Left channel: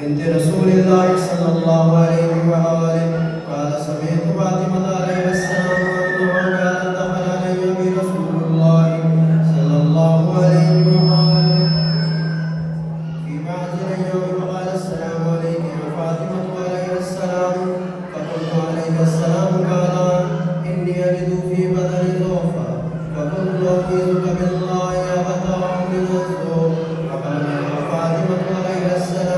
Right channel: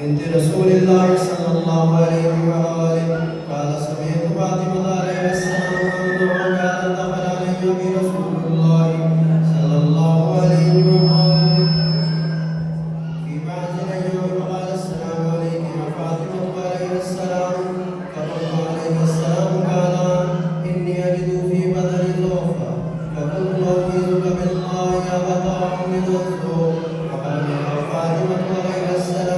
بنت رسول الله صلى الله عليه وآله قال سمعت فاطمة عليه السلام أنها قالت دخل علي برسول الله صلى الله عليه وآله في بعض الأيام فقال السلام عليك يا فاطمة عليه السلام فقلت عليه السلام قال إني أجد في بدني ضعفا فقلت أعوذ بالله يا أبتاه من الذنوب فقال يا فاطمة عليه السلام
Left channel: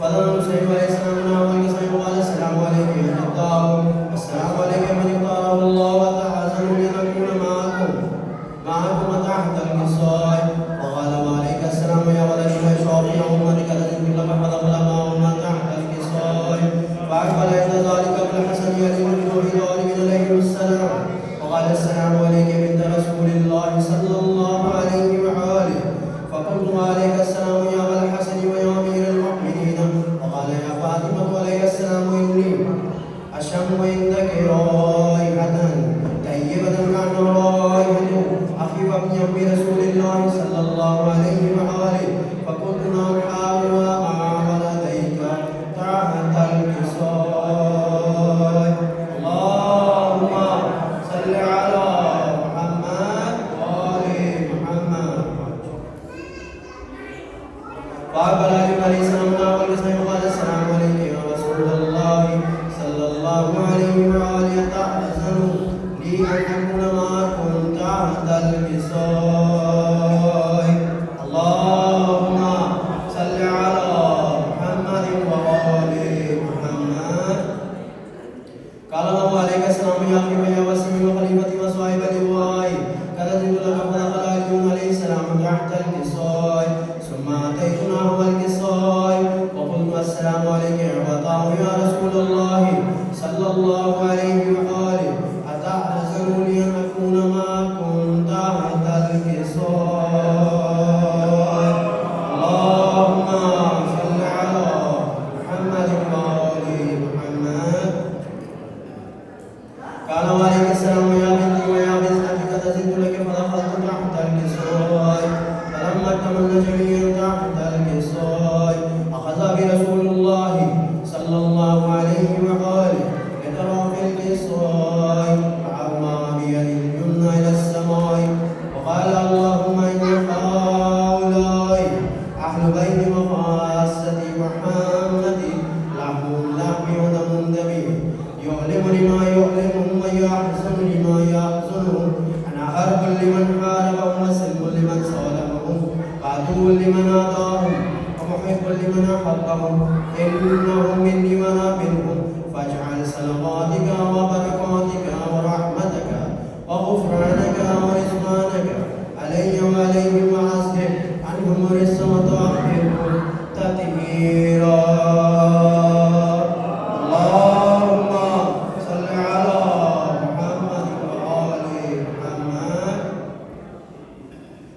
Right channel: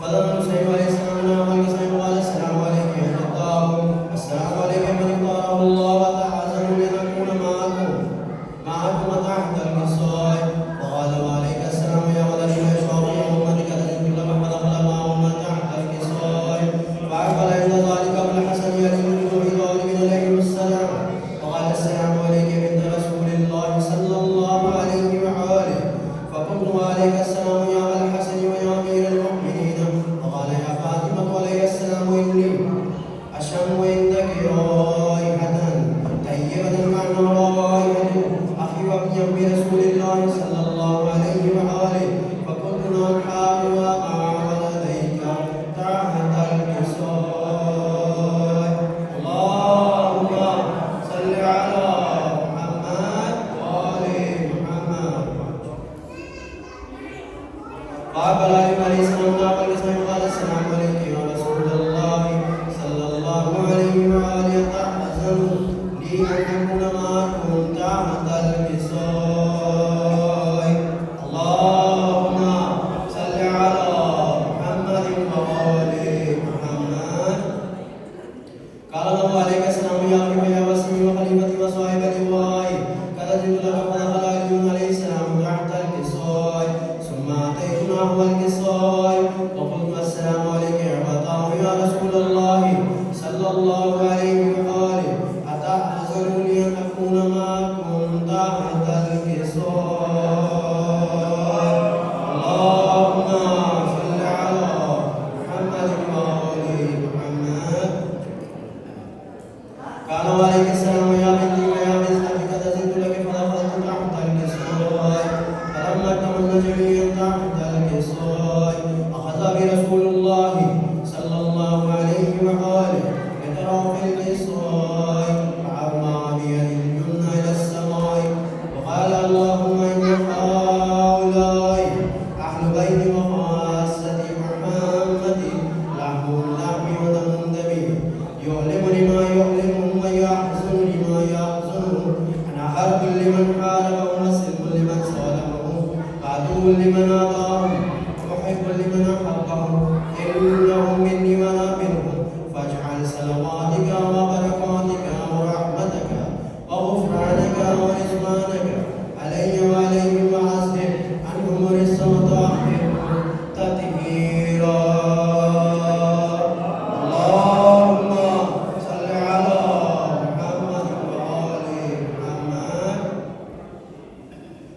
Father, معكم تحت الوصاية وقال وعليك السلام يا ولد يشعر يوما كذلك لما دخل معهم تحت الوصاية فأقبل عند ذلك الحسن يلي الجوع ظالم عليه السلام وقال السلام عليك بنت رسول الله صلى الله عليه وآله فقلت وعليك السلام يا أبا الحسن ويا أمير المؤمنين وقال يا فاطمة عليه السلام إني أشم عندك رائحة طيبة كأن رائحة أخي وابن أبي رسول الله صلى الله عليه وآله فقلت نعم حاول وأعمل لديك تحت الوصاية اللهم صل على محمد وآل محمد فأقبل عليه السلام وقال السلام عليك يا رسول الله صلى الله عليه وآله تحزن لي أن أكون معكم تحت الوصاية اللهم صل على محمد وآل محمد قال الله عليك السلام يا أخي ويا وسيم وخليفتي وصاحب اللواء كذلك لقد دخل عليه السلام تحت الوصاية ثم أتيتناه الوصاية وقلت السلام عليك يا فتاه يا رسول الله صلى الله عليه وآله أتحزن لي أن أكون معكم تحت الوصاية اللهم صل على محمد وآل محمد قال وعليك السلام يا بنتي ويا بنتي قد زدت لك فدخلت تحت الوصاية فلما اكتملنا جميعا تحت الوصاية أخذ برسول الله صلى الله عليه وآله يترى في الوصاية فأرمى بيده اليمنى إلى السماء وقال اللهم إن هؤلاء أهل بيت وخاصة محمد لهم لحمي ودم دمي يؤلم لما يؤلمهم ويحزن لما يحزنهم أنا حرب لمن حاربهم وسلم لمن صالحهم عدو لمن آذاهم ومحب لمن أحبهم إنهم مني وأنا منهم فاجعل صلواتك وبركاتك ورحمتك وغفرانك ورضوانك علي وعليهم وعزهم عنهم رزقا وطهرهم تطهيرا اللهم صل على محمد وآل محمد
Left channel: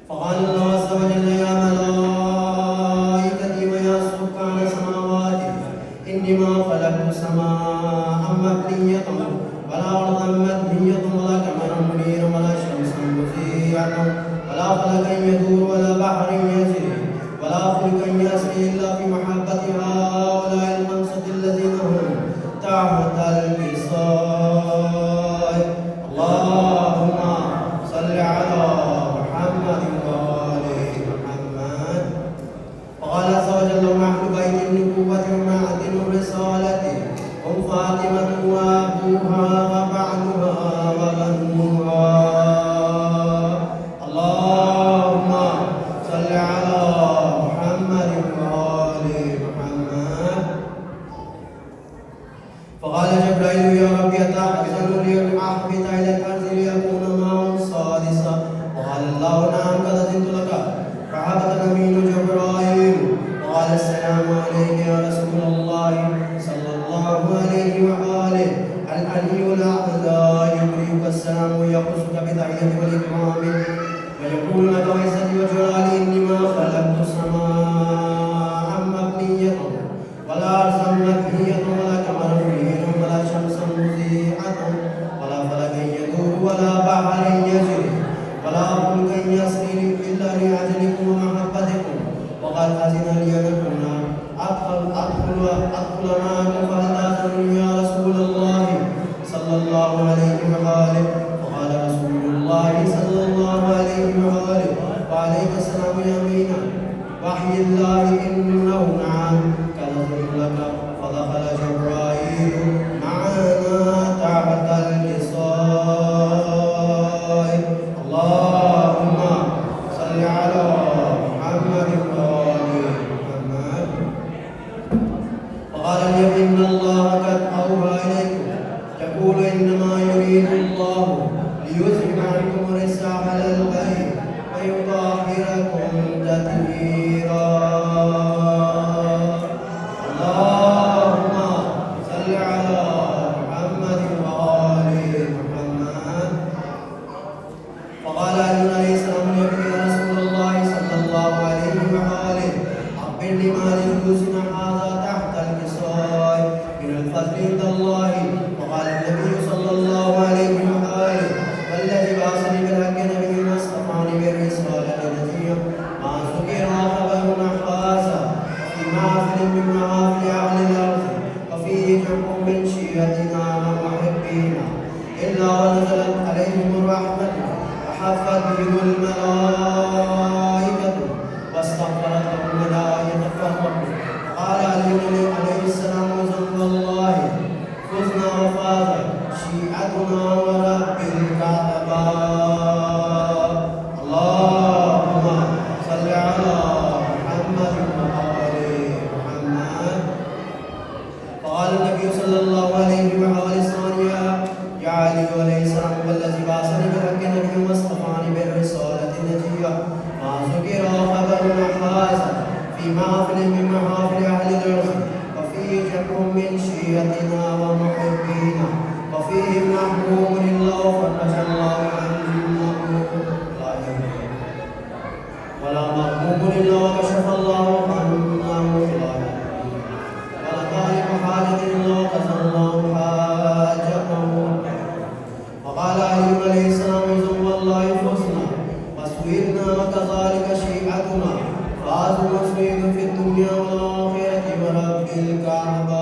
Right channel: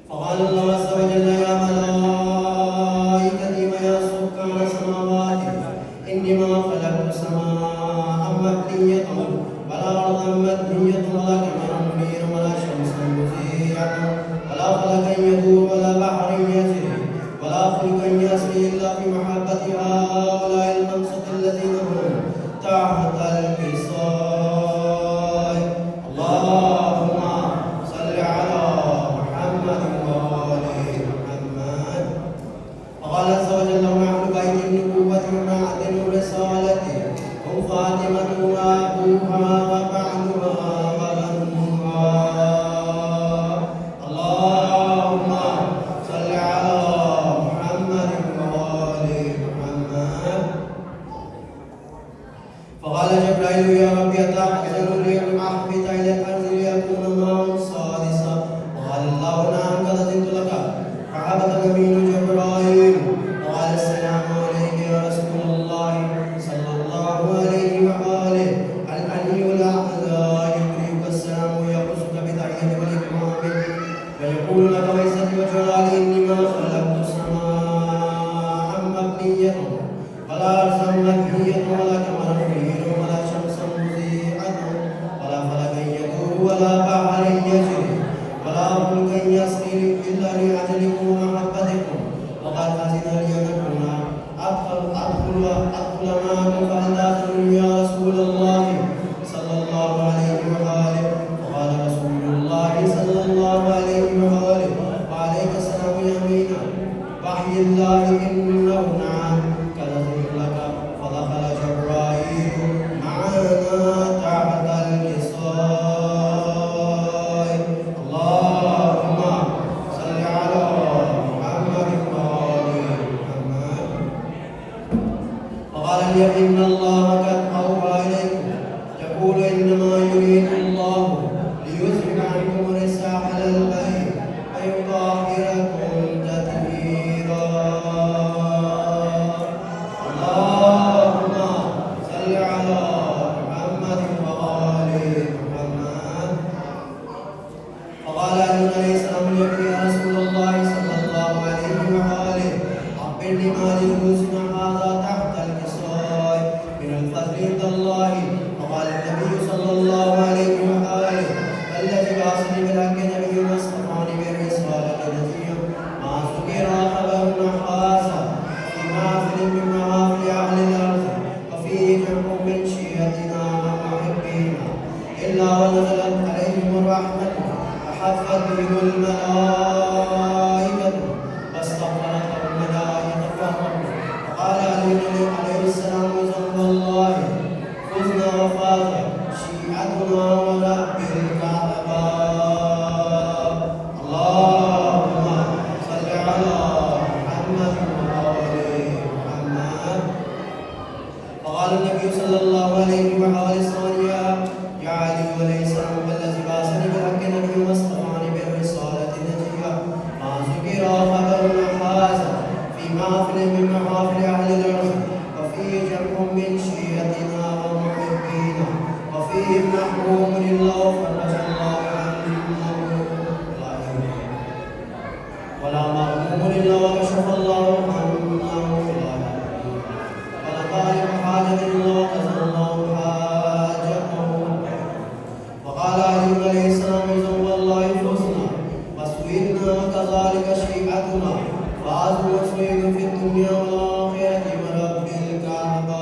فقال الله عز وجل يا ملائكتي ويا سكان السماوات إني ما خلقت سماء مبنية ولا أرضا مبنية ولا قمرا منيرا ولا شمسا مضيئة ولا فلكا يدور ولا بحر يجري ولا فلكا يسري إلا في محبة هؤلاء الخمسة الذين هم تحت الوصاية اللهم صل على محمد وآل محمد وقال عز وجل هم أهل بيت النبوة ومعدن الرسالة هم فاطمة وأبوها وبعلها وبنوها اللهم صل على محمد وآل محمد فقال جبرائيل يا رب أتحزن لي أن أحبط إلى الأرض ليكون معهم سادسا وقال الله نعم قد أذنت لك فهبط الأمين جبرائيل وقال السلام عليك يا رسول الله صلى الله عليه وآله العلي الأعلى يقرئك السلام ويقصك بتحية والإكرام ويقول لك وعزتي وجلالي إني ما خلقت سماء مبنية ولا أرضا مبنية ولا قمرا منيرا ولا شمسا مضيئة ولا فلكا يدور ولا بحر يجري ولا فلكا يسري إلا لأجلكم ومحبتكم وقد أذن لي أن أكون أدخل معكم فهل آذن يا رسول الله صلى الله عليه وآله وقال رسول الله صلى الله عليه وآله وعليك السلام يا أمينة وحي الله إنه نعم كذلك لك فدخل جبرائيل معنا تحت الوصاية اللهم صل على محمد وآل محمد وقال لي إن الله قد أوحى إليكم يقول إنما يريد الله ليذهب عنكم الرجس أهل البيت ولا مغموم إلا وكشف الله عنه ولا طالب حاجة إلا وقضى الله حاجته. وقال علي عليه السلام إذا والله فزنا وسويدنا وكذلك شيعتنا فعز وسويد في الدنيا والآخرة ورب الكعبة.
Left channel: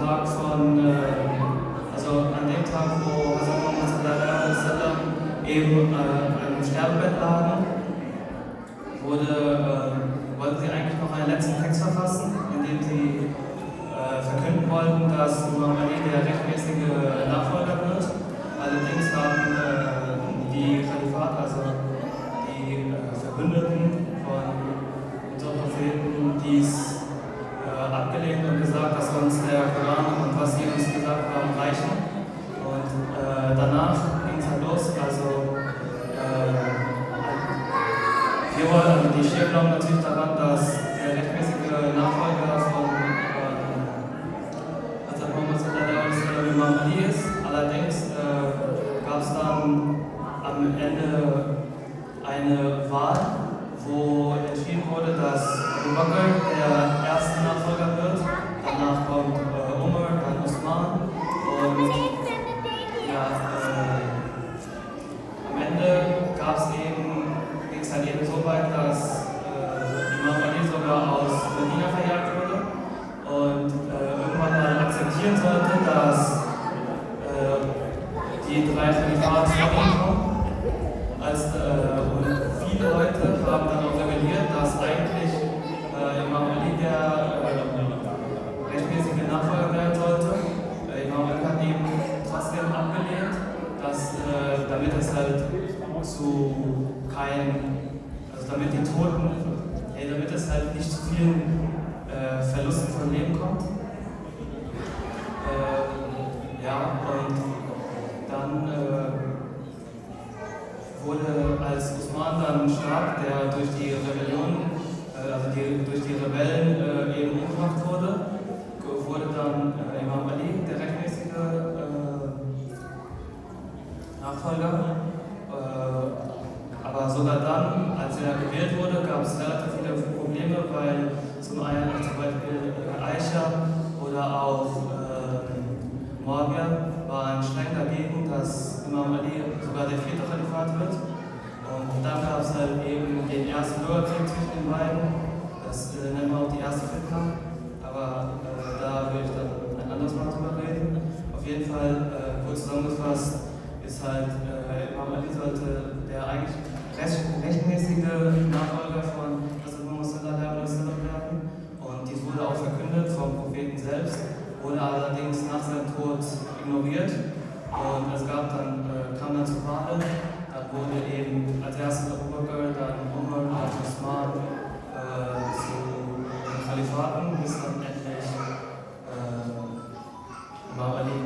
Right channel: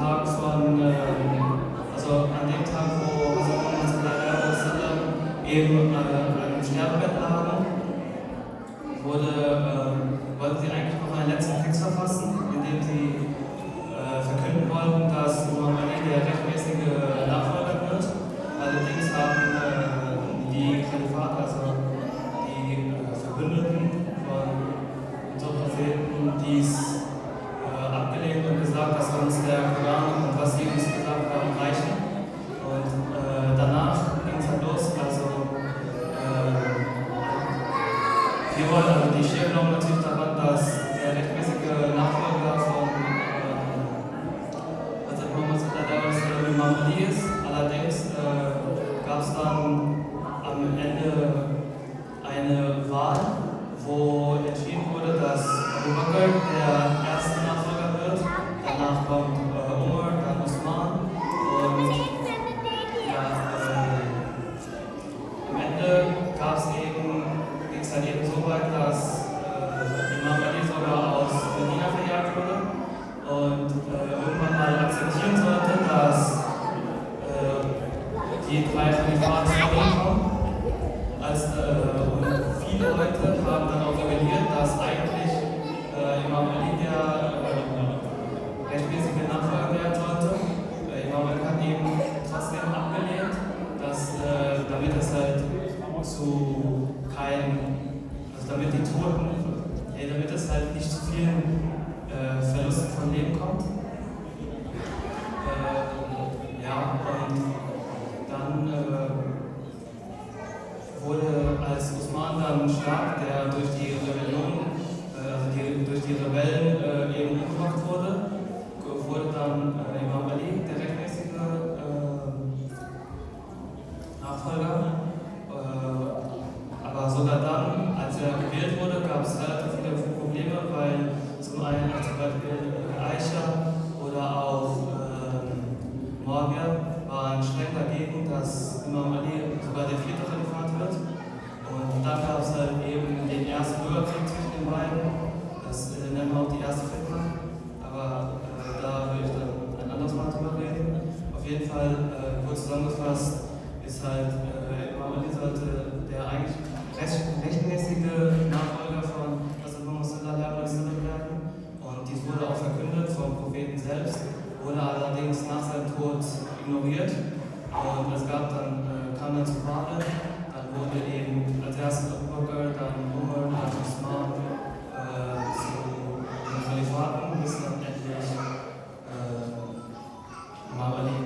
Tag also an dem Tag, wo Hazrat eben im Sterbebett lagen, wollten sie eigentlich noch einen letzten Text verfassen, in dem sie verkünden wollten, dass Imam Ali der rechtmäßige Nachfolger wird. Allerdings haben die Khalifate, also die Verbündeten von unserem Propheten, dies abgelehnt und gesagt, dass uns der Koran und was sie uns gesagt haben reichen. Und danach ging es halt los. Also wir wollen, also die Schäfer glauben natürlich daran, dass der rechtmäßige Nachfolger von Hazrat Muhammad Imam Ali ist. Allerdings gab es dann am Ende eine Wahl, wo entschieden wurde, dass Abu Bakr der erste Nachfolger wird. Danach kommt Umar, dann Osman und ja, am Ende ging es dann eben so weit, dass Imam Ali sogar aus Medina verjagt wurde und irgendwann mal akzeptieren sollte, dass die drei Khalifate zusammenkommen. Und viele Leute haben dann auch rebelliert, dass eigentlich Imam Ali der rechtmäßige Nachfolger werden sollte. Imam Ali hat eben trotzdem abgelehnt, dass damit es halt damit die Toten, damit es halt nicht zu vielen Verlusten von Leben kommt. Ja, und dann wurde, als Osman dann starb, der durch die Rebellion, durch die Rebellen eben umgebracht wurde dann Imam Ali der rechtmäßige Nachfolger. Aber sogar dann, als er gewählt wurde, gab es relativ viele Probleme, weil zum einen zum Beispiel Aisha oder auch Muawiyah waren streng dagegen, dass Imam Ali sogar der vierte Khalifat wird. Und dann gab es halt eben den ersten Bürgerkrieg zwischen den beiden. Das nennen wir auch die erste Fitna. Aber da will ich dann ein anderes Mal drüber reden. Auf jeden Fall, kurz zusammengefasst, ist halt, Imam Ali sollte der eigentlich rechtmäßige Nachfolger von Hazrat Muhammad werden. Und dies wurde auch verkündet vom Propheten selbst, wurde allerdings nach seinem Tod ignoriert. Und es kam dann zur Wahl. Dann wurde eben als erstes Abu Bakr, dann Umar, dann Osman zu den Khalifaten, bis dann endlich Imam Ali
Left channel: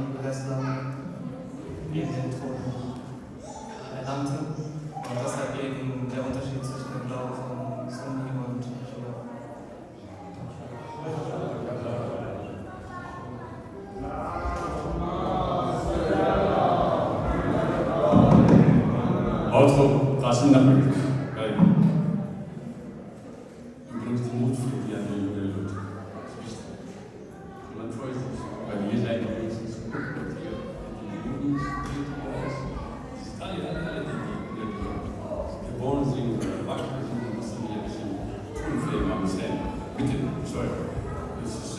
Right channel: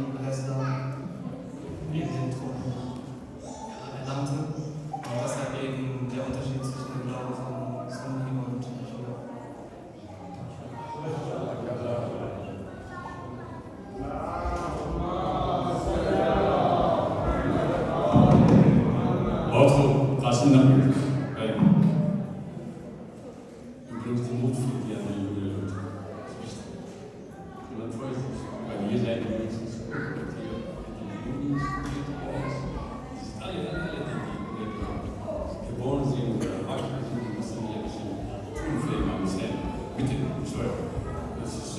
eben den Thron erlangte. Und das ist halt eben der Unterschied zwischen dem Glauben von Sunni und Shia. Also, Qasim Naqvi, übrigens die Mutflüge an die junge Leute. Das ist wichtig. Und man freut sich, weil wir seid wenigstens die geboren sind oder erwachsen sind, müssen wir ein bisschen Unfähig am Sein. Bitte, sorry. Das ist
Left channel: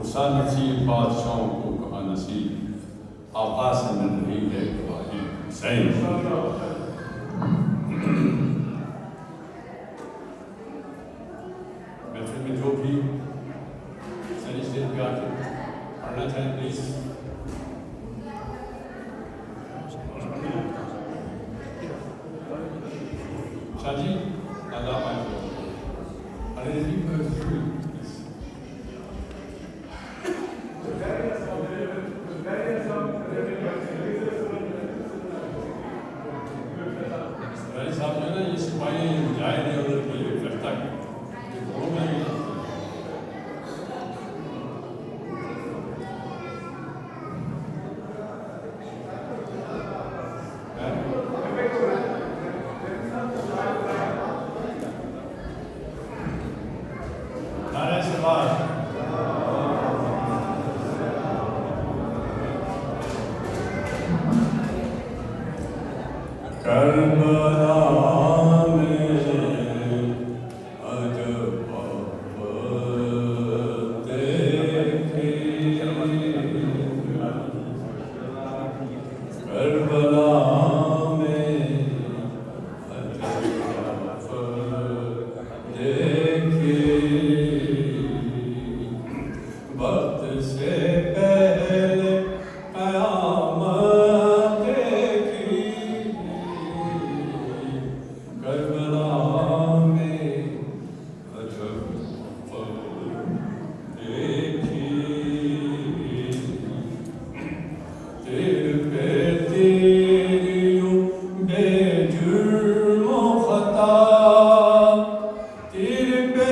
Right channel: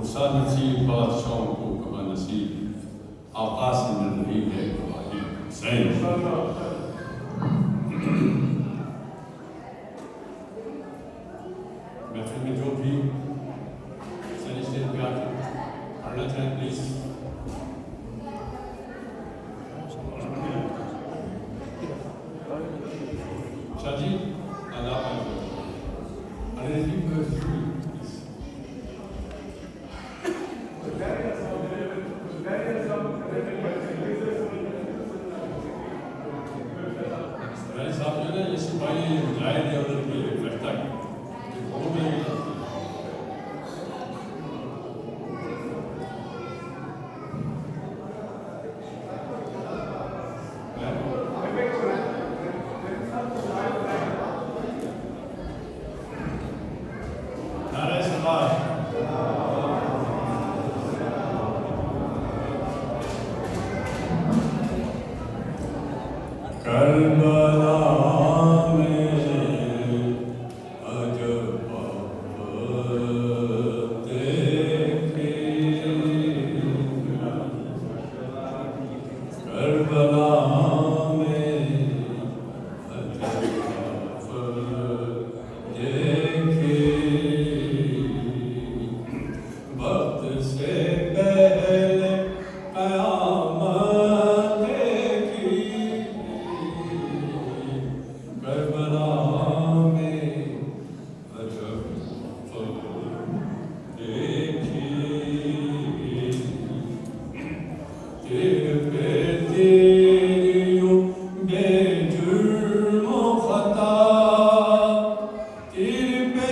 خرسان نصیب بادشاہوں کو کہاں نصیب آقا سے مل رہی ہے گواہی حسین محفل میں جو بھی حسین اسٹیج پہ آ کے پڑھنا چاہیں پلیز شاہ جی اللہ پائے ارے جی پلیز میں صاحب جو ہے نا یہ سپاہی جائے نہیں ادھر کے لگتا ہے وہ میں نعرہ سپاہ کربلا میں عجب آفت دیکھی کربلا میں عجب آفت دیکھی وقت سے پہلے قیامت دیکھی کربلا میں عجب دیکھی تیر پہ تیریوں بے جرم و خطا تیر پہ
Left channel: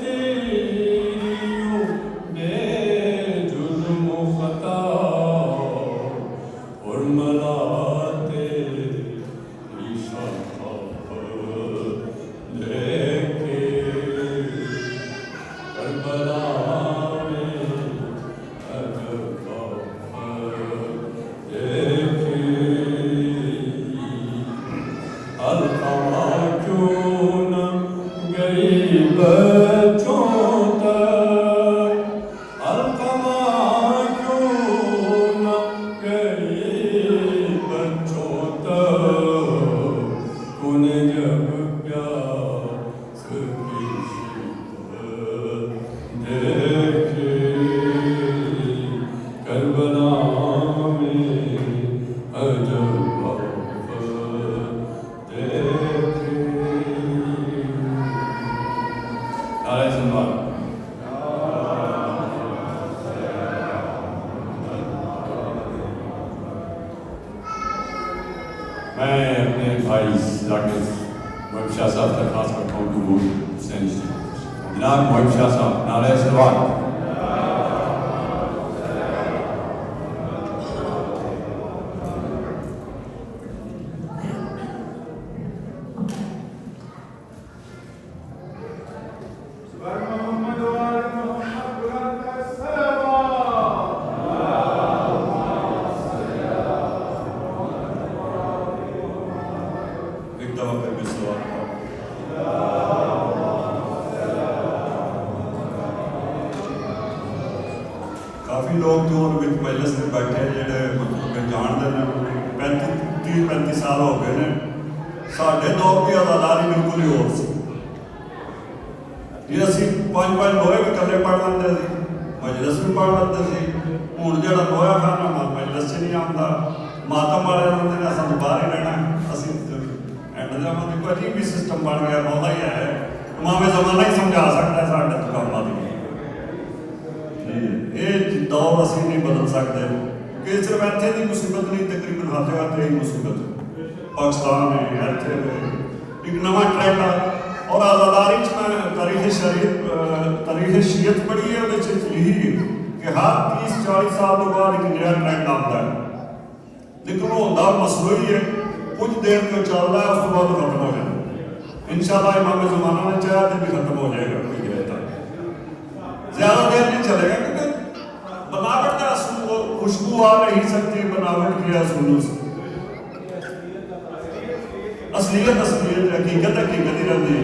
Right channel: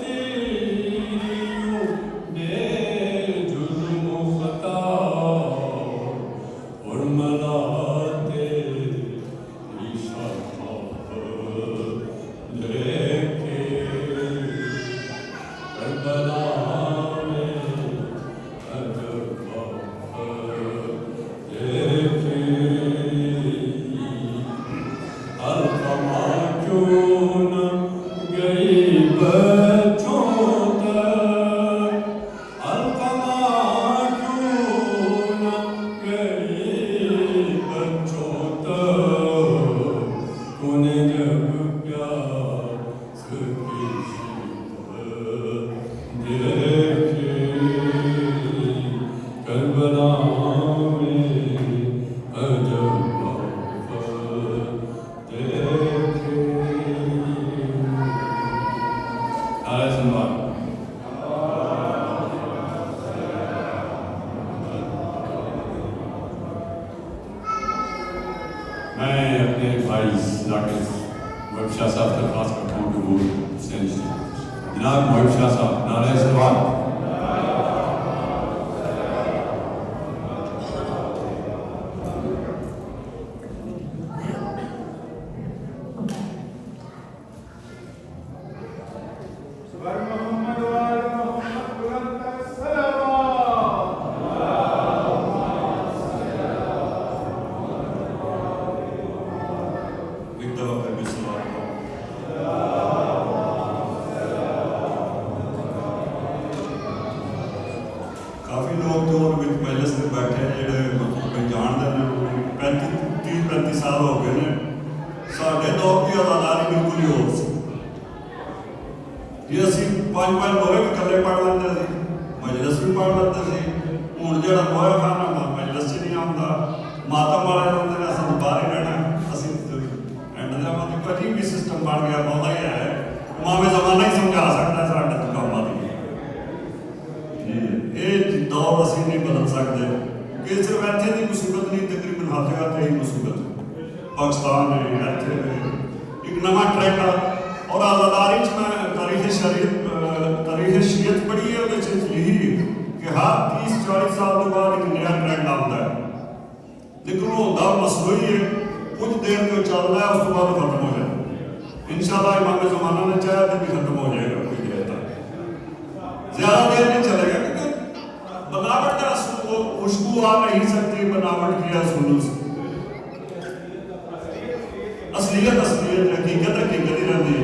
تیریوں بے جرم و خطا اور ملاتے کربلا میں عجب آفت دیکھی القمہ کیوں نہ گئی بچوں تک القمہ کیوں نہ گئی بچوں تک انہیں جب پیاس کی شدت دیکھی کربلا میں عجب آفت دیکھی نعرہ سنوار میں اپنے بھائی ذاکر محب شاہ صاحب درخواست کرتا ہوں کہ وہ حسین جناب محب شاہ صاحب نعرہ سنوار ایک دفعہ پھر بھی سوال کرو کافی لوگ جو مجلس میں بیٹھے ہیں جڑے میں جانتے ہیں 30-35 سال ہو گئے ہیں ساڈے دور کی آزاداری بالکل ہی ہو سی یہ اسی 5-5 دوہے بھی کلے پڑھ لیندے سی مجلس بھی پڑھ لیندے سی ہن جڑا دوہا کھانا مجلس چ نہیں آندا ماتم والے ہوندے نے اساں باہر ہی رہنا اسی اینڈ دا مطلب عجیب بھی سسٹم بن گیا بہت ہی ہے امام زمانہ ہی سمجھا سکتا ہے ساڈے تو کام آدمی یہ دور اسی نہیں بدل سکتے کہ صرف ایتھے دی مصیبت نہیں تقریباً ہاتھ ہاتھ ہی مصیبت پاکستان ہے ایتھے ایک نواں ٹرینڈ اور آزاداری تاریخ شریعت پڑھی ہے وہ یہی کہ ہر 30-40 سال کے بعد ایک نیا ٹرینڈ آتا ہے لیکن وہ دور مصنوعی ہے کچھ دیر کے چل رہا ہے اس کے بعد ختم ہو جائے انشاءاللہ امام زمانہ نے چاہا تو بھی ختم ہو جائے گا زیادہ دیر نہیں چلے گا کیونکہ بناوٹ کا خوشبو آ نہیں سکتی بناوٹ کی اصولوں سے اصلیت حقیقت ہی رہتی ہے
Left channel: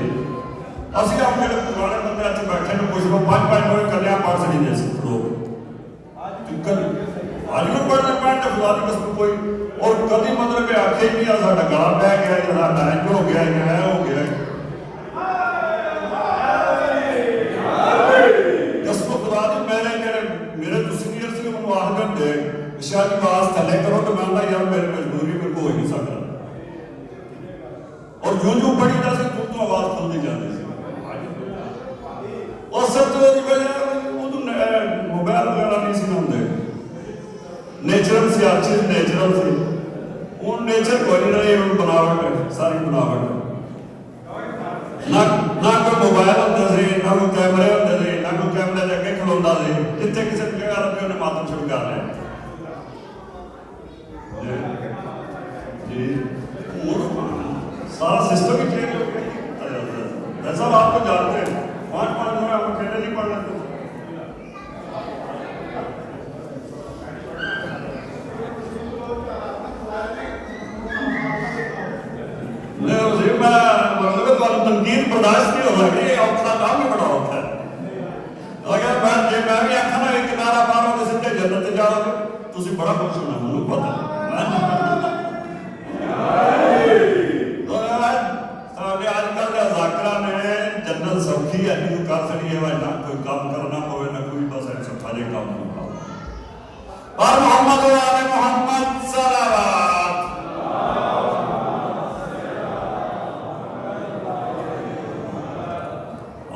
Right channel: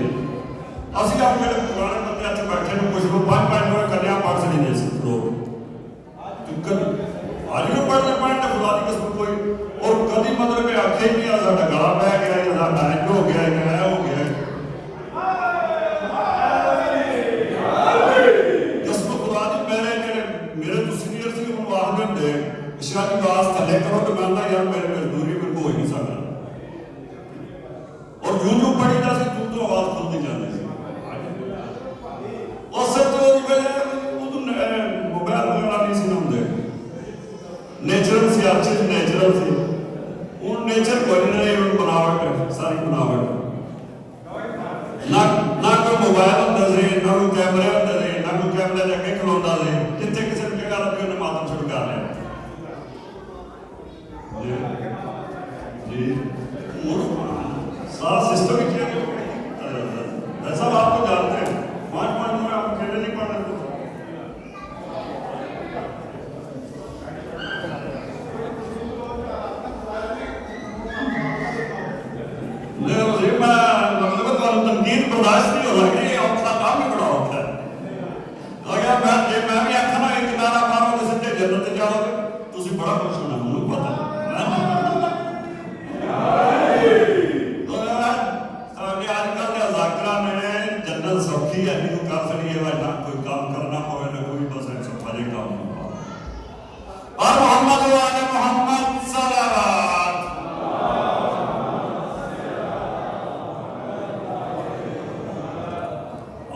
اسی آپ میرے پرانے بندے بیٹھے میں کچھ 5 ہوئے کلیاں پڑھ نہیں دے سکتے لوگ نیچرل سی ہر چیز نیچرل سی ہوں نیچر کوئی نہیں بناوٹ ہے ساری بناوٹ نہ کوئی موبائل ہوتا سی نہ کوئی کیمرے ہوتے سی نہ کوئی کیمرے کے اگے کھلوتا سی جتنے کسی نے جگہ رکھے انہیں ماتم شروع کر لیا جی سارا سسٹم ہی چینج ہو گیا ویسا آپ کو جانتے ہیں پانچ میں آپ اکیلے نہیں پڑھنا تنقید برداشت نہیں ہو رہی اپنا کام ہی بڑا ہوتا ہے اگر میں بھی آخنا ایک کنارا پاروں تو سیدھے جنت جاؤ گے تھی بڑا خوش ہونا مجھے پتا آج کل کے ذاکرہ نے جنت سوکھی ہے نہیں کر سکتی ہے نہ کوئی کام کرنا ہوئے نہ کوئی بس ایسے بڑے کام نہیں ہو اور محمد و آل محمد صلوات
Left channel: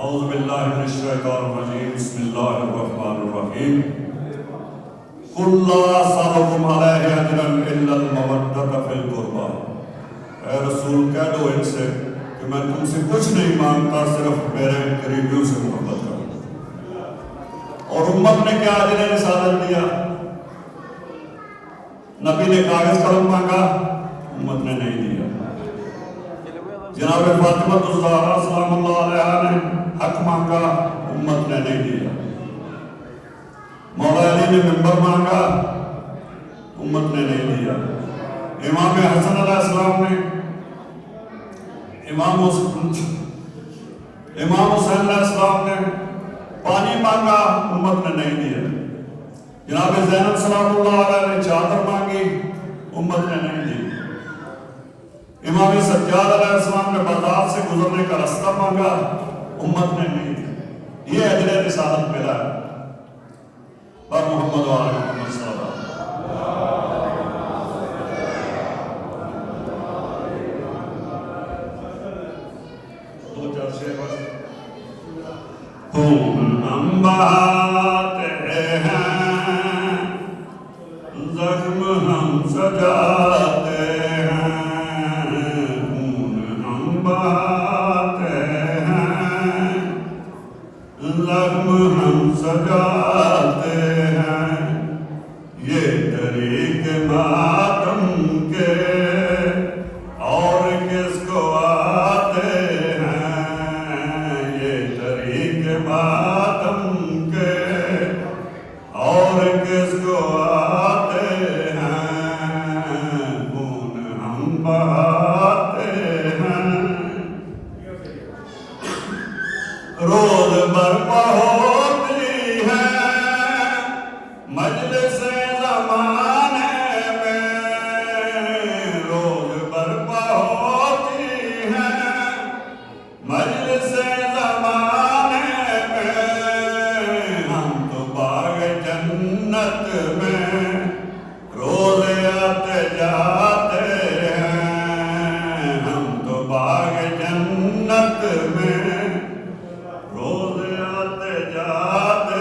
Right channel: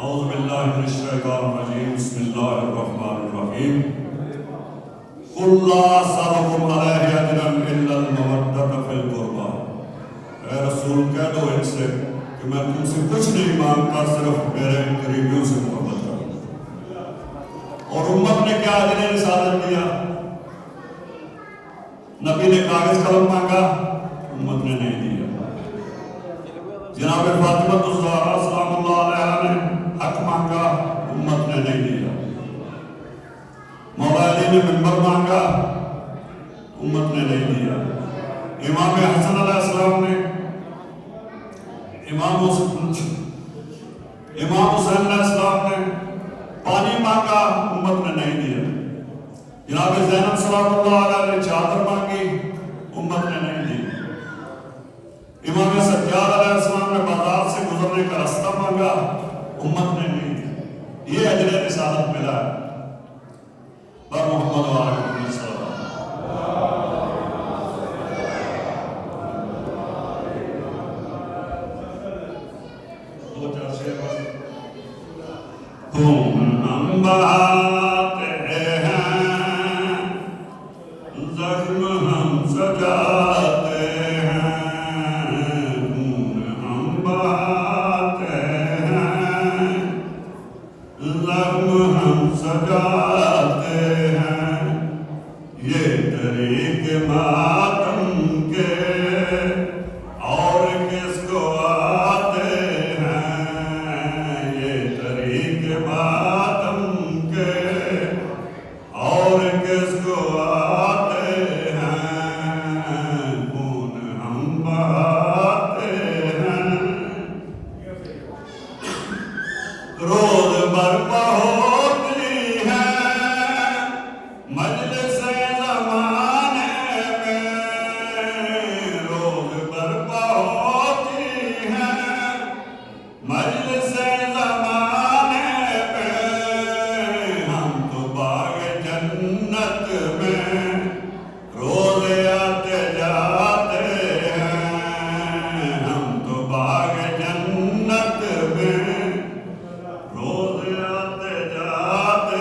اعوذ باللہ من الشیطان الرجیم بسم اللہ الرحمن الرحیم قل لا اسألکم علیہ اجرا الا المودۃ فی القربى اے رسول کہہ دو ان سے کہ میں تم سے کچھ نہیں مانگتا صرف میرے قریبیوں سے محبت کروں اور امت نے کیا اجر رسالت دیا نبی نے کاغذ قلم مانگا امت نے نہیں دیا جناب فاطمہ الزہرا سلام اللہ علیہا نے حق مانگا امت نے نہیں دیا مولا علی نے منبر مانگا امت نے نہیں دیا امام حسن علیہ السلام نے امام حسین علیہ السلام نے پانی مانگا امت نے نہیں دیا جناب زینب سلام اللہ علیہ نے چادر مانگی امت نے نہیں دی امام سجاد علیہ السلام نے بغداد سے گزرنے کا راستہ مانگا امت نے نہیں دی یہ اجر رسالت ملا ہے پر محمد و آل محمد صلی اللہ دو چار شعر بس ہم بہاتے ہیں زخم ہم سجاتے ہیں ہم بہاتے ہیں زخم ہم سجاتے ہیں یہ طریق ماتم کے اور کس کو آتے ہیں یہ طریق ماتم کے اور کس کو آتے ہیں خون ہم بہاتے ہیں روز برپا ہوتی ہے مجلس زمانے میں روز برپا ہوتی ہے مجلس زمانے میں ہم تو باغ جنت میں روز آتے جاتے ہیں ہم تو باغ جنت میں روز آتے جاتے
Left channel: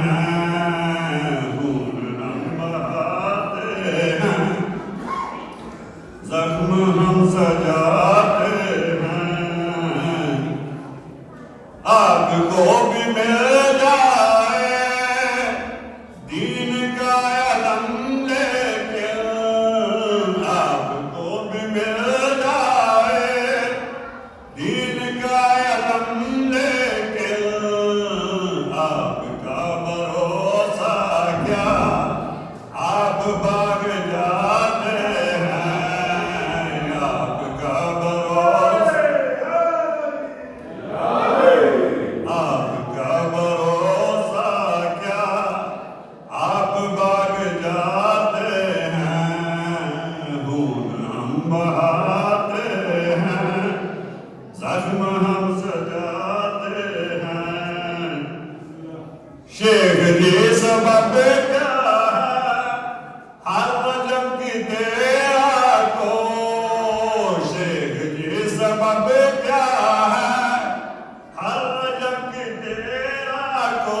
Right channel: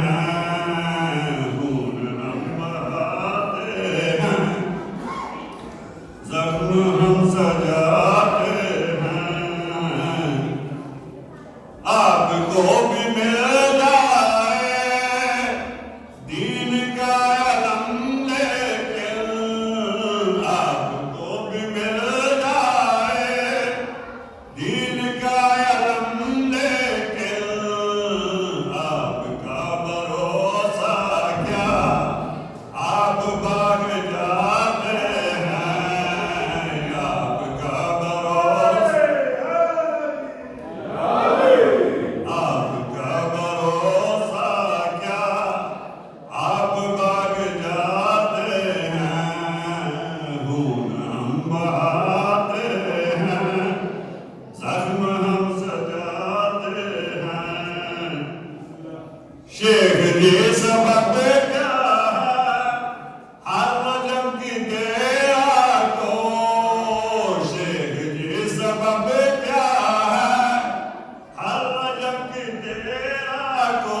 ہیں خون ہم بہاتے ہیں زخم ہم سجاتے ہیں آپ کو بھی مل جائے دین کا علم لیکن آپ کو بھی مل جائے دین کا علم لیکن آپ کا بھروسہ کیا آپ باغ جاتے ہیں آپ کا بھروسہ آپ کا بھروسہ کیا آپ باغ جاتے ہیں خون ہم بہاتے ہیں زخم ہم سجاتے ہیں شیخ جی سبق کیا ہے ہر رجب کی تیرا کو شیخ جی سبق کیا ہے ہر رجب کی تیرا کو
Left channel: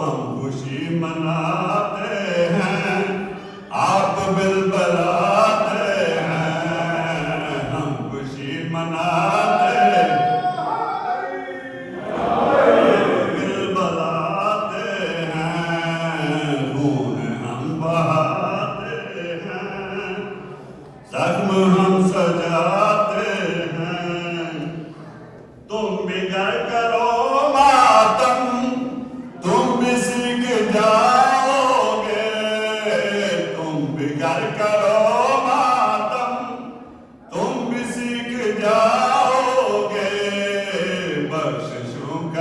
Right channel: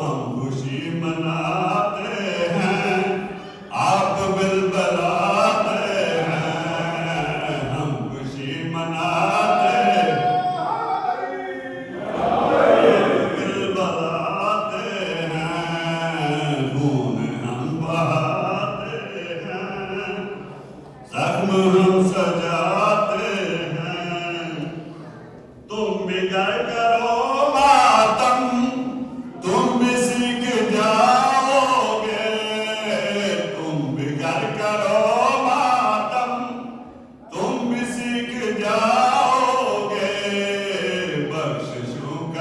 ہم خوشی مناتے ہیں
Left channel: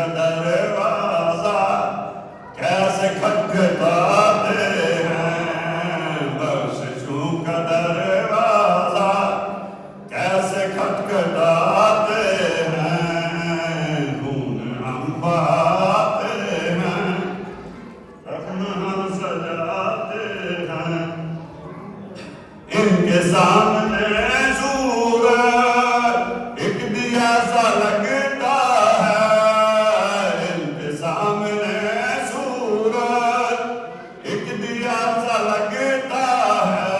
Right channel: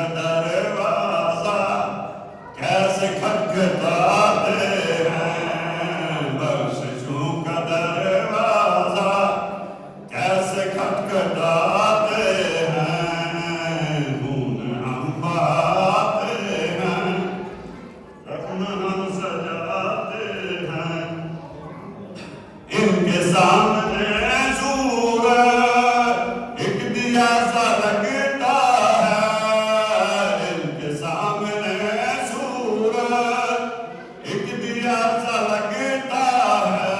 کا دروازہ کیسے کھٹکھٹاتے ہیں، بخششوں کا دروازہ کیسے کھٹکھٹاتے ہیں، خون ہم بہاتے ہیں، رقم ہم سجاتے ہیں، ان کے سامنے سورج ایک دیا سا لگتا ہے، ان کے سامنے سورج ایک دیا سا لگتا ہے،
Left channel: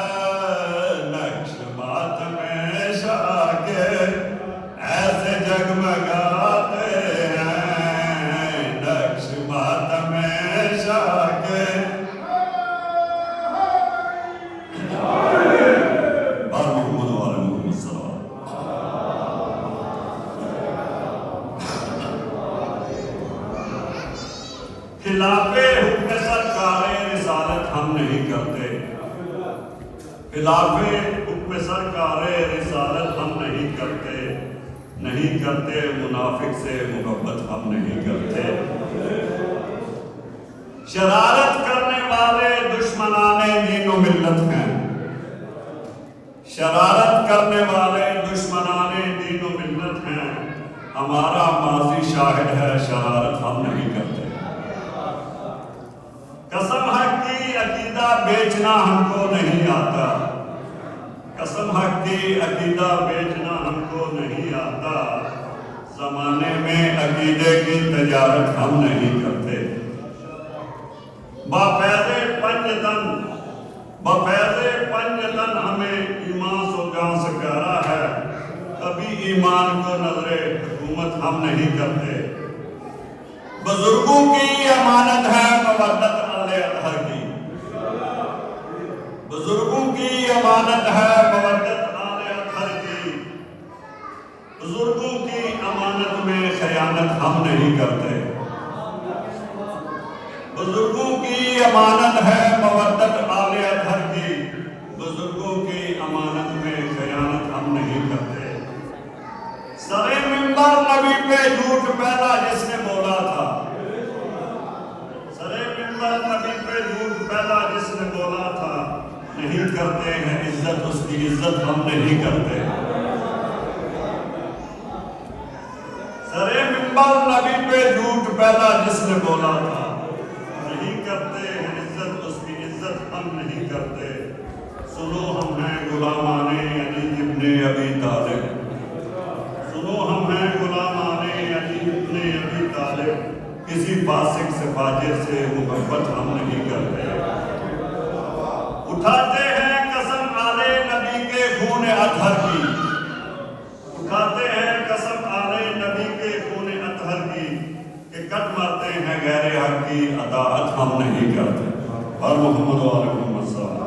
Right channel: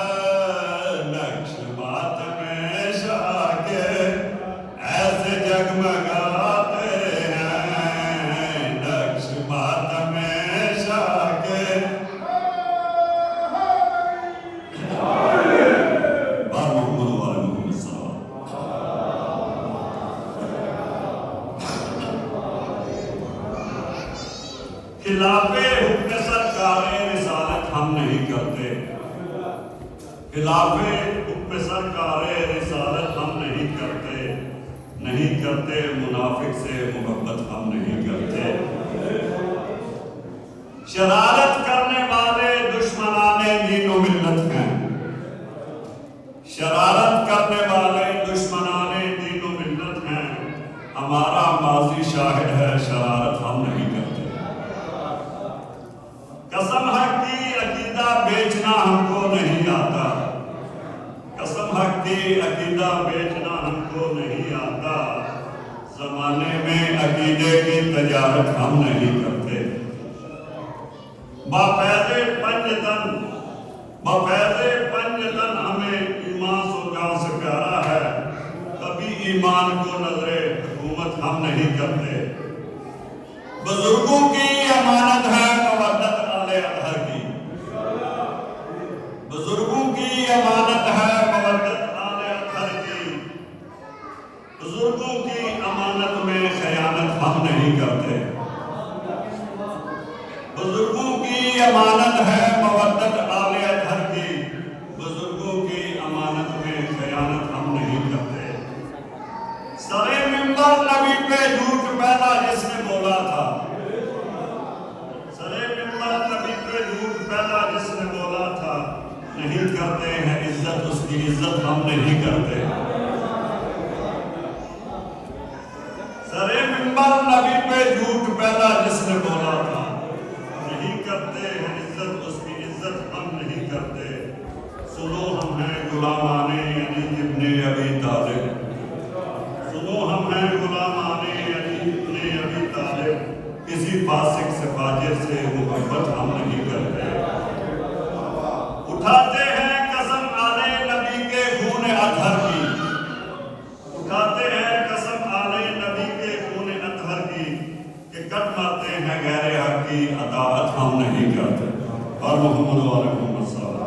نقش بات میں شاہ کے ایسے جگمگاتے ہیں، نقش بات میں شاہ کے خلاف حکم سرکار رسالت ہم نہیں کرتے، خلاف حکم سرکار رسالت ہم نہیں کرتے، نہیں کرتے منافق سے محبت ہم نہیں کرتے، شرارت کرنے والے دشمنان دین و ملت ہیں، شرارت کرنے والے دشمنان دین و ملت ہیں، ہمارا ماضی شاہد ہے شرارت ہم نہیں کرتے، قسم حق کی عقیدہ بیچنا ہم کو نہیں آتا، قسم حق کی عقیدہ بیچنا ہم کو نہیں آتا، زمانے میں عقیدے کی تجارت ہم نہیں کرتے، بفیض پنجتن ہمیں ایمان سو جان سے پیارا ہے، کبھی ایمان کو نظر حکومت ہم نہیں کرتے، بزرگوں کی امانت ہے مودت اطہر کی، بزرگوں کی امانت ہے مودت اطہر کی، بزرگوں کی امانت میں خیانت ہم نہیں کرتے، بزرگوں کی امانت ہے مودت اطہر کی، بزرگوں کی امانت میں خیانت ہم نہیں کرتے، سرے منبر نبی پہ جھوٹ پہلا جس نے بولا تھا، سرے منبر نبی پہ جھوٹ پہلا جس نے بولا تھا، نہیں کرتے ہیں عزت اس کی عزت ہم نہیں کرتے، سرے منبر نبی پہ جھوٹ پہلا جس نے بولا تھا، نہیں کرتے ہیں عزت اس کی عزت ہم نہیں کرتے، سنو ہم ہیں غلامان علی ابن ابی طالب، سنو ہم ہیں غلامان علی ابن ابی طالب، کسی فاسق سے فاجر سے محبت ہم نہیں کرتے، اٹھاتے ہیں قسم آل نبی کے خون اطہر کی، اٹھاتے ہیں قسم آل نبی کے خون اطہر کی، کہ کٹ مارتے ہیں غیر حق کی اطاعت ہم نہیں کرتے، اور محمد علیہ السلام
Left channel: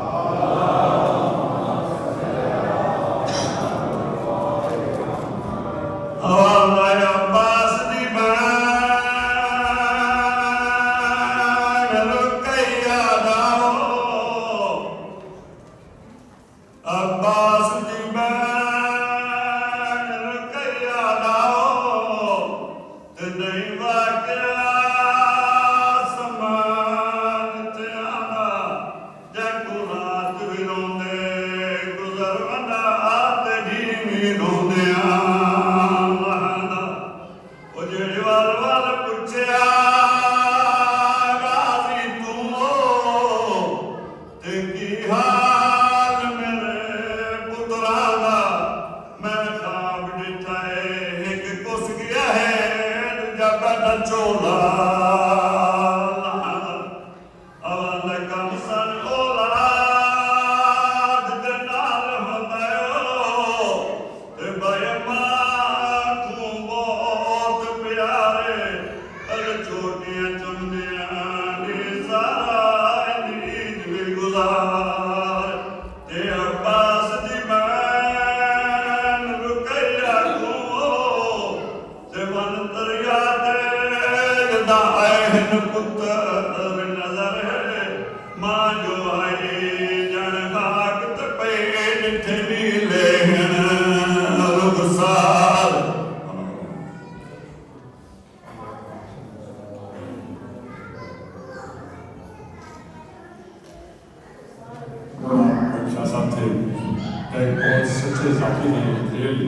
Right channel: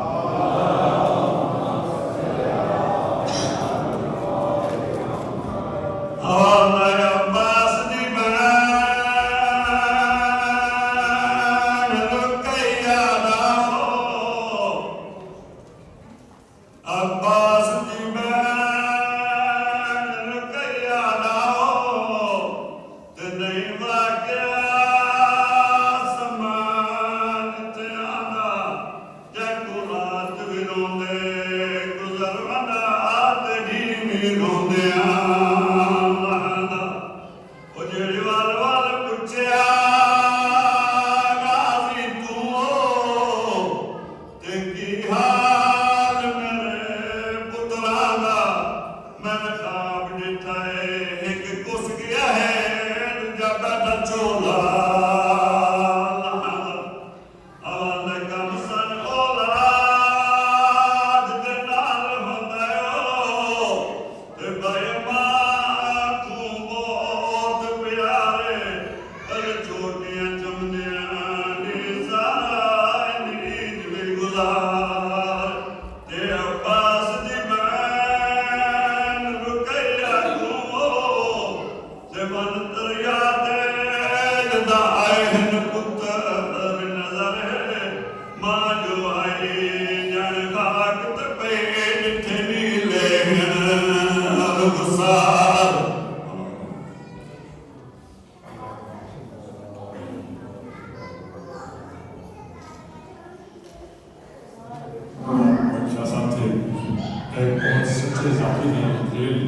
آتے ہیں ریل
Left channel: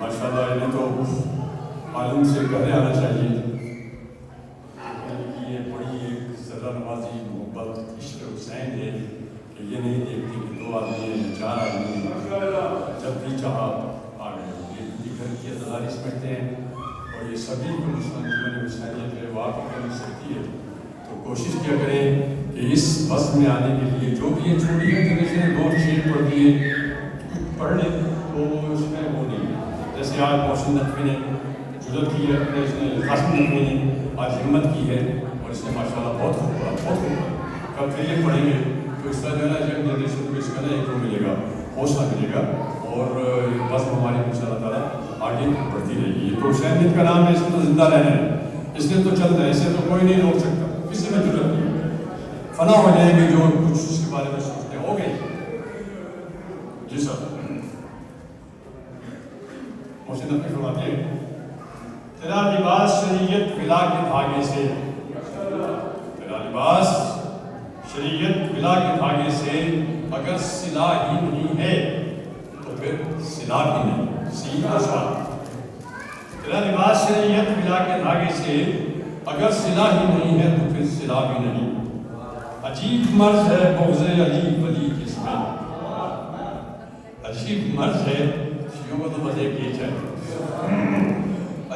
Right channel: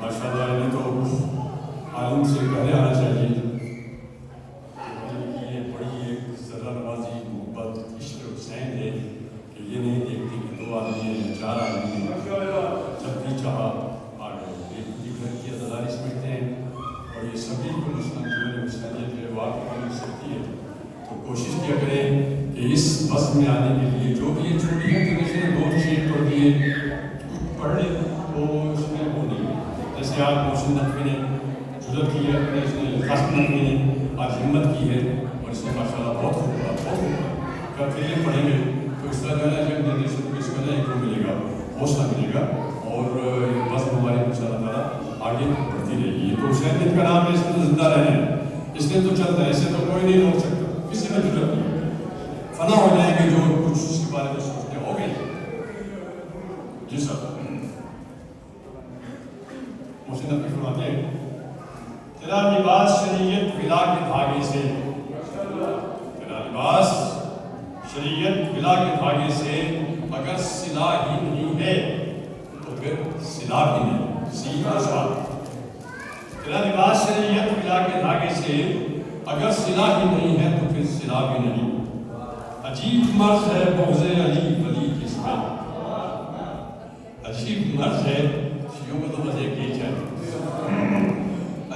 ماشاء اللہ انہیں تو عالم سے کہنے آنا چاہیے. یہ بڑی ایک ذرا نوازی محبت عشق حسین ہے کہ یہ نہیں دیکھتی کہ 2 آدمی ہیں 4 آدمی ہیں, جب بھی چاہا آ گئے. یہ گھر کی ازاداری سمجھتے ہیں اور یہ سبھی کو مسلمان جیون حسینیت جو ہے واقعی کرنی سکتی ہے. تو کوشش کیا کریں کہ اس بس میں آنے کے لیے جو بھی یہ چھوٹی ہے تو جیسے 2 شیٹ پڑھ دیے پڑھ لیں تو اس میں وہ نہیں ہے. جیسے آج محسن نقوی نے جرت کی ہے, اپنے اس نے قاسم نقوی نے آج ہمت کی ہے اور اس نے ماشاء اللہ بہت خوب بہت خوب. کب پھر یہ پڑھیں گے تو اس طرح جو ہے نا جب جنریشن کو اس کا نا ایک وہ ملے گا, حوصلہ ملے گا اور بس ہماری ان شاء اللہ تعالیٰ آگے بڑھتی رہے گی. تو حسینیت کا نام ہے, اس کو تو زندہ رہنا ہے, اس نے تو چلنا ہے, اسے تو کوئی نہیں روک سکتا, کسی میں ضرورت نہیں. فنا ہو جائیں گے جو کچھ اس کے بارے میں سوچتے ہو گئے. جی سر محسن نقوی فرماتے ہیں تیرا لباس شریعت ولا کے دھاگے سے, تیرا لباس شریعت ولا کے دھاگے سے اگر صلہ ہی نہیں ہے تو پھر صلہ بھی نہیں. سیدھا سوال, تیرا لباس شریعت ولا کے دھاگے سے اگر صلہ ہی نہیں ہے تو پھر صلہ بھی نہیں. عجیب مرض ہے بغض علی ولی جس میں, عجیب مرض ہے, شیعوں کو تو بس ایک ہی ہے,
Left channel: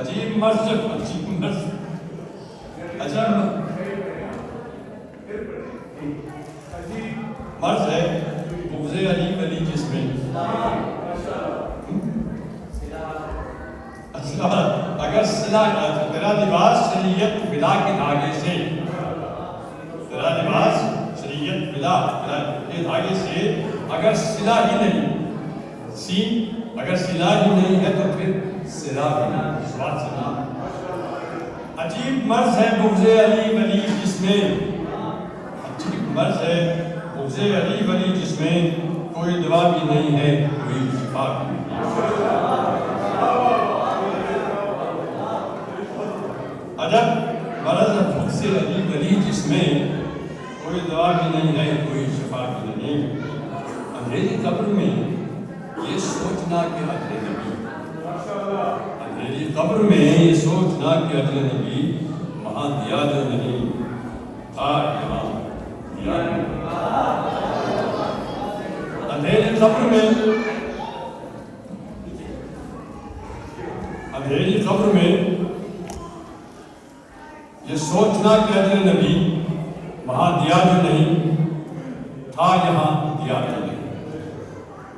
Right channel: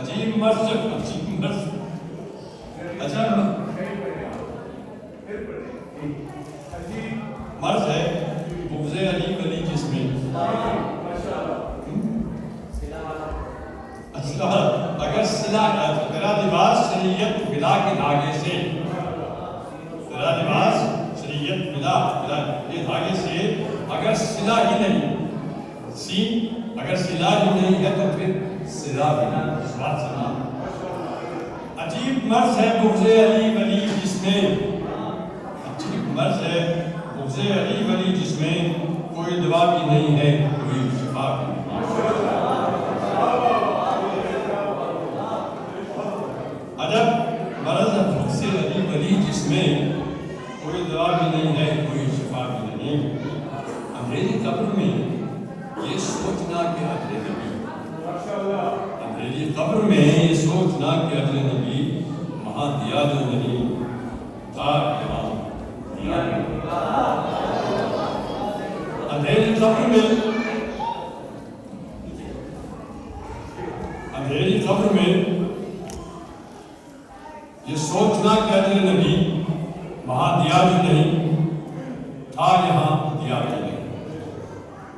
عجیب مرض, عجیب مرض, عجب مرض ہے بغض علی ولی جس میں. اگر صلہ تیرا لباس شریعت ولا کے دھاگے سے, تیرا لباس شریعت ولا کے دھاگے سے اگر صلہ ہی نہیں, سین اگر صلہ ہی نہیں ہے تو پھر صلہ بھی نہیں. سوال سنا, عجیب مرض ہے بغض علی ولی جس میں, عجیب مرض ہے بغض علی ولی جس میں کوئی دوا بھی نہیں ہے کوئی شفا بھی نہیں. عجب مرض ہے بغض علی ولی جس میں کوئی دوا بھی نہیں ہے کوئی شفا بھی نہیں. اندھیری قبر میں یہ سوچنا کہ اجر نبی, اندھیری قبر میں یہ سوچنا کہ اجر نبی وہاں دیا جو نہیں تھا یہاں دیا نہیں. اندھیری قبر میں, اندھیری قبر میں یہ سوچنا کہ اجر نبی وہاں دیا جو نہیں تھا یہاں دیا جو نہیں.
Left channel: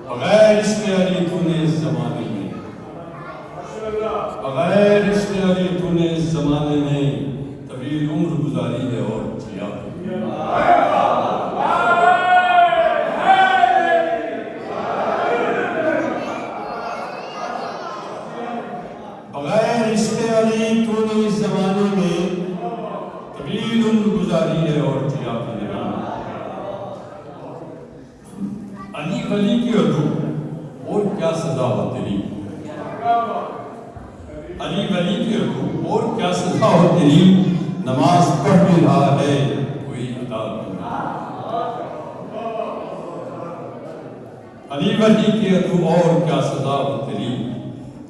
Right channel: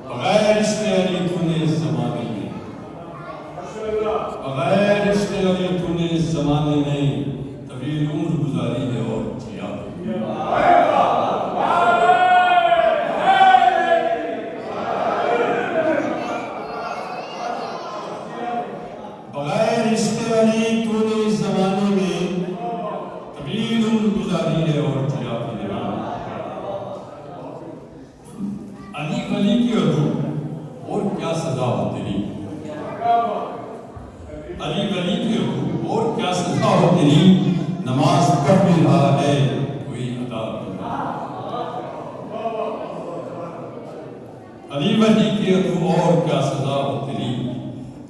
بغیر عشق علی تو نے اس زمانے میں, بغیر عشق علی تو نے اس زمانے میں طویل عمر گزاری ہے اور جیا. بغیر عشق علی تو نے اس زمانے میں طویل عمر گزاری ہے اور جیا. علی ولی کی اور کیا سزا ہو تیری, علی ولی کی اور کیا سزا ہو تیری, نماز پڑھ بھی رہا ہے کوئی ادا نہیں. علی ولی کی اور کیا سزا ہو تیری,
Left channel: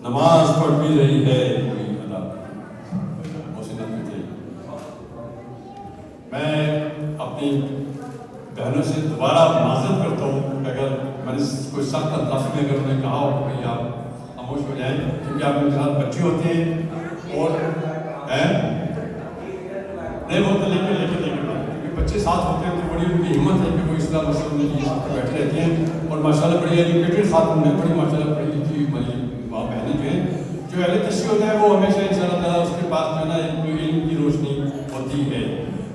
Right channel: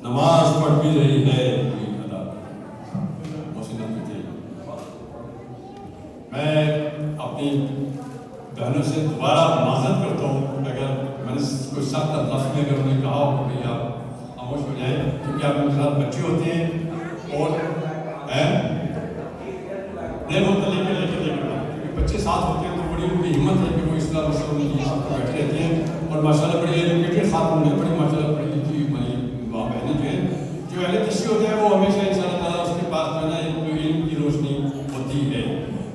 نماز پڑھ بھی رہی ہے کوئی ادا نہیں. میں اپنی بہنوں سے دوبارہ معذرت کرتا ہوں اگر میں نے کوئی سخت انداز میں اگر انہیں کہا ہو کہ آپ خاموش ہو جائیں, کیونکہ آپ ان کے ساتھ بچے ہوتے ہیں اور نہیں ہوتا, لیکن بچے ساتھ ہوتے ہیں تو بڑی ان کی ہمت ہے کہ وہ اسلام مسلم میں یہ سب بیٹھے رہتے ہیں. اور ماشاء اللہ بڑی ایجوکیٹڈ ساتھ ہوں گے, بڑی ماشاء اللہ پڑھی لکھی ماں بہنیں جو ہیں, جو اہل تشریح ہوتا ہے وہ ہمیشہ ان شاء اللہ تعالیٰ اس کے پاس جو ہے نا ایک علم کی روشنی ہوتی ہے.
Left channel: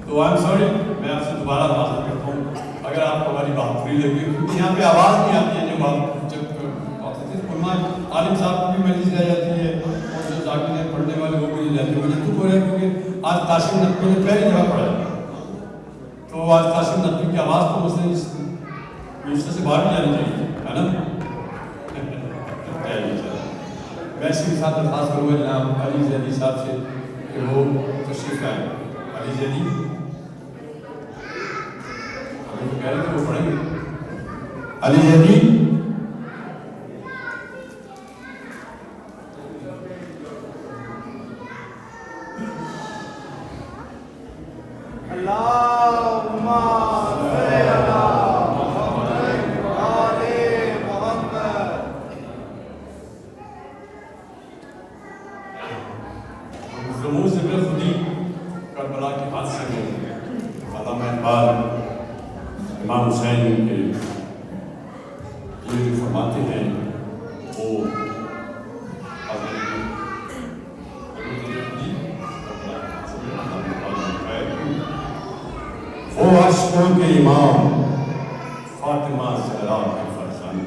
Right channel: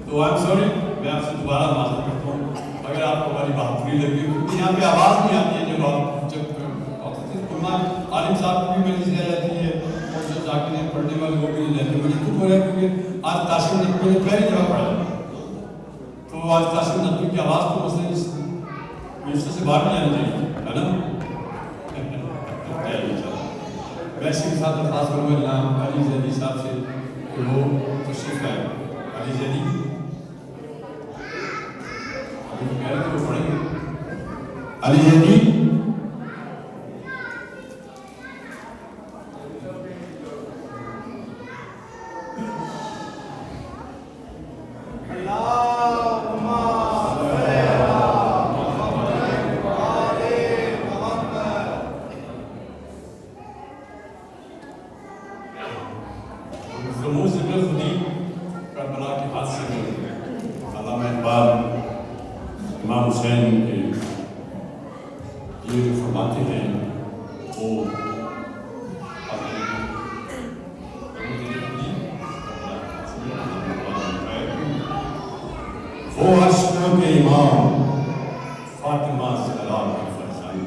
تو آئی ایم سوری, میں آپ سے دوبارہ معذرت کرتا ہوں اگر آپ کو ہماری بات بری لگی, کیونکہ یہاں پہ آواز نہیں آتی ہے. جب آپ جب عالم صاحب کو بھی مجلس رہ جاتی ہے, جو ذاکریں پڑھنے والے وہ بھی رہتے ہیں, تو ہو رہا ہے کیونکہ آج قاسم نقوی نے پہلی جگہ پڑھا, تو آج قاسم نقوی کی آواز کو مثلا اس مجلس سے باہر نہیں جانی چاہیے, ہے نا. میں اسی کے ساتھ درخواست کروں گا جناب علی زیدی صاحب سے کہ وہ تشریف لائیں. علی زیدی کہہ رہے تھے وہ پڑھیں گے. علی زیدی عاشقوں کے امام فاطمہ زہرا کے فرزند،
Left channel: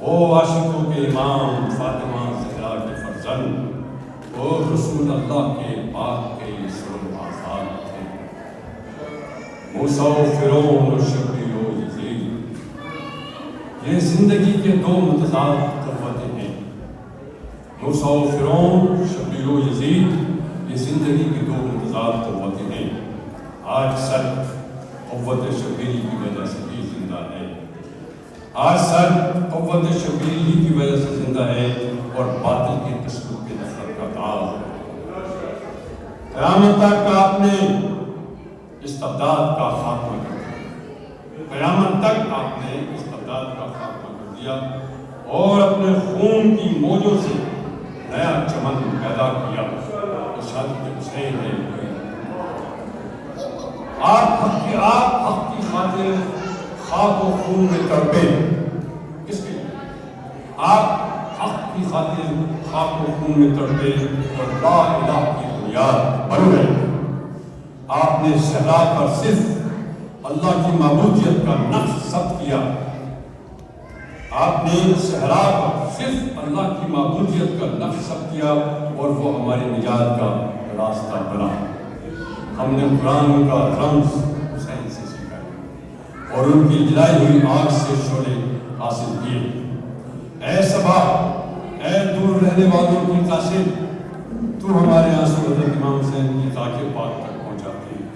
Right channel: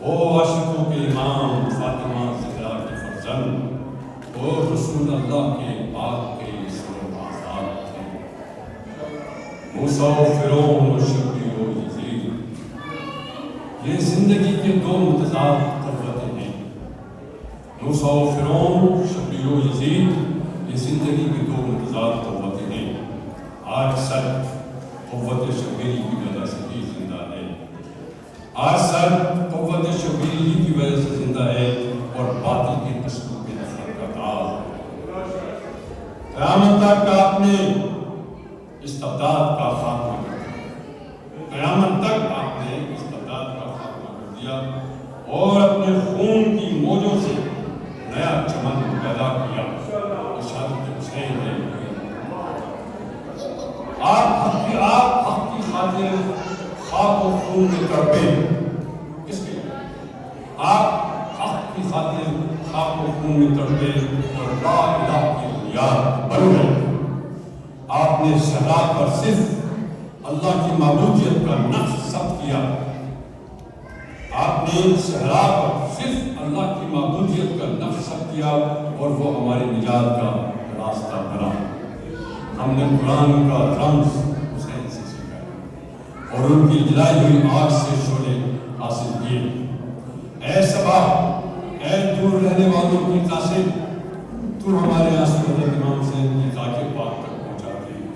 وہ عاشقوں کے امام فاطمہ زہرا کے فرزند، وہ رسول اللہ کے پاک کے اسم آزاد تھے، موسیٰ و فرعون و شبیر و یزید، یہ زندگی کے دو متضاد قوتیں ہیں۔ موسیٰ و فرعون، شبیر و یزید، یہ زندگی کی دو متضاد قوتیں ہیں۔ آج سر قوت شبیری کی وجہ سے بھی زندہ ہے، آج سر قوت شبیری کی وجہ سے زندہ ہے اور باطل کی تسلط کے نفرت کا تاج ہے۔ قیامت تک آپ نے استبداد کا خاتمہ کر دیا، قیامت تک آپ نے استبداد کا خاتمہ کر دیا اور اپنے خون کی موجوں سے نیا چمن پیدا کیا۔ شہادت حسین ہے، آپ حق کی خاطر خاک و خون میں تڑپے، کس کے لیے؟ آپ حق کی خاطر خاک و خون میں تڑپے اور لا الہ کی بنیاد بن گئے۔ آپ نے صحرا پر صرف اللہ کی معبودیت کا نقش ثبت کیا، آپ نے صحرا پر صرف اللہ کی معبودیت کا نقش ثبت کیا اور وہ ہماری نجات کا راستہ بنا۔ ہم نے قرآن کا رمز حسین سے سیکھا اور ان کی جلائی ہوئی آگ سے شعلے حاصل کیے۔ اے صبا، اے دور رہنے والوں کی قاسم، تو ہمارے آنسو حضرت امام حسین کی خاک پاک تک پہنچاتی ہے۔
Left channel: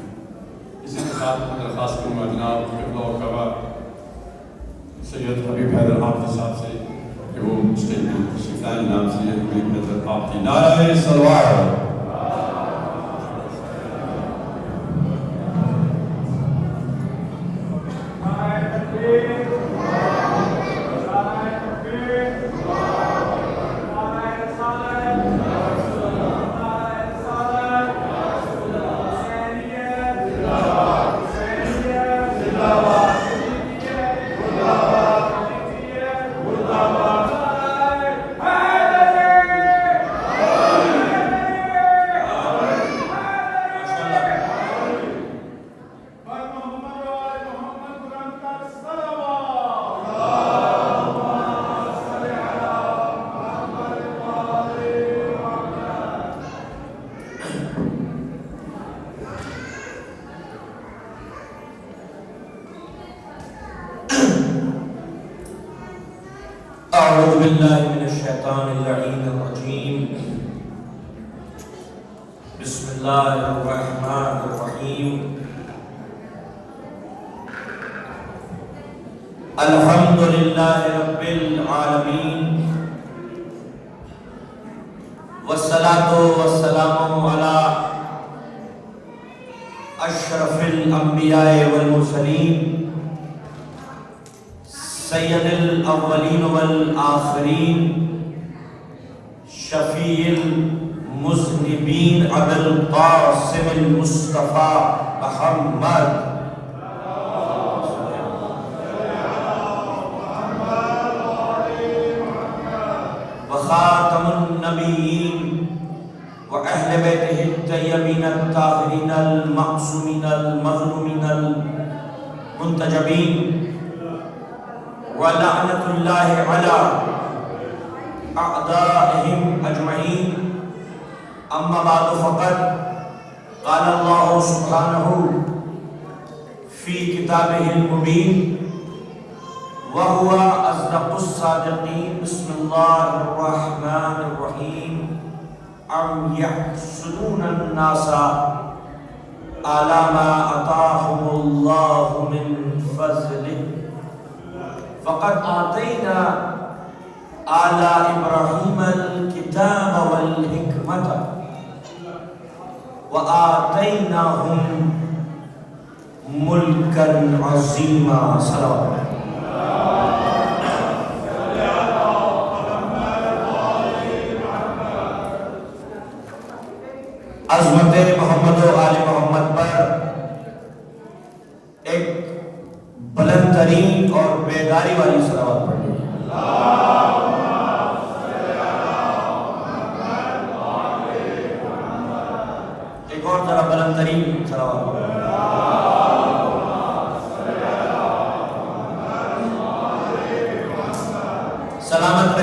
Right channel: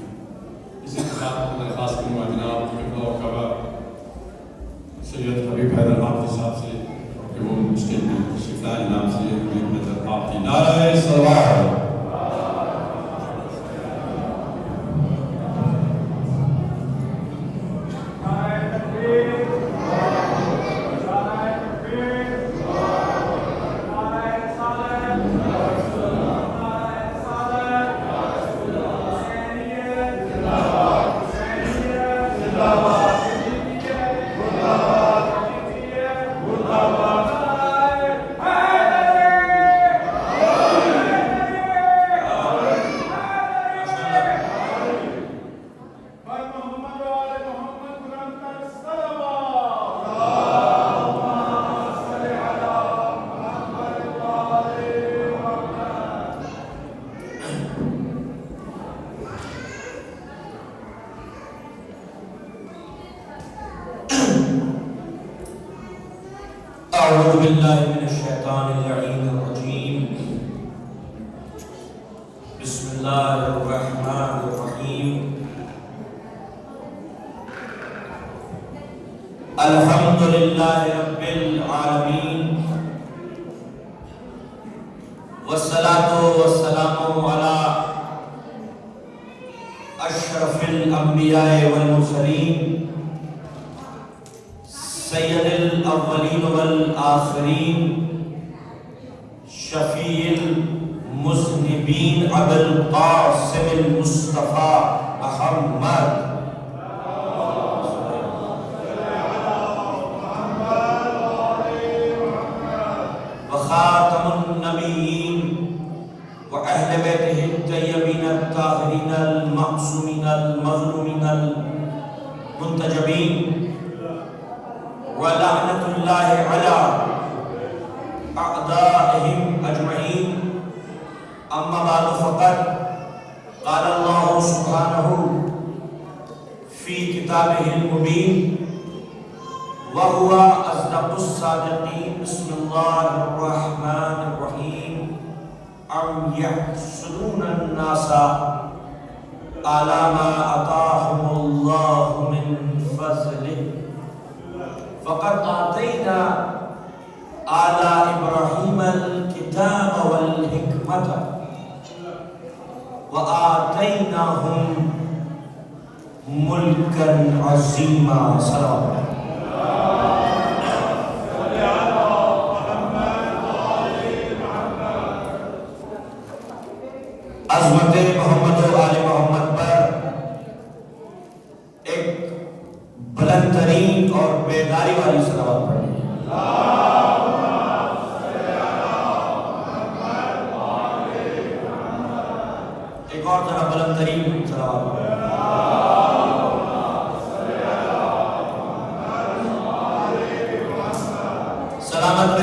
اسی کے ساتھ میں درخواست کروں گا جناب قبلہ و کعبہ سید حبیب حیدر حافظ صاحب سے کہ وہ اسٹیج میں تشریف لائیں، نام سے ایک نظر آپ کی نعرہ صلوات۔ أعوذ بالله من الشيطان اللعين الرجيم. بسم الله الرحمن الرحيم. الحمد لله رب العالمين والصلاة والسلام على أشرف الأنبياء والمرسلين سید الاولین والآخرین شفیع المذنبین ابو القاسم المصطفیٰ محمد وخاتم النبیین وأہل بیتہ الطیبین الطاہرین المعصومین المظلومین المنتجبین وَلَعْنَةُ اللَّهِ عَلَىٰ أَعْدَائِهِمْ أَجْمَعِينَ أَمَّا بَعْدُ فَقَدْ قَالَ اللَّهُ سُبْحَانَهُ فِي كِتَابِهِ الْمُبِينِ وَهُوَ أَصْدَقُ الصَّادِقِينَ بِسْمِ اللَّهِ الرَّحْمَٰنِ الرَّحِيمِ أَمْ يَحْسُدُونَ النَّاسَ عَلَىٰ مَا آتَاهُمُ اللَّهُ مِنْ فَضْلِهِ فقد آتینا آل ابراہیم الکتاب والحکمت وآتیناہم ملکا عظیما۔ سلام عظمت محمد و آل محمد پر ایک بلند ترین اور بیداری والی صلوات پڑھیں۔ ایک اور ذرا بلند ترین صلوات پڑھیں۔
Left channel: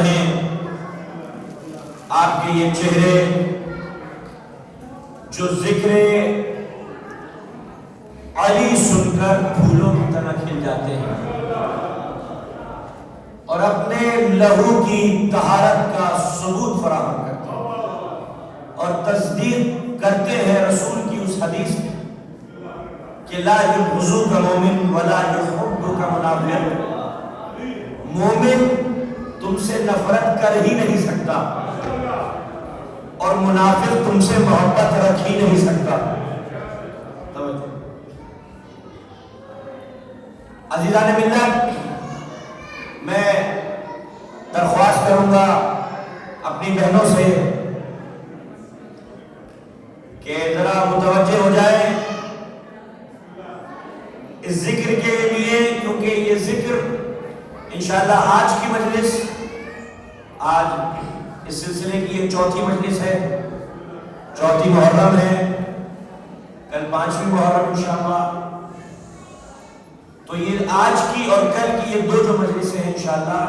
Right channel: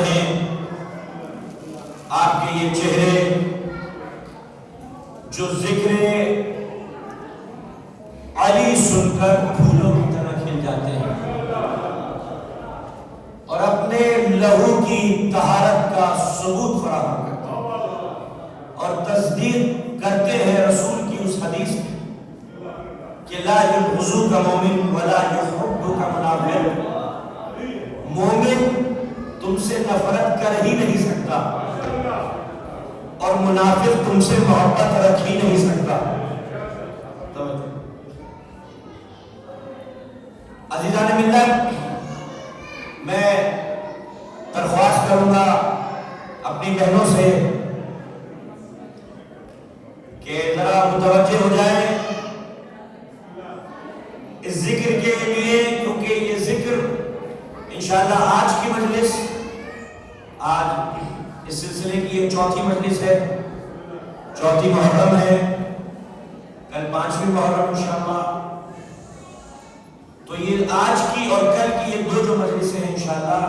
رہیں آپ کے یہ چہرے جو ذکر علی سن کر پھولوں کی طرح کھل جاتے ہیں اور اپنے لہو کی طہارت کا ثبوت فراہم کرتے ہیں اور تصدیق کرتے ہیں رسول کی اس حدیث میں کہ لا یبغضک مومن ولا یحبک منافق، مومن تم سے نفرت کر ہی نہیں سکتا اور منافق تم سے محبت رکھ ہی نہیں سکتا۔ عزیزان ملت، میں درخواست کروں گا اپنی بہنوں سے کہ ذرا متوجہ ہو جائیں اس ذکر کے لیے، کیونکہ یہ ذکر انشاءاللہ آج کی مجلس، آج اس سلسلے کی یہ چوتھی مجلس ہے، چوتھی محرم ہے، کل 5ویں محرم انشاءاللہ، تو یہ آج کی اور کل کی یہ دو جو مجلسیں ہیں انشاءاللہ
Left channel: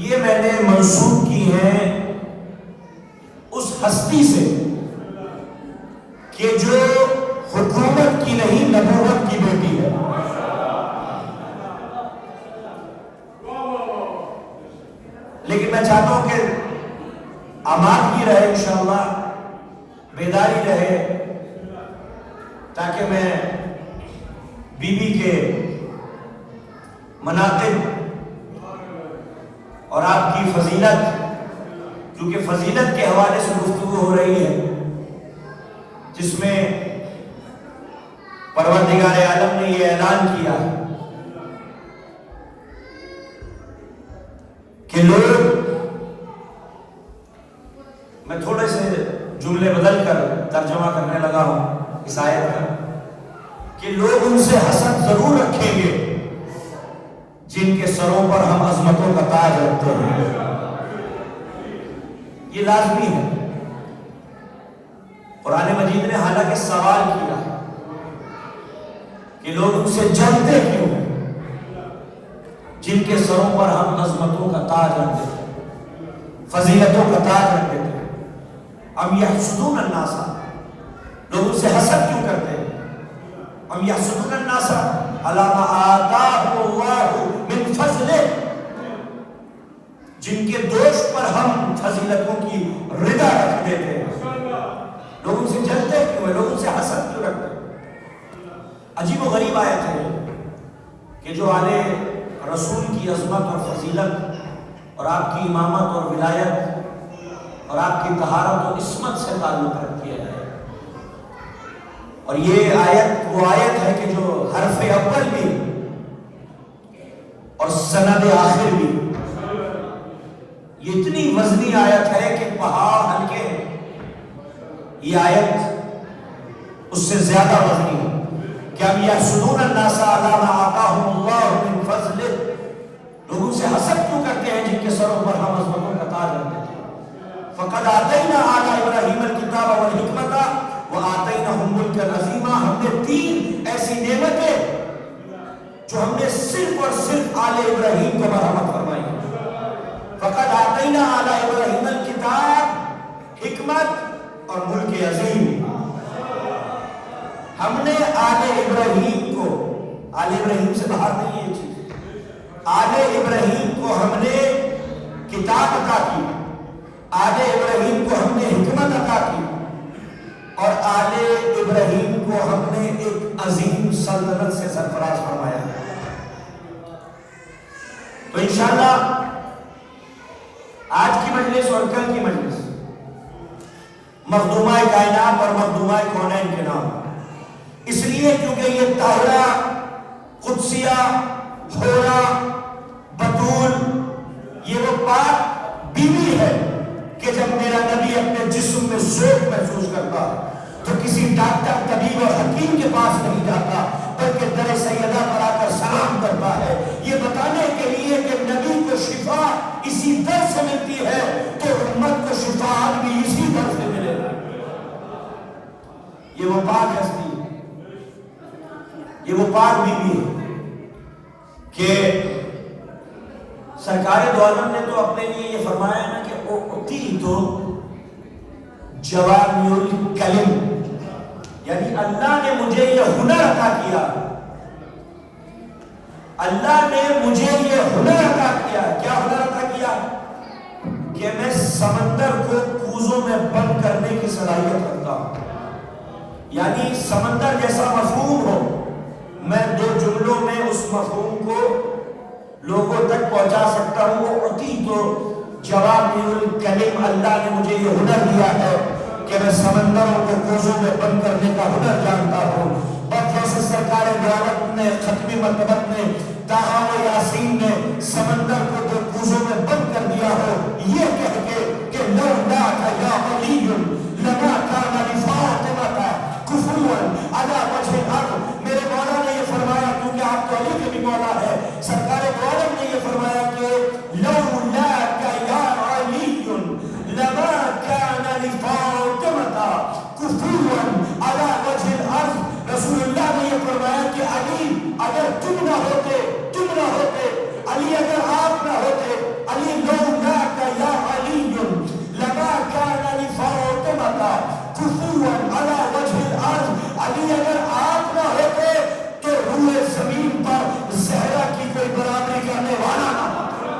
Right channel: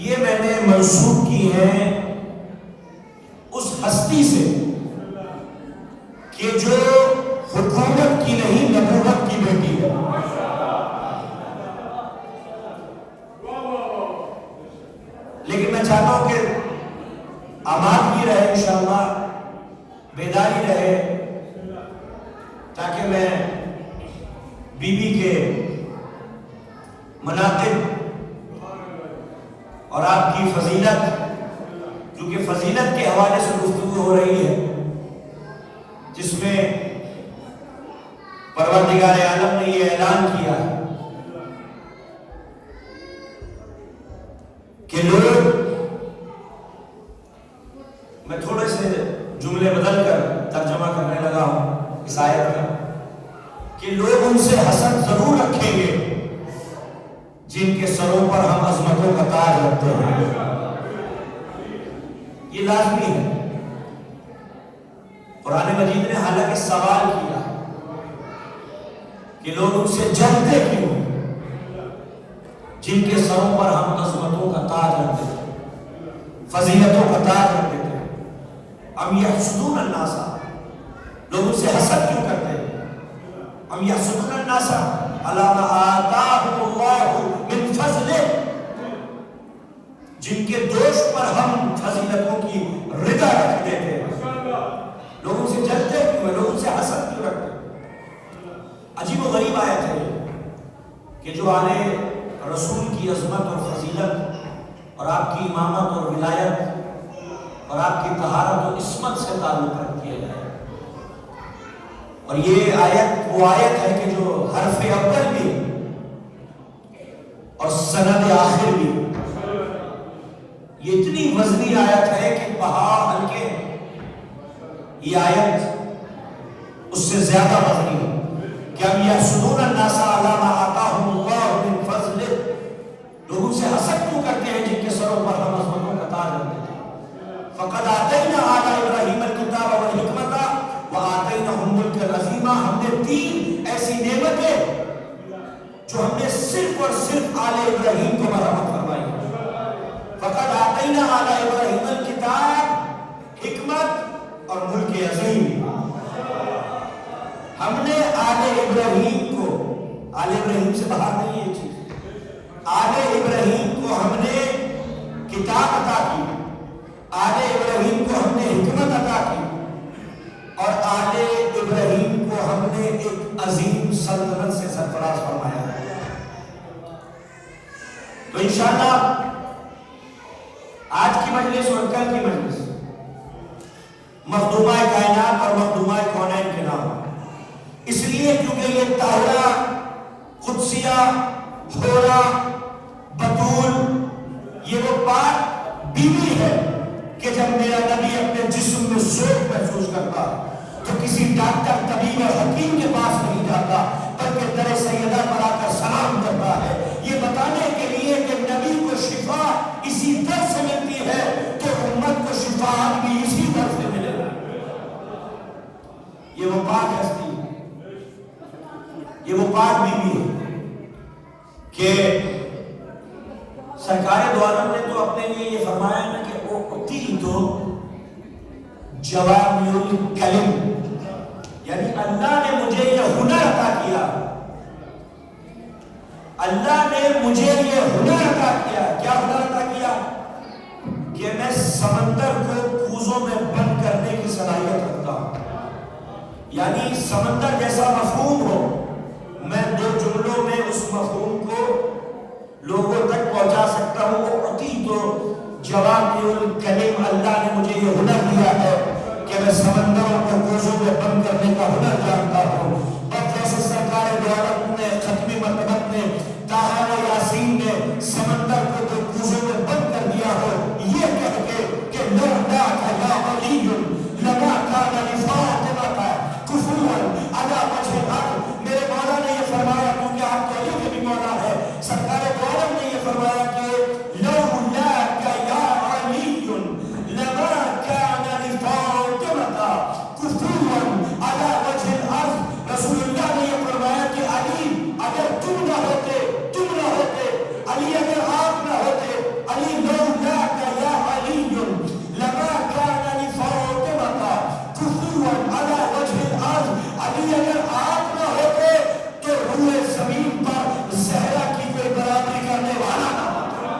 یہ میں نے منسوب کی ہیں اس ہستی سے کہ جو حکومت کی نہیں نبوت کی بیٹی ہے۔ لیکن میں چاہتا ہوں کہ امان کی رہے انشاءاللہ، بیداری رہے، تاکہ میں بی بی کے مناقب اور آپ کی فضیلت، کیونکہ فضیلت کے حوالے سے گفتگو ہو رہی ہے جس میں پروردگار عالم نے یہ اعلان کیا ہے کہ لوگ، میں تھوڑے سے جملے بدل کر ترجمہ کرنے لگا ہوں اس آیت کا، کہ لوگ ان سے حسد ضرور رکھیں گے جن کے سروں پر ہم عظمتوں کا تاج رکھتے ہیں، یہ لازمی ہے۔ قرآن مجید نے حالانکہ سوال کیا کہ لوگ ان سے جلتے کیوں ہیں جن کے سروں پر ہم عظمتوں کا تاج رکھتے تھے، فضیلتوں کا تاج رکھتے تھے۔ ام یحسدون الناس، لوگ ان سے حسد کیوں کرتے ہیں؟ ام یحسدون الناس علی ما آتاہم اللہ من فضلہ، جن کے دوست پر ہم فضیلتوں کی رضا رکھ دیتے ہیں، لوگ ان سے جلتے کیوں ہیں؟ لوگ ان سے حسد کیوں رکھتے ہیں؟ عجیب و غریب آیت ہے کہ جو آل رسول کی عظمت اور فضیلت اور آپ کی امامت اور ولایت اور آپ کی طہارت و عصمت سے تعلق رکھ کیا جائے، اور یہ آیت وہ آیت ہے کہ جو حرف اول بھی اور سند آخر بھی، یہ اتنی وزنی آیت ہے کہ پہاڑ ہلکے ہیں، یہ آیت اس سے زیادہ وزنی ہے کہ ام یحسدون الناس علی ما آتاہم اللہ من فضلہ، لوگ ان سے حسد کیوں کرتے ہیں جن کے سروں پر ہم عظمتوں کا تاج رکھتے ہیں۔ فقد آتینا آل ابراہیم الکتاب والحکمۃ وآتیناہم ملکا عظیما، ہم نے 3 ایسی نعمتیں جو ہم نے صرف اور صرف آل ابراہیم کو مرحمت فرمائی۔ فقد آتینا آل ابراہیم الکتاب، حکمت اور ملک عظیم، ہم نے آل ابراہیم کو، آل ابراہیم سے باہر نہیں ہے یہ چیز، آل ابراہیم کو ہم نے کتاب عطا کی، آل ابراہیم کو ہم نے حکمت عطا کی، اور آل ابراہیم کو ہم نے ایک عظیم سلطنت سے سرفراز فرمایا۔ تو انشاءاللہ آج کی مجلس اور کل کی مجلس مخدومہ کائنات اور مخدومہ کونین کے نام، اس لیے کیونکہ یہ طاہرہ، قدسیہ، حورہ، بطول، یہ وہ پاک بیوی ہے کہ جب میرا نبی اپنے جسم میں ذوق محسوس کرتا تو کسی ڈاکٹر، طبیب اور حکیم کے پاس نہیں جاتا، بلکہ در سیدہ پر آ کر سلام کرتا ہے، یہ بتانے کے لیے کہ نبی کو شفا اسی در سے ملتی ہے تو امت کو شفا بھی اسی در سے ملے۔ یہ وہ پاک ہستی ہے، یہ وہ پاک بیوی ہے کہ سرکار سرکار دو عالم نے تو اپنے لیے یہ فرمایا نا کہ اعطیتو جوامع الکلم، یعنی اللہ نے مجھے یہ ہنر عطا کیا، اللہ نے مجھے یہ ہنر عطا کیا. کیا ہنر عطا کیا؟ کہ میں سمندر کو کوزوں میں بند کرنے کی صلاحیت رکھتا ہوں. یعنی سمندر جیسا مفہوم ہو، میں دو جملوں میں اس مفہوم کو لوگوں تک پہنچا سکتا ہوں. اعطیتو جوامع الکلم، اللہ نے مجھے یہ ہنر دیا ہے کہ میں سمندروں کو کوزوں میں بند کرنے کا ہنر جانتا ہوں. اور جیسے سرکار دعوت نے ختمی مرتبت میں طٰہٰ و یاسین نے سمندر کو تو کوزوں میں بند کر دیا ہو، یہ کہہ کے کہ لولاک یا علی لما کان لفاطمہ کفوا علی وجہ الارض. میرے مولا نے یہ فرمایا کیونکہ آپ تو علی کے بھی مولا ہے، سرکار دعوت نے یہ فرمایا کہ لولاک یا علی لما کان لفاطمہ کفوا علی وجہ الارض. رسول اللہ نے یہ فرمایا کہ علی اگر تم نہ ہوتے، علی اگر آپ نہ ہوتے، علی لولاک یا علی لما کان لفاطمہ کفوا علی وجہ الارض. علی اگر آپ نہ ہوتے تو روئے زمین پر زہرا کی کوئی برابری کرنے والا نہ ہوتا.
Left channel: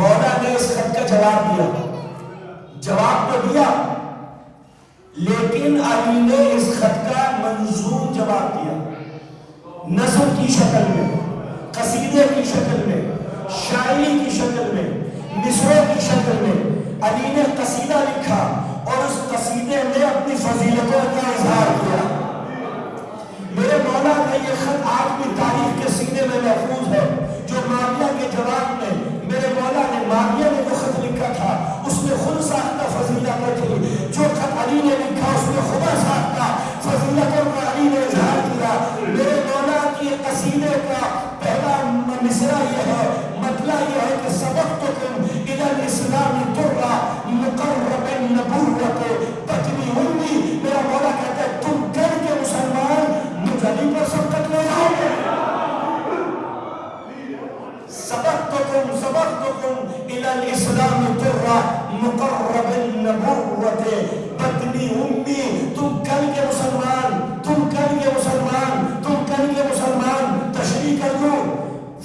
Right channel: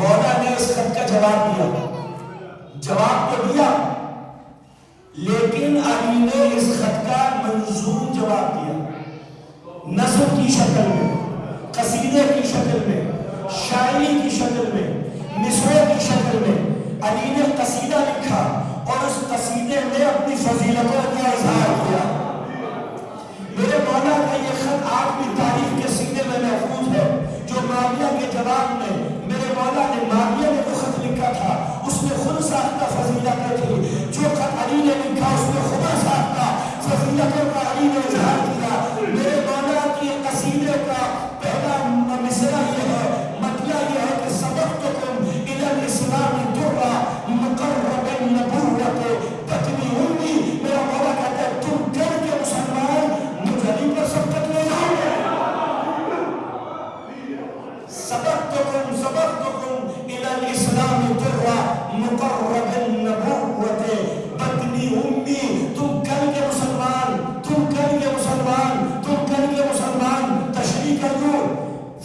مولا نے اس خط کا جواب تو دیا، لیکن علی نے اس خط کا منظوم جواب دیا، نظم کی شکل میں، قصیدے کی شکل میں، شاعری کی شکل میں، مصرعوں کی شکل میں علی نے قصیدہ لکھا اور اس قصیدے میں اپنی فضیلتوں کا اظہار کیا۔ میرے مولا کا یہ خط آج بھی تاریخ کے سینے میں محفوظ ہے، جو معاویہ کے جواب میں میرے مولا نے معاویہ نے جو خط لکھا تھا اس میں خود ساختہ فضیلتیں تھی، جو خط علی نے لکھا اس میں خدا ساختہ فضیلتوں کا علی نے اظہار کیا۔ میرے مولا کی قصیدے کا پہلا مصرع یہ ہے، مطلب یہ ہے کہ سبقتکم الی الاسلام ترا مقرب النبوت بطن امی۔ میرا مولا کہتا ہے تم ڈر کے مسلمان مجھ علی پر سبقت لے جاؤ گے۔ سبقتکم الی الاسلام ترا مقرب النبوت بطن امی۔ تم کل کے مسلمان، تم کل کے مسلمان، تم کل کے مسلمان تشریح کر لوں۔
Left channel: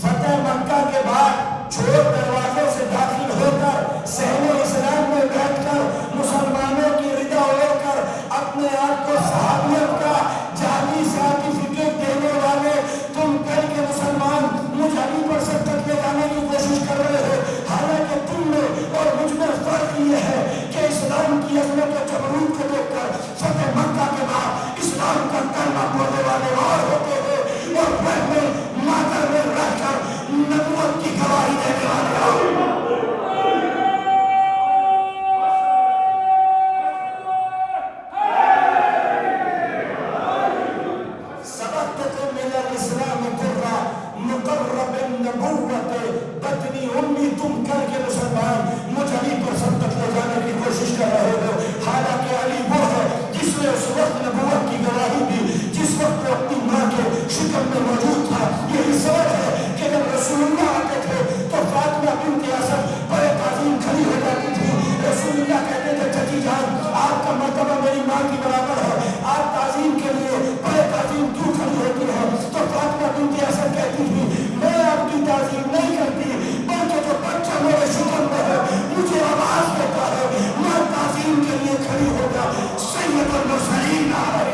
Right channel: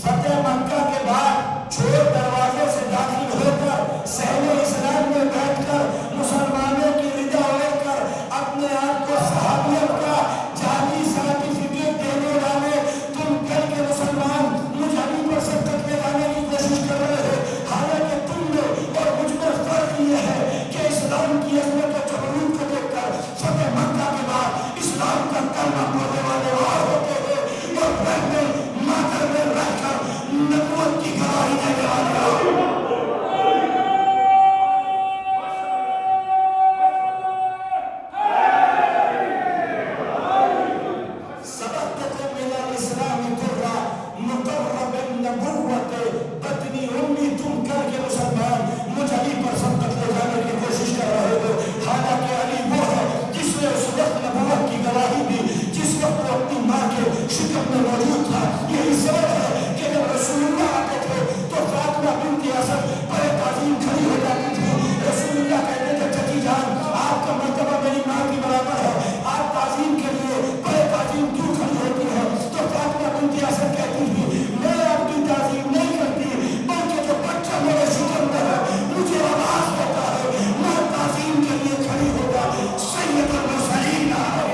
فتح مکہ کے بعد چھوڑ دروازے سے داخل ہو کر صحن اسلام میں بیٹھ کر مسلمانوں کی رضا ہو کر اپنے آپ کو صحابیت کا جعلی سرٹیفکیٹ دینے والے تم کل کے مسلمان مجھ علی پر سبقت لے جانے کی کوشش کر رہے ہو، حالانکہ تم میں اور مجھ میں فرق یہ ہے کہ اسلام کی عظمت و جبروت کو دیکھ کر فتح مکہ کے بعد اسلام کا کلمہ پڑھنے والے اور ہوتے ہیں اور رہ میں ماتر میں رہ کر نبوت کی گواہی دینے والے سبقتکم الی الاسلام ترا مقرب النبوت بطن امی۔ تم کر کے مسلمان مجھ علی پر سبقت لے جانے کی کوشش کر رہے ہو، حالانکہ علی وہ ہے جس نے اس وقت نبوت کی گواہی دی جس وقت وہ اپنی ماں کے شکم میں موجود تھا۔ یہی سبب ہے کہ جب رسول اللہ آتے تھے تو فاطمہ بنت اسد بڑے تعظیم کھڑی ہو جاتی تھی۔ رسول اللہ کہتے تھے چچی جان آپ کا مرتبہ میری ماں کی برابر ہے، آپ تعظیم کے لیے بڑے تعظیم کیوں کھڑی ہوتی ہے؟ تو فاطمہ بنت اسد کہتی تھی میں آپ کی تعظیم نہیں کرتی بلکہ جو بچہ میرے شکم میں ہے مجھے آواز دیتا ہے میں تعظیم کے لیے کھڑی ہوگا۔ سید المرسلین آئے۔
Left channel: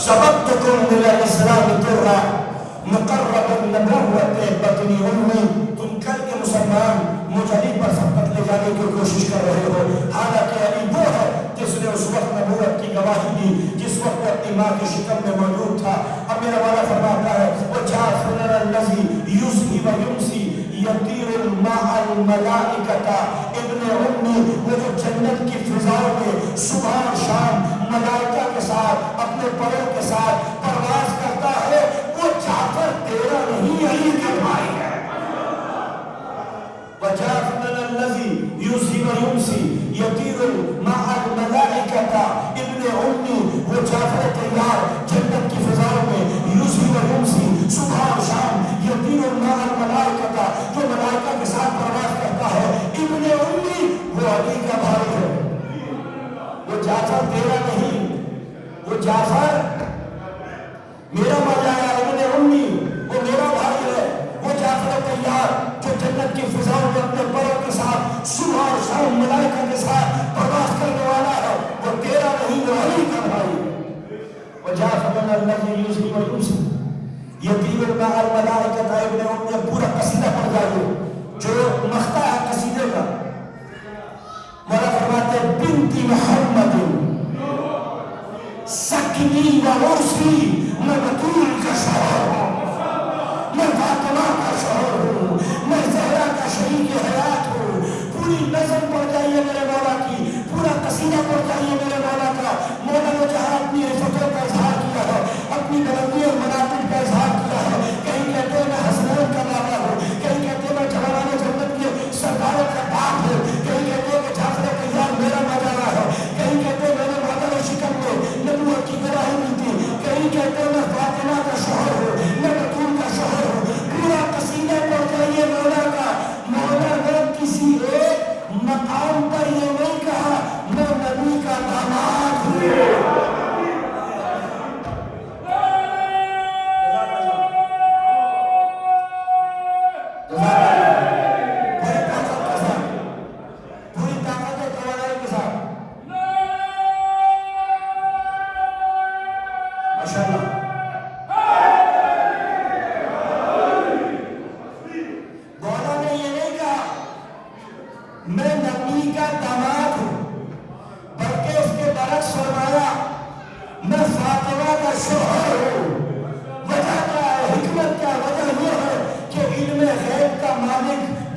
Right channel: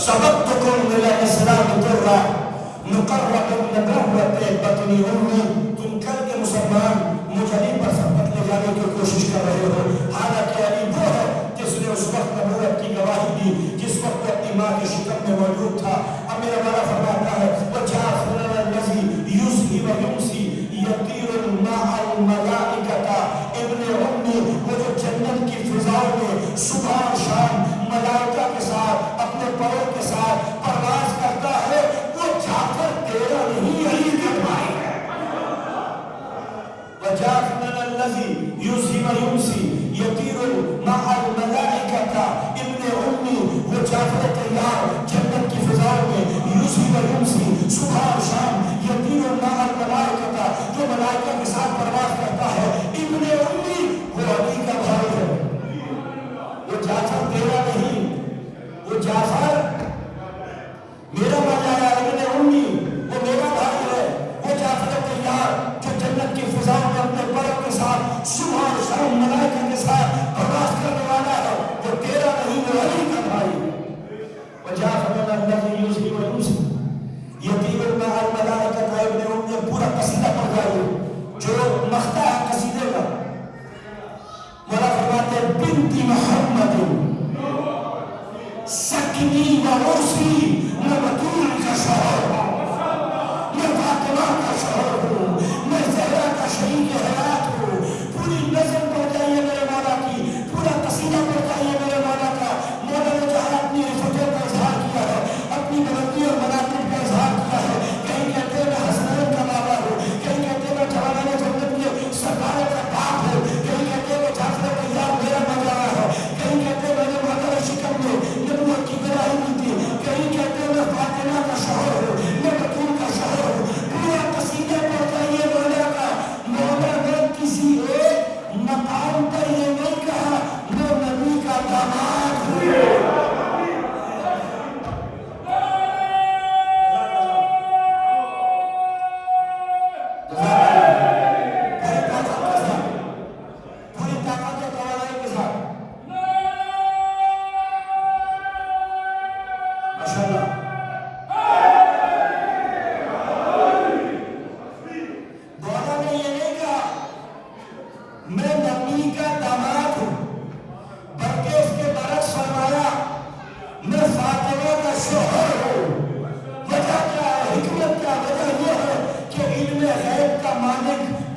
سبقتکم الی الاسلام ترا مقرب النبوت بطن امی۔ تم کل کے مسلمان مجھ علی پر سبقت لے جانے کی کوشش کر رہے ہو، حالانکہ علی وہ ہے جس نے اس وقت نبوت کی گواہی دی جس وقت وہ اپنی ماں کے شکم میں موجود تھا۔ اب میرا مولا فرماتا ہے وجعفر الذی یضحی و یمسی یطیر مع الملائکۃ ابن امی۔ وہ جو جنت کی فضاؤں میں صبح اور شام ملائکہ کے ساتھ اپنے پروں کے ساتھ پرواز کرتا ہے، وہ جعفر تیرا نہیں علی کا بھائی ہے۔ وجعفر الذی یضحی و یمسی یطیر مع الملائکۃ ابن امی۔ وہ جعفر تیار جنت کی فضاؤں میں یضحی و یمسی صبح اور شام یطیر مع الملائکۃ جو ملائکہ کے ساتھ پرواز کرتا ہے، ابن امی وہ علی کا بھائی ہے۔ وہ جعفر تیرا نہیں، وہ جعفر میرا مولا ہے، ابن امی وہ میرا بھائی ہے۔ وہ جعفر تیار جو جنت کی فضاؤں میں اپنے پروں کے ساتھ صبح اور شام ملائکہ کے ساتھ پرواز کرنے والا ہے، وہ تیرا نہیں وہ علی کا بھائی۔ وہ جعفر الذی یضحی و یمسی یطیر مع الملائکۃ ابن امی۔ پورا قصیدہ پڑھ جائیے جو مقطع ہے قصیدے کا۔ مولا فرماتے ہیں بنت محمد سکنی و عرسی، میں بطول کا شوہر ہوں، میں فاطمہ کا شوہر ہوں، میں زہرا کا شریک حیات ہوں۔ پوری نظم پڑھ جائیے میرے مولا کی، پورا قصیدہ پڑھ جائیے میرے مولا کا۔ مولا نے جہاں اپنی رفتوں کا اظہار کیا ہے، اپنی بلندی اور مناقب کا اظہار کیا ہے، کہیں کہتے ہیں میں حسنین کا بابا ہوں، کہیں کہتے ہیں میں جوانِ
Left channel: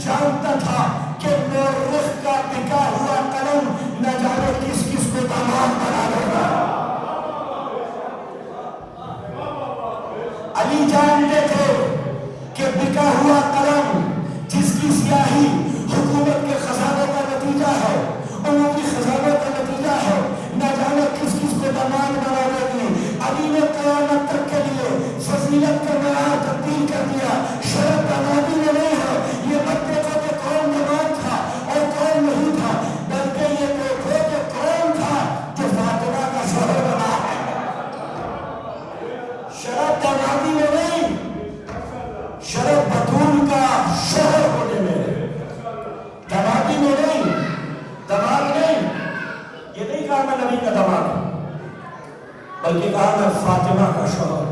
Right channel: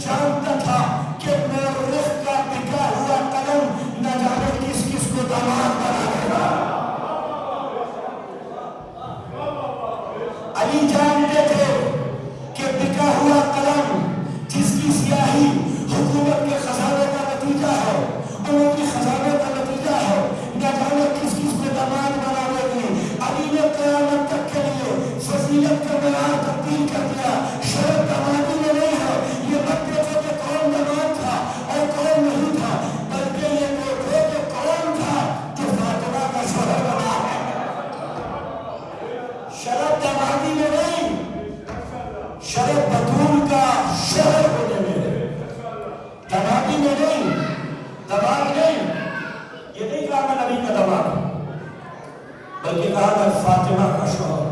جانتا تھا کہ مورخ کا بکا ہوا قلم نہ جانے کس کس کو داماد بنا دے گا۔ علی جانتے تھے کہ بکا ہوا قلم جس کی سیاہی حکومت کے خزانے کا نتیجہ ہے، عمومی خزانے کا نتیجہ ہے، نہ جانے کس کس کو داماد بنا دے گی۔ علی نے قیامت تک کے لیے فضیلت کا معیار تبدیل کر دیا۔ شرط دامادی میں نہیں ہے، یہ مت دیکھو کہ کون داماد تھا اور کون نہیں تھا، بلکہ یہ دیکھو کہ کون تھا جو فاطمہ کا شوہر بنا ہے۔ شرط دامادی میں نہیں، شرط بطول کا شوہر ہونے میں، دامادی میں نہیں، داماد نہیں۔ یہ نہیں کہا میں نبی کا داماد، بلکہ کہا میں فاطمہ کا شوہر،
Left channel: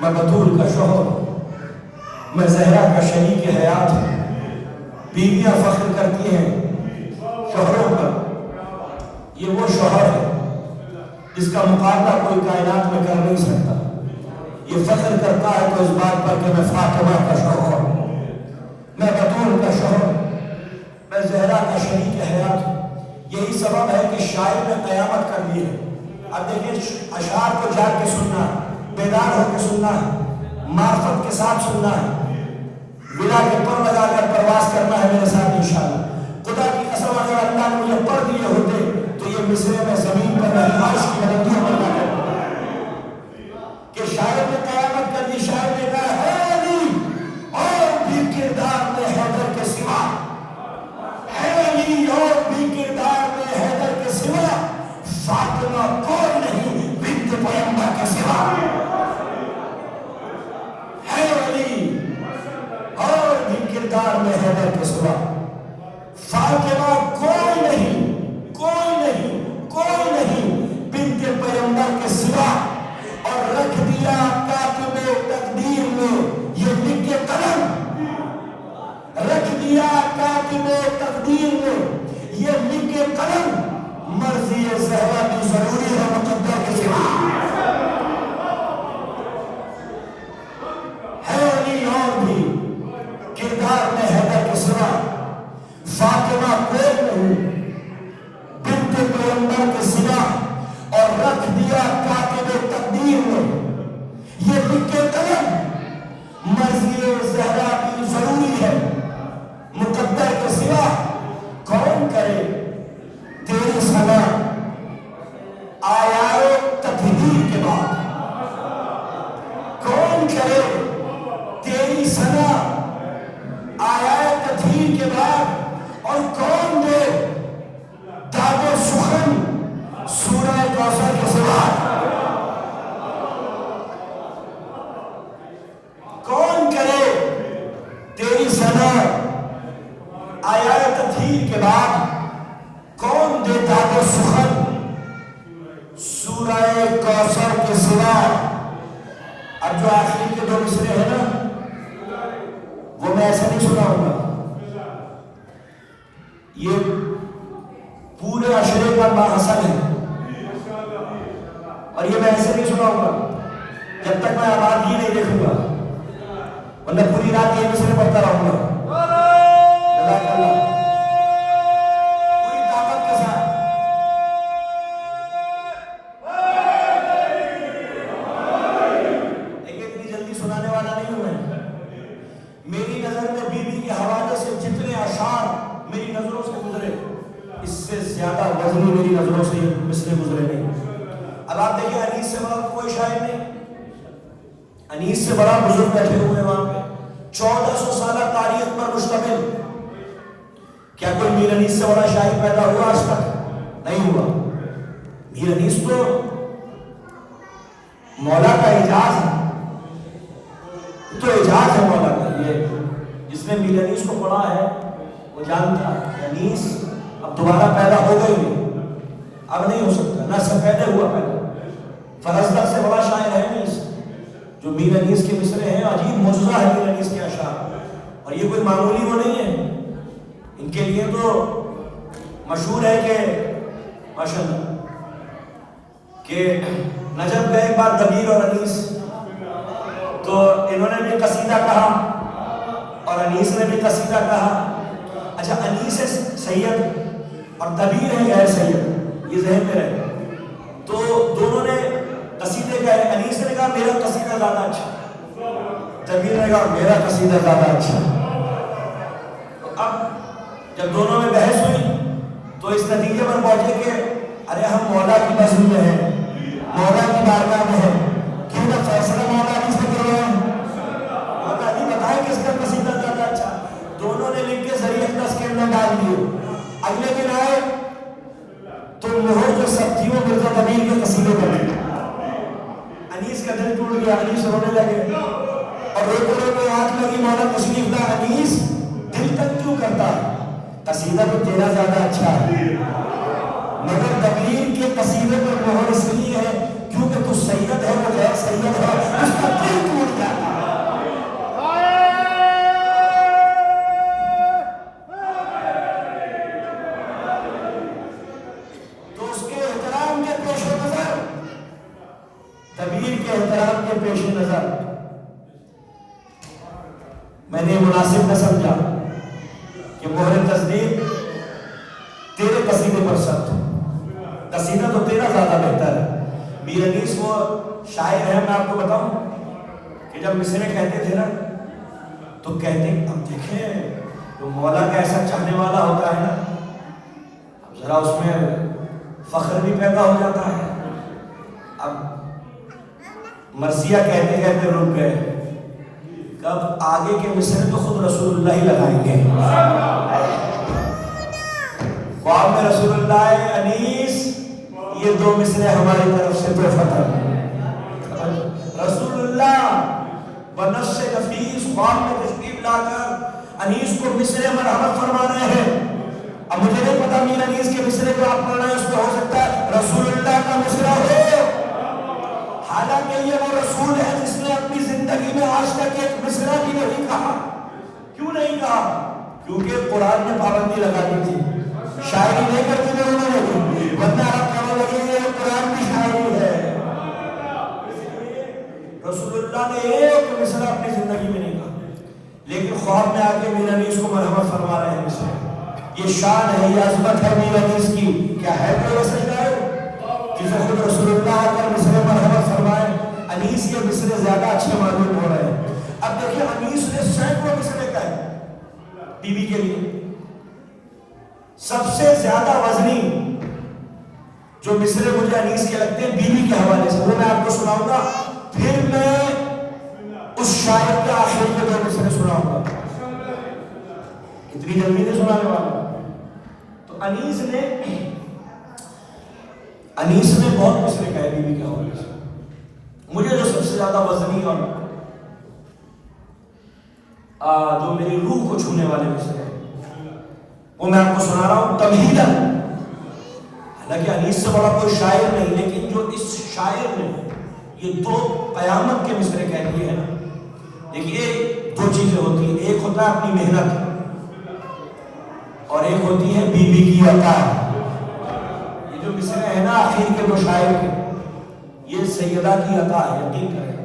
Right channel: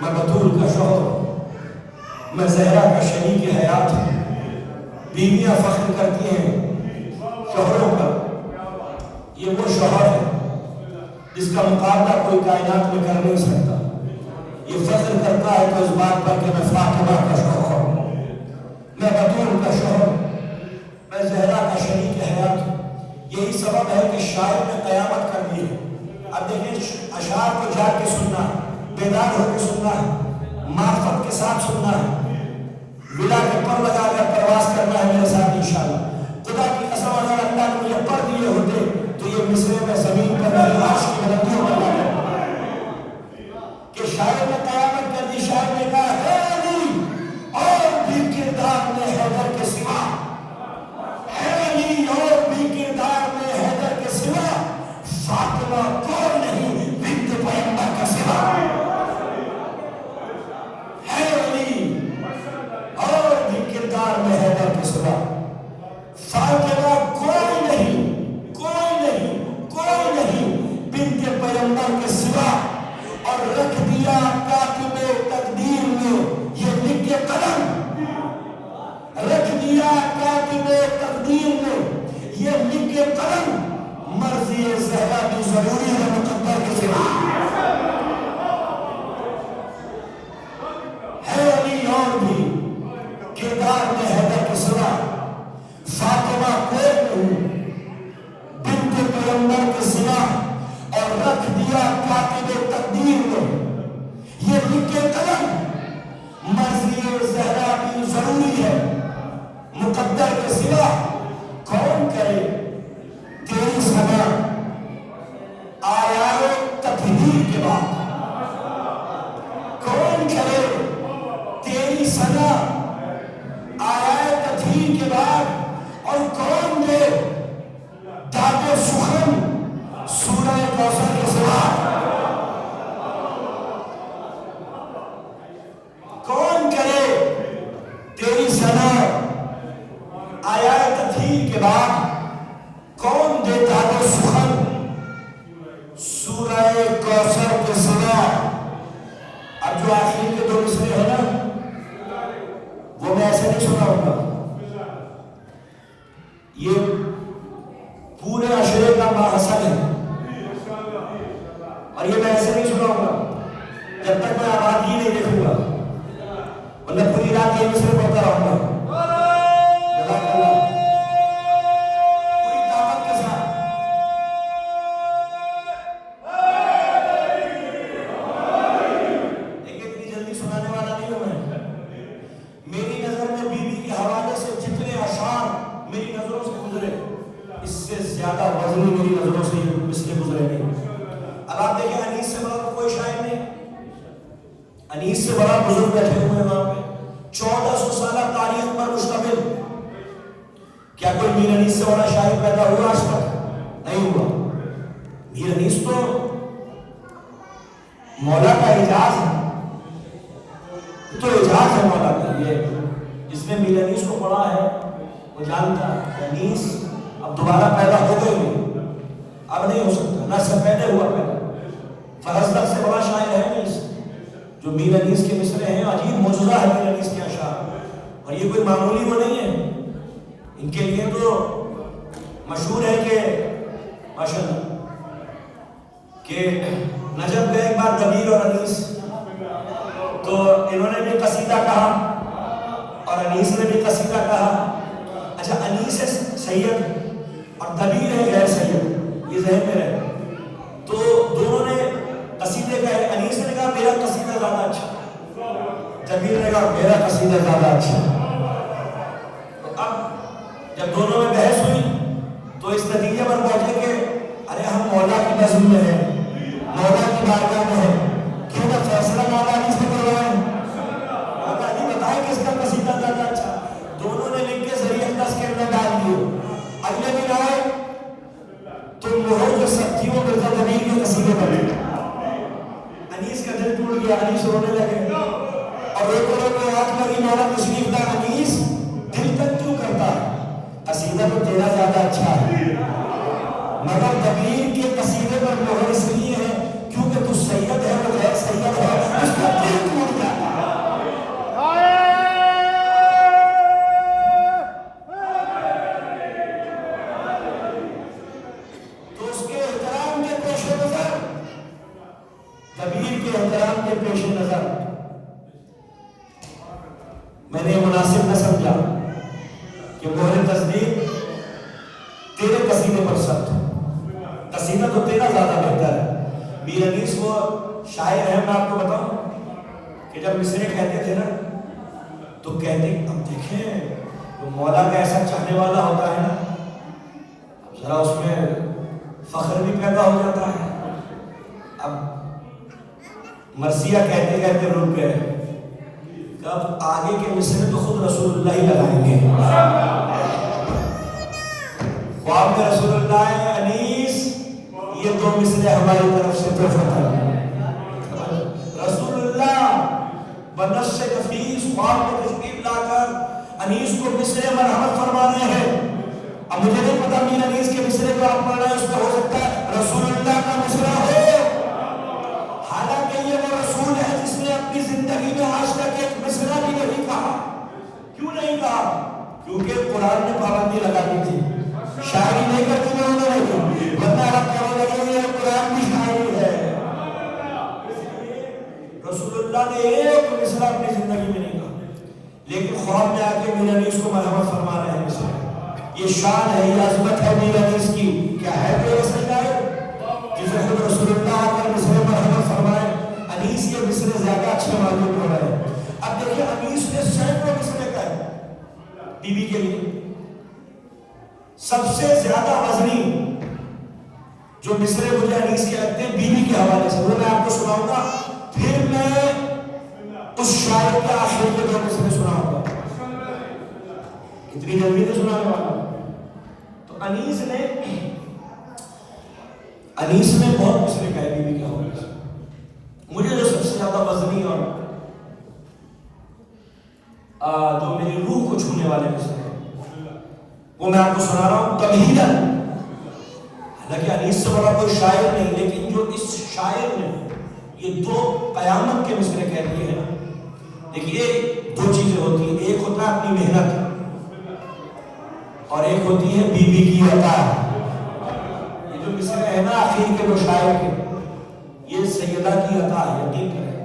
میں بطول کا شوہر، میں زہرا کا شریک حیات ہوں۔ بیویاں فخر کرتی ہیں شوہروں کا، یہ وہ شوہر ہے جس کا مقابلہ کوئی کائنات میں کر نہیں سکتا۔ یہ فخر کرتا ہے تو اس بات پر کہ میں فاطمہ کا شوہر ہوں، میں بطول کا شوہر ہوں، میں زہرا کا شریک حیات ہوں۔ یہی سبب ہے کہ شاعر نے قیامت کر دی ہے۔ اب دیکھیں اشعار کو جاگ کے سننا ہے، بیدار ہو کے سننا ہے، معرفت کے ساتھ سننا ہے، ولا کے پر لگا کر پرواز کرنا ہے میرے ساتھ انشاءاللہ۔ خدا کی قسم اگر اللہ نے مجھے پڑھ دیے ہوتے تو یہ مصرے میں زمین پر میری عرش کی بلندیوں پر لگا کہ شاعر نے قیامت کر دی۔ شاعر نے کہا ہے علی اور بھی کردار میں حیدر کے سوا، ہے علی اور بھی کردار میں حیدر کے سوا، فاطمہ کوئی نہیں بنت پیغمبر کے سوا، ہے علی اور بھی کردار میں حیدر کے سوا، فاطمہ کوئی نہیں، کوئی نہیں، کوئی نہیں بنت پیغمبر کے سوا۔ اور رکھ دیا کاتب تقدیر میں یہ لکھ کے قلم، رکھ دیا کاتب تقدیر میں یہ لکھ کے قلم، مرضی زہرا بھی ضروری ہے مقدر کے سوا، ہے علی اور بھی کردار میں حیدر کے سوا، فاطمہ کوئی نہیں بنت پیغمبر کے سوا۔ اور رکھ دیا کاتب تقدیر میں یہ لکھ کے قلم، مرضی زہرا بھی ضروری ہے مقدر کے سوا۔ کون کرے تیری ثنا آیائے تطہیر کے بعد، کون کرے تیری ثنا آیائے تطہیر کے بعد، اور کون دے داد و سخن سورہ کوثر کے سوا، کون کرے تیری ثنا آیائے تطہیر کے بعد، کون دے داد و سخن سورہ کوثر کے سوا۔ اب جو آخری کے دو مصرے ہیں نا وہ میں ایسے نہیں سناؤں گا، یہ پورے عشرے کا ماحصل ہے، اور یہ میں ایسے نہیں سناؤں گا جب تک میں آباد ہی نہیں دیکھوں گا، ورنہ پوری رات یہ مصرے پڑھتا رہوں گا جزاک اللہ پوری طاقت کے ساتھ۔ دیکھیں اتنی جلدی سنانے والا نہیں ہوں میں، میری نظر میں بی بی کے حوالے سے جتنے اشعار میری نظروں سے گزرے اس سے زیادہ وزنی میری نظروں سے یہ مصرے گزرے نہیں۔ اب آپ دیکھیں انیس سے بڑا کوئی شاعر نہیں، انیس سے بڑا بزرگ بیٹھے ہوئے وہاں پہ، 1400 سالہ تاریخ پر مشتمل۔ کیا کوئی میر انیس سے بڑا شاعر پیدا ہوا آج تک؟ نہیں ہوا۔ میر انیس تو مولا کا اعجاز ہے، تو اعجاز ہے مولا کا۔ یہ جس نے میر انیس کو پڑھا ہے وہ جانتا ہے انیس اب دوبارہ پیدا ہو گئی نہیں، اب نہیں ہو سکتا، نہ سب پہلے ہوا پیدا۔ فرزدق سے بڑا شاعر ہے انیس، جو میر انیس کے مصرے ہیں، عجیب معجزہ ہے میر انیس کے اشعار، اور یہ کوئی معمولی وہ نہیں ہے۔ ان کے لیے تو مشہور ہے کہ ماشاءاللہ کہ نجف گئے ایک بار کبیر اور انیس، تو انہوں نے بھی قصیدہ کہا اور اور انیس نے بھی قصیدہ کہا. اچھا انیس ہے سید اور دبیر ہے غیر سید، یہ ذہن میں رہے. تو دونوں نے قصیدے کہے. انیس نے کہا میرا قصیدہ زیادہ اچھا، دبیر نے کہا میرا قصیدہ زیادہ اچھا. اب جب دونوں میں بحث ہوئی تو اس نتیجے پر پہنچے کہ ارے ہم مولا کی بزم میں ہیں، مولا کی بارگاہ میں ہیں، کیوں نہ فیصلہ مولا علی سے کر رہے ہیں، مولا علی بتائیں کس کا قصیدہ زیادہ اچھا. دونوں نے لکھ کے ذریعہ دس کے اندر ڈال دیے. اگلے دن آئے تو مہر جو سب تھی وہ مرزا دبیر کے قصیدے پر ہے. انیس کا دل ٹوٹ گیا، انیس رونے لگے اور ایک اور کے ہاتھ لگی. مولا تشریف دا انیس دل تک کیوں کرتا ہے، قصیدہ تو تیرا زیادہ اچھا ہے، مگر دبیر کے قصیدے پر مہر اس لیے ہے کیونکہ تو سید ہے وہ غیر سید ہے، اس کا دل ٹوٹ جاتا ہے. تو اس کے احترام کے پیش نظر، دبیر کے احترام کے پیش نظر میں نے مناسب نہ سمجھا کہ مہر تصدیق تیرے قصیدے پر سخت، قصیدہ تو تیرا زیادہ بہتر ہے. میر انیس وہ شاعر ہے، میں آپ کو بتاؤں کہ جب مصرے کہتے تھے نا تو کہتے اب دیکھیں تو مولا کا ایسا چاہنے والا ہوتا ہے نا ذرا اس میں فخر بھی پیدا ہو جاتا ہے. اب مرثیہ کہتے کہتے رک گئے، کب آگے کے مصرے تو خود رسول اللہ ہی لگائیں گے. خواب میں رسول اللہ انیس یہ دو مصرے ہماری طرف سے تحفہ ہے. رسول اللہ بنفس نفیس خواب میں تشریف لا کر انیس کو مصرے مرحمت فرما رہے ہیں. اب مجھے نہیں پتا میر انیس کے مصرے کو آپ پڑھ رہے ہیں اس کا ہو سکتا ہے رسول اللہ کا مصرع ہو، حالانکہ یہ وہ رسول ہے جس نے اپنی زندگی میں آج تک ایک مصرع بھی نہیں کہا. کیوں نہیں کہا؟ کیونکہ قرآن نے پابندی لگا دی تھی، شاعری نہیں کرتی میں انہوں نے، ورنہ آپ کہنے لگے یہ قرآن کی شاعری ہے. رسول اللہ نے ایک مصرع اپنی زندگی میں نہیں کہا، لیکن خواب میں آ کے میر انیس کو مرحمت فرما رہے ہیں مصرع. یہ شان ہے، یہ عظمت ہے میر انیس کی. کیا ہے کہ وہ سجدہ ہے جسے خود رسول اللہ آ کر مصرع مرحمت فرمائے. انیس کے مصرع زیادہ اچھے معلوم ہو رہے ہیں. اب دیکھیں انیس نے سینکڑوں مصرع کہے بی بی کے لیے. سب سے زیادہ وزنی جو مصرے مجھے انیس کے لگتے ہیں بیوی کے حوالے سے، وہ میں آپ کو سناؤں گا. پھر میں اس شاعر کے آخر کے دو مصرے سناؤں گا، اتنی جلدی نہیں سنانے والا. تو انیس نے بہت مصرے کہے بیوی کے حوالے سے. مجھے جو سب سے زیادہ وزنی اور جو میری روح کو چھونے والے مصرے وہ میں آپ کو سنا رہا ہوں. تمہیداً، حالانکہ انیس سے بڑا کوئی شاعر نہیں، لیکن جو اس شاعر نے یہ دو قیامت کے مصرے کہہ دیے ہیں. دیکھیے دو چیزیں ہوتی ہیں، ایک ہوتا ہے اپنی محنت اور ایک ہوتی ہے بیوی کی عطا. یہ جو مصرے ہیں نا آخر کے دو شاعر کے، یہ سیدہ کی عطا ہے، یقین کریں.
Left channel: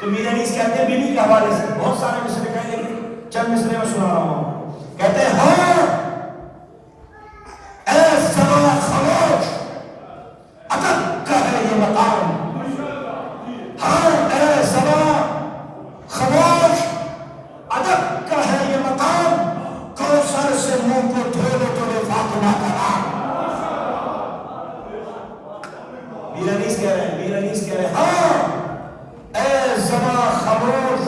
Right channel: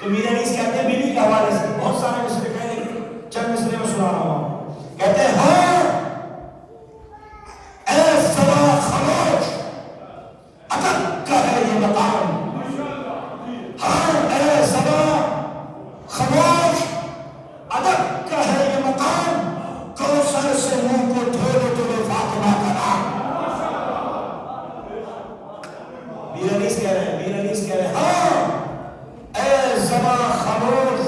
تو میر انیس کہتے ہیں بیوی کے حوالے سے بہت سارے مصرے کہہ دیں، چند مصرے میں سنا رہا ہوں. کہتے ہیں ہاں اے زمان خاموش ادب کا ہے یہ مقام، ہاں اے زمان خاموش ادب کا ہے یہ مقام، کوثر سے منہ کو دھو دو تو فاطمہ کا نام. میر انیس کہہ رہے ہیں ہاں اے زمان خاموش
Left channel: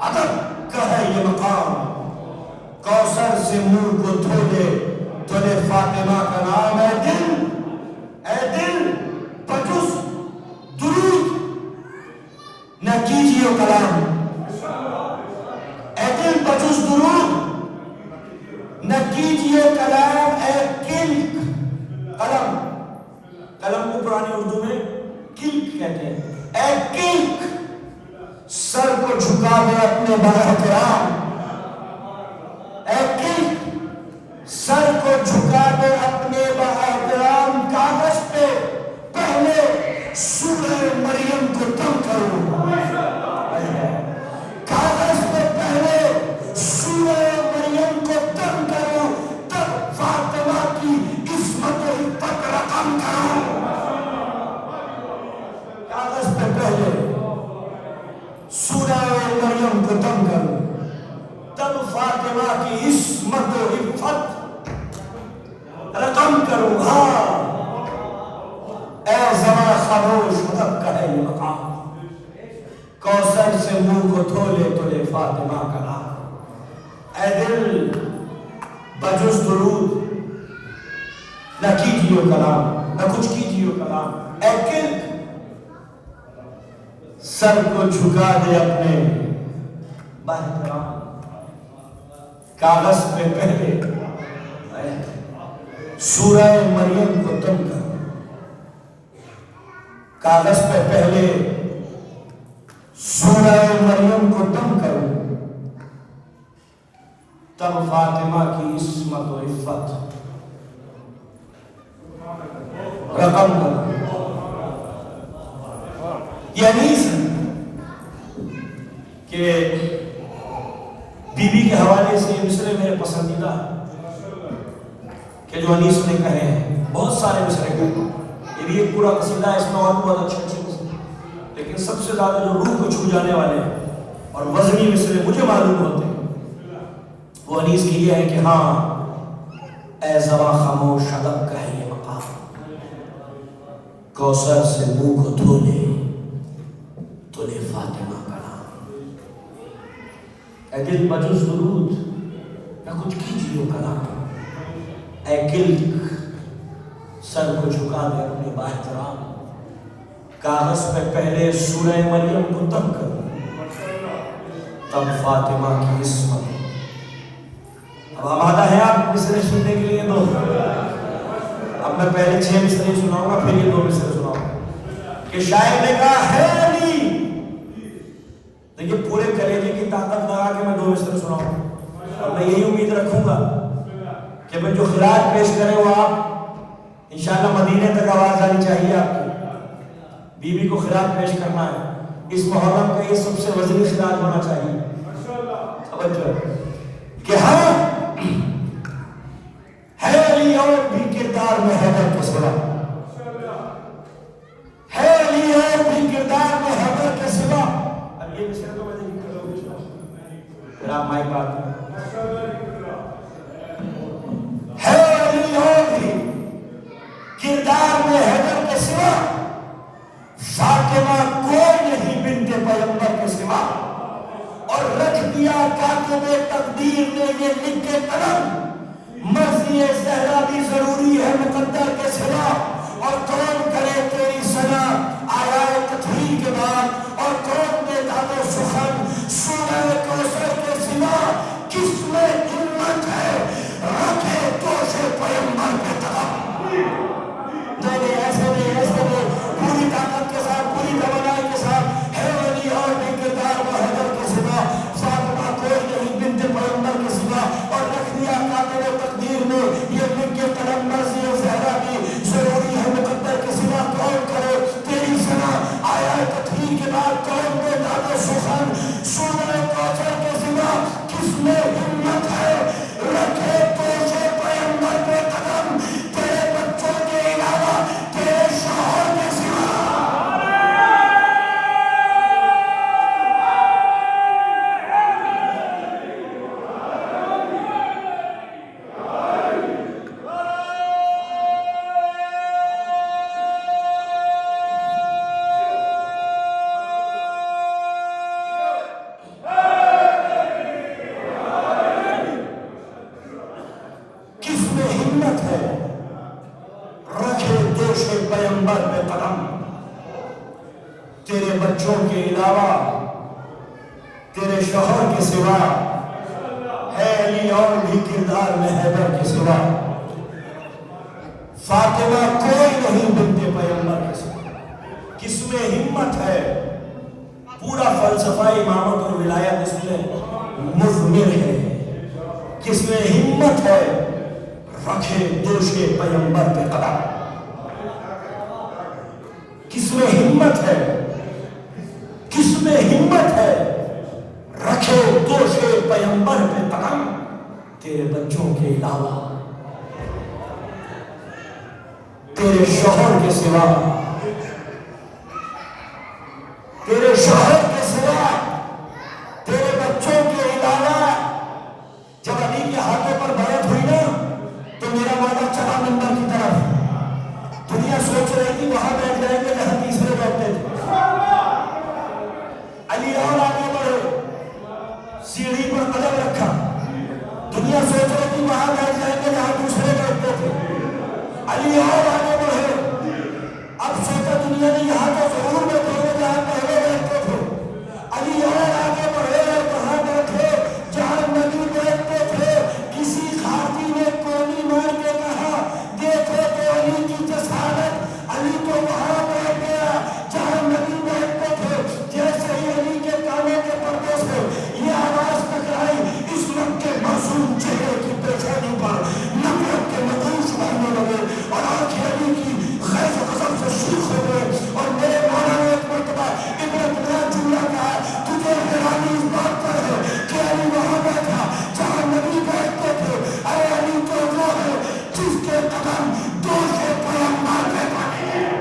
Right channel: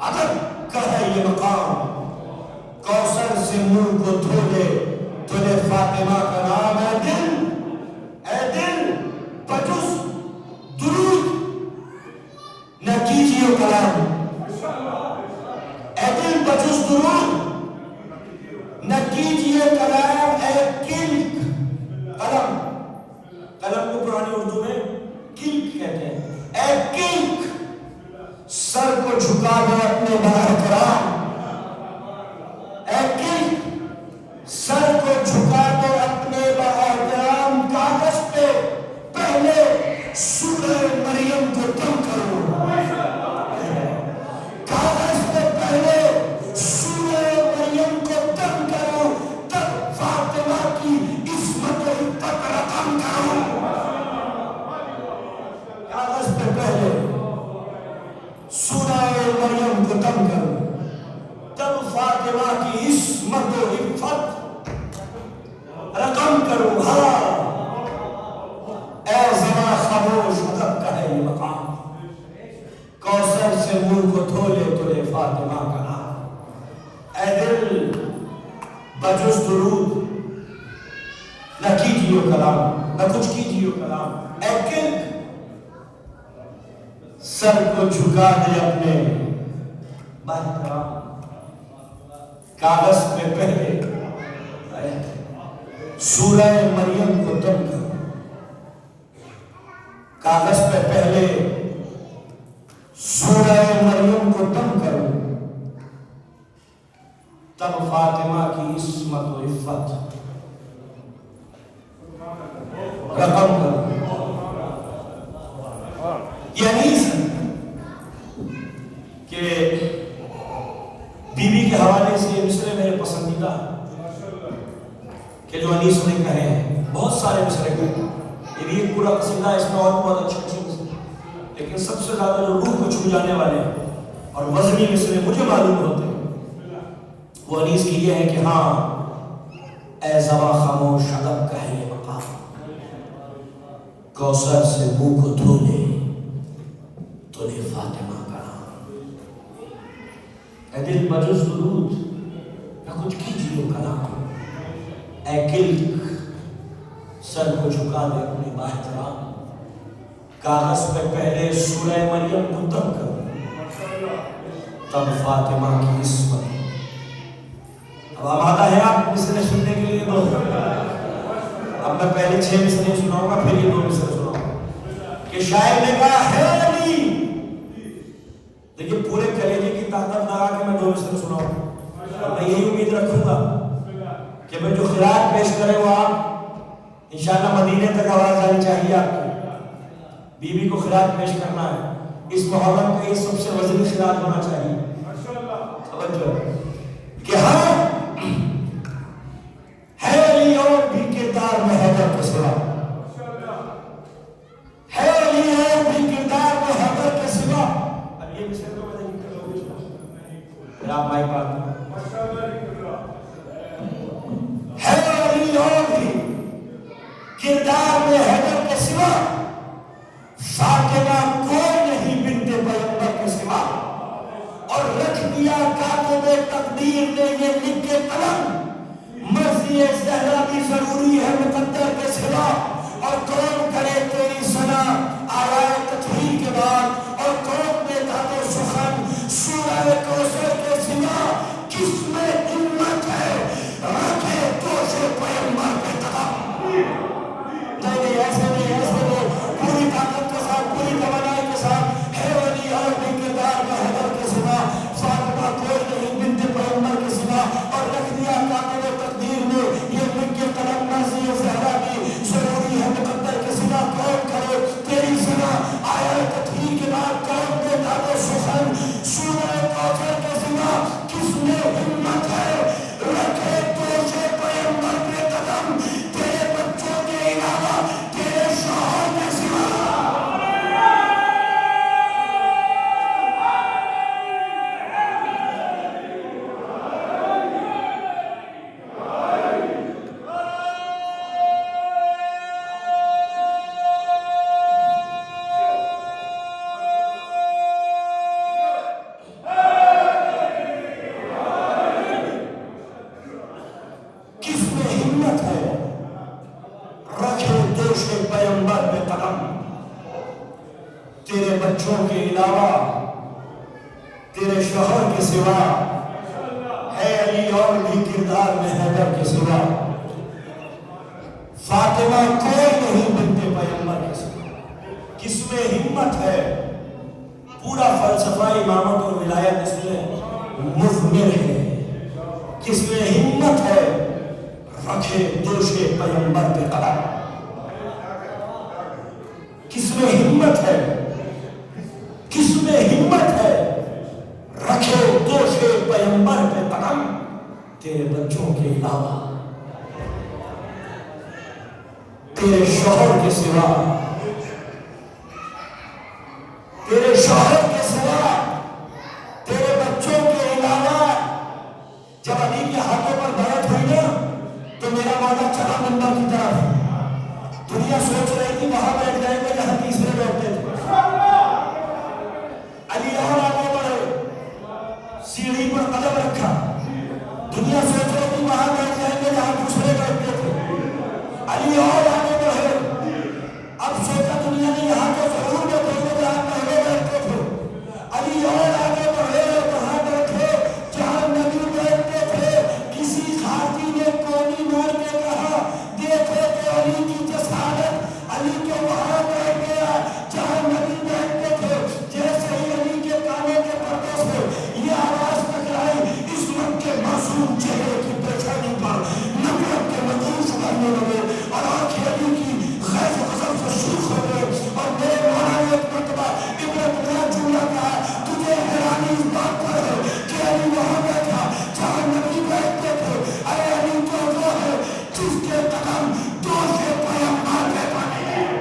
ادب کا ہے یہ مقام، کوثر سے منہ کو دھو دے تو نے فاطمہ کا نام. اے دل بجز درود نہ کیجیے کلام، اے دل بجز درود نہ کیجیے کلام. اے کلک، قلم کو پرانی اردو میں کلک کہتے ہیں. اے کلک سر کو جھکا دے اپنے بااحترام، سر کو جھکا دے اپنے بااحترام. کاغذ پہ پہلے سورہ مریم کو دم کرو، کاغذ پہ پہلے فاطمہ کی عصمت و عفت رقم کروں ہاں اے زباں خاموش ادب کا ہے یہ مقام کوثر سے منہ کو دھو لے تو لے فاطمہ کا نام اے دل بجز درود نہ کیجیو کلام نہ کچھ کیجیو کلام اے دل سر کو جھکا دے اپنے باحترام کاغذ پہ پہلے سورہ مریم کو تم کرو کاغذ پہ پہلے سورہ مریم کو تم کرو تب فاطمہ کی عصمت و عفت رقم کرو یہ حدیث کہ بی بی کے حوالے سے یہ مصرے میرے پسندیدہ کہ جو انیس نے کہے ہیں بہت سارے مصرے کہے یہ بھی ایک پورا قصیدہ ہے اس میں اور بہت اچھے اچھے مصرے لیکن سب سے زیادہ جو روح کو چھو جانے والے اور وزنی مصرے مجھے معلوم ہوتے ہیں وہ انیس کی یہ ہے کہ ہاں اے زباں خاموش ادب کا ہے یہ مقام کوثر سے منہ کو دھو لے تو لے فاطمہ کا نام اے دل بجز درود نہ کچھ کیجیے کلام اے گلک سر کو جھکا دے اپنے باحترام کاغذ پہ پہلے سورہ مریم کو تم کرو تب فاطمہ کی عصمت اب آمادہ ہے آپ مصرے سننے کے لیے دو اب میں پہلے 6 مصرے سناؤں گا پھر یہ 2 مصرے سناؤں گا کہ شاعر نے کہا ہے علی دیکھیے پورے کلیجے کی طاقت لگا کے میں 2 مصرے سناؤں گا میں یہی امید رکھوں گا کہ میں جو خراج پیش کرے وہ آپ انشاءاللہ مدینے تک آواز آنی چاہیے آپ کی بی بی کو خراج پیش کرنا ہے اس محرم کا یہ سب سے وزنی خراج ہونا چاہیے توجہ کہ ہاں ہے علی اور بھی کردار میں حیدر کے سوا ہے علی اور بھی کردار میں حیدر کے سوا اب یہ مصرے تو میں نہیں کر لوں پھر آپ مائک بات ہے علی اور بھی کردار میں حیدر کے سوا فاطمہ کوئی نہیں بنت پیغمبر کے سوا اور رکھ دیا کاتب تقدیر نے یہ لکھ کے قلم مرضی زہرا بھی ضروری ہے مقدر کے سوا اور کون کرے تیری ثنا آیائے تطہیر کے بعد اور کون دے داد سخن سورہ کوثر کے سوا کس میں ہمت ہے رکھے توش پیغمبر کے تمام نہیں ایسے نہیں پوری طاقت کے ساتھ پوری توانائی کے ساتھ ہے علی اور بھی کردار میں حیدر کے سوا فاطمہ کوئی نہیں بنت پیغمبر کے سوا اور رکھ دیا کاتب تقدیر میں یہ لکھ کے قلم مرضی زہرا بھی ضروری ہے مقدر کے سوا کون کرے تیری ثنا آیات تطہیر کے بعد کون دے داد سخن سورہ کوثر کے سوا کس میں ہمت ہے رکھے توش پیغمبر پہ قدم تیرے بچوں کے علاوہ تیرے شوہر کے سوا کس میں ہمت ہے رکھے دوش پیغمبر پہ قدم تیرے بچوں کے علاوہ تیرے شوہر کے سوا ہے علی اور بھی کردار میں حیدر کے سوا فاطمہ کوئی نہیں بنت پیغمبر کے سوا کس میں ہمت ہے پورا فلسفہ امامت اور ولایت اس میں مضمر ہے کس میں ہمت ہے رکھے دوش پیغمبر پہ قدم کس میں ہمت ہے کس میں ہمت ہے رکھے دوش پیغمبر پہ قدم تیرے بچوں کے علاوہ تیرے شوہر کے سوا تیرے شوہر کے سوا تیرے بچوں کے علاوہ دنیا سوچ رہی تھی وہاں بیٹھ جائیں گے جہاں تیسرے بیٹھتے تھے. علی اور آگے بڑھے, سیڑھی پر قدم رکھا. دنیا سوچ رہی تھی وہاں بیٹھ جائیں گے جہاں دوسرے بیٹھتے تھے. علی اور آگے بڑھے. اب سوچا دنیا نے یہاں تو ضرور بیٹھے ہوئے جہاں پہلے بیٹھتے تھے. علی اور آگے بڑھے وہاں بیٹھے جہاں نبی بیٹھتے تھے. کسی خارجی نے کونی مار کے کہا دیکھو تو علی کی جسارت, علی تو وہاں بیٹھ گیا جہاں نبی بیٹھتے تھے. جیسے ہی علی کے کانے کے پردے سے یہ آواز ٹکرائی, اس وقت کے معصوم چہرے کی پیشانی پر نفرت کے نقوش بھرنے لگے اور آنکھیں علی کی غیظ و غضب سے شیخ ہو گئے. اور میرے مولا نے ایک مرتبہ ابن کا جملہ کہا, تجھے حیرانی اس بات پر ہے کہ علی وہاں بیٹھا جہاں نبی بیٹھتے تھے. اے علی تو وہ ہے جس کے قدم دو سے پیغمبر پہ پڑے ہیں.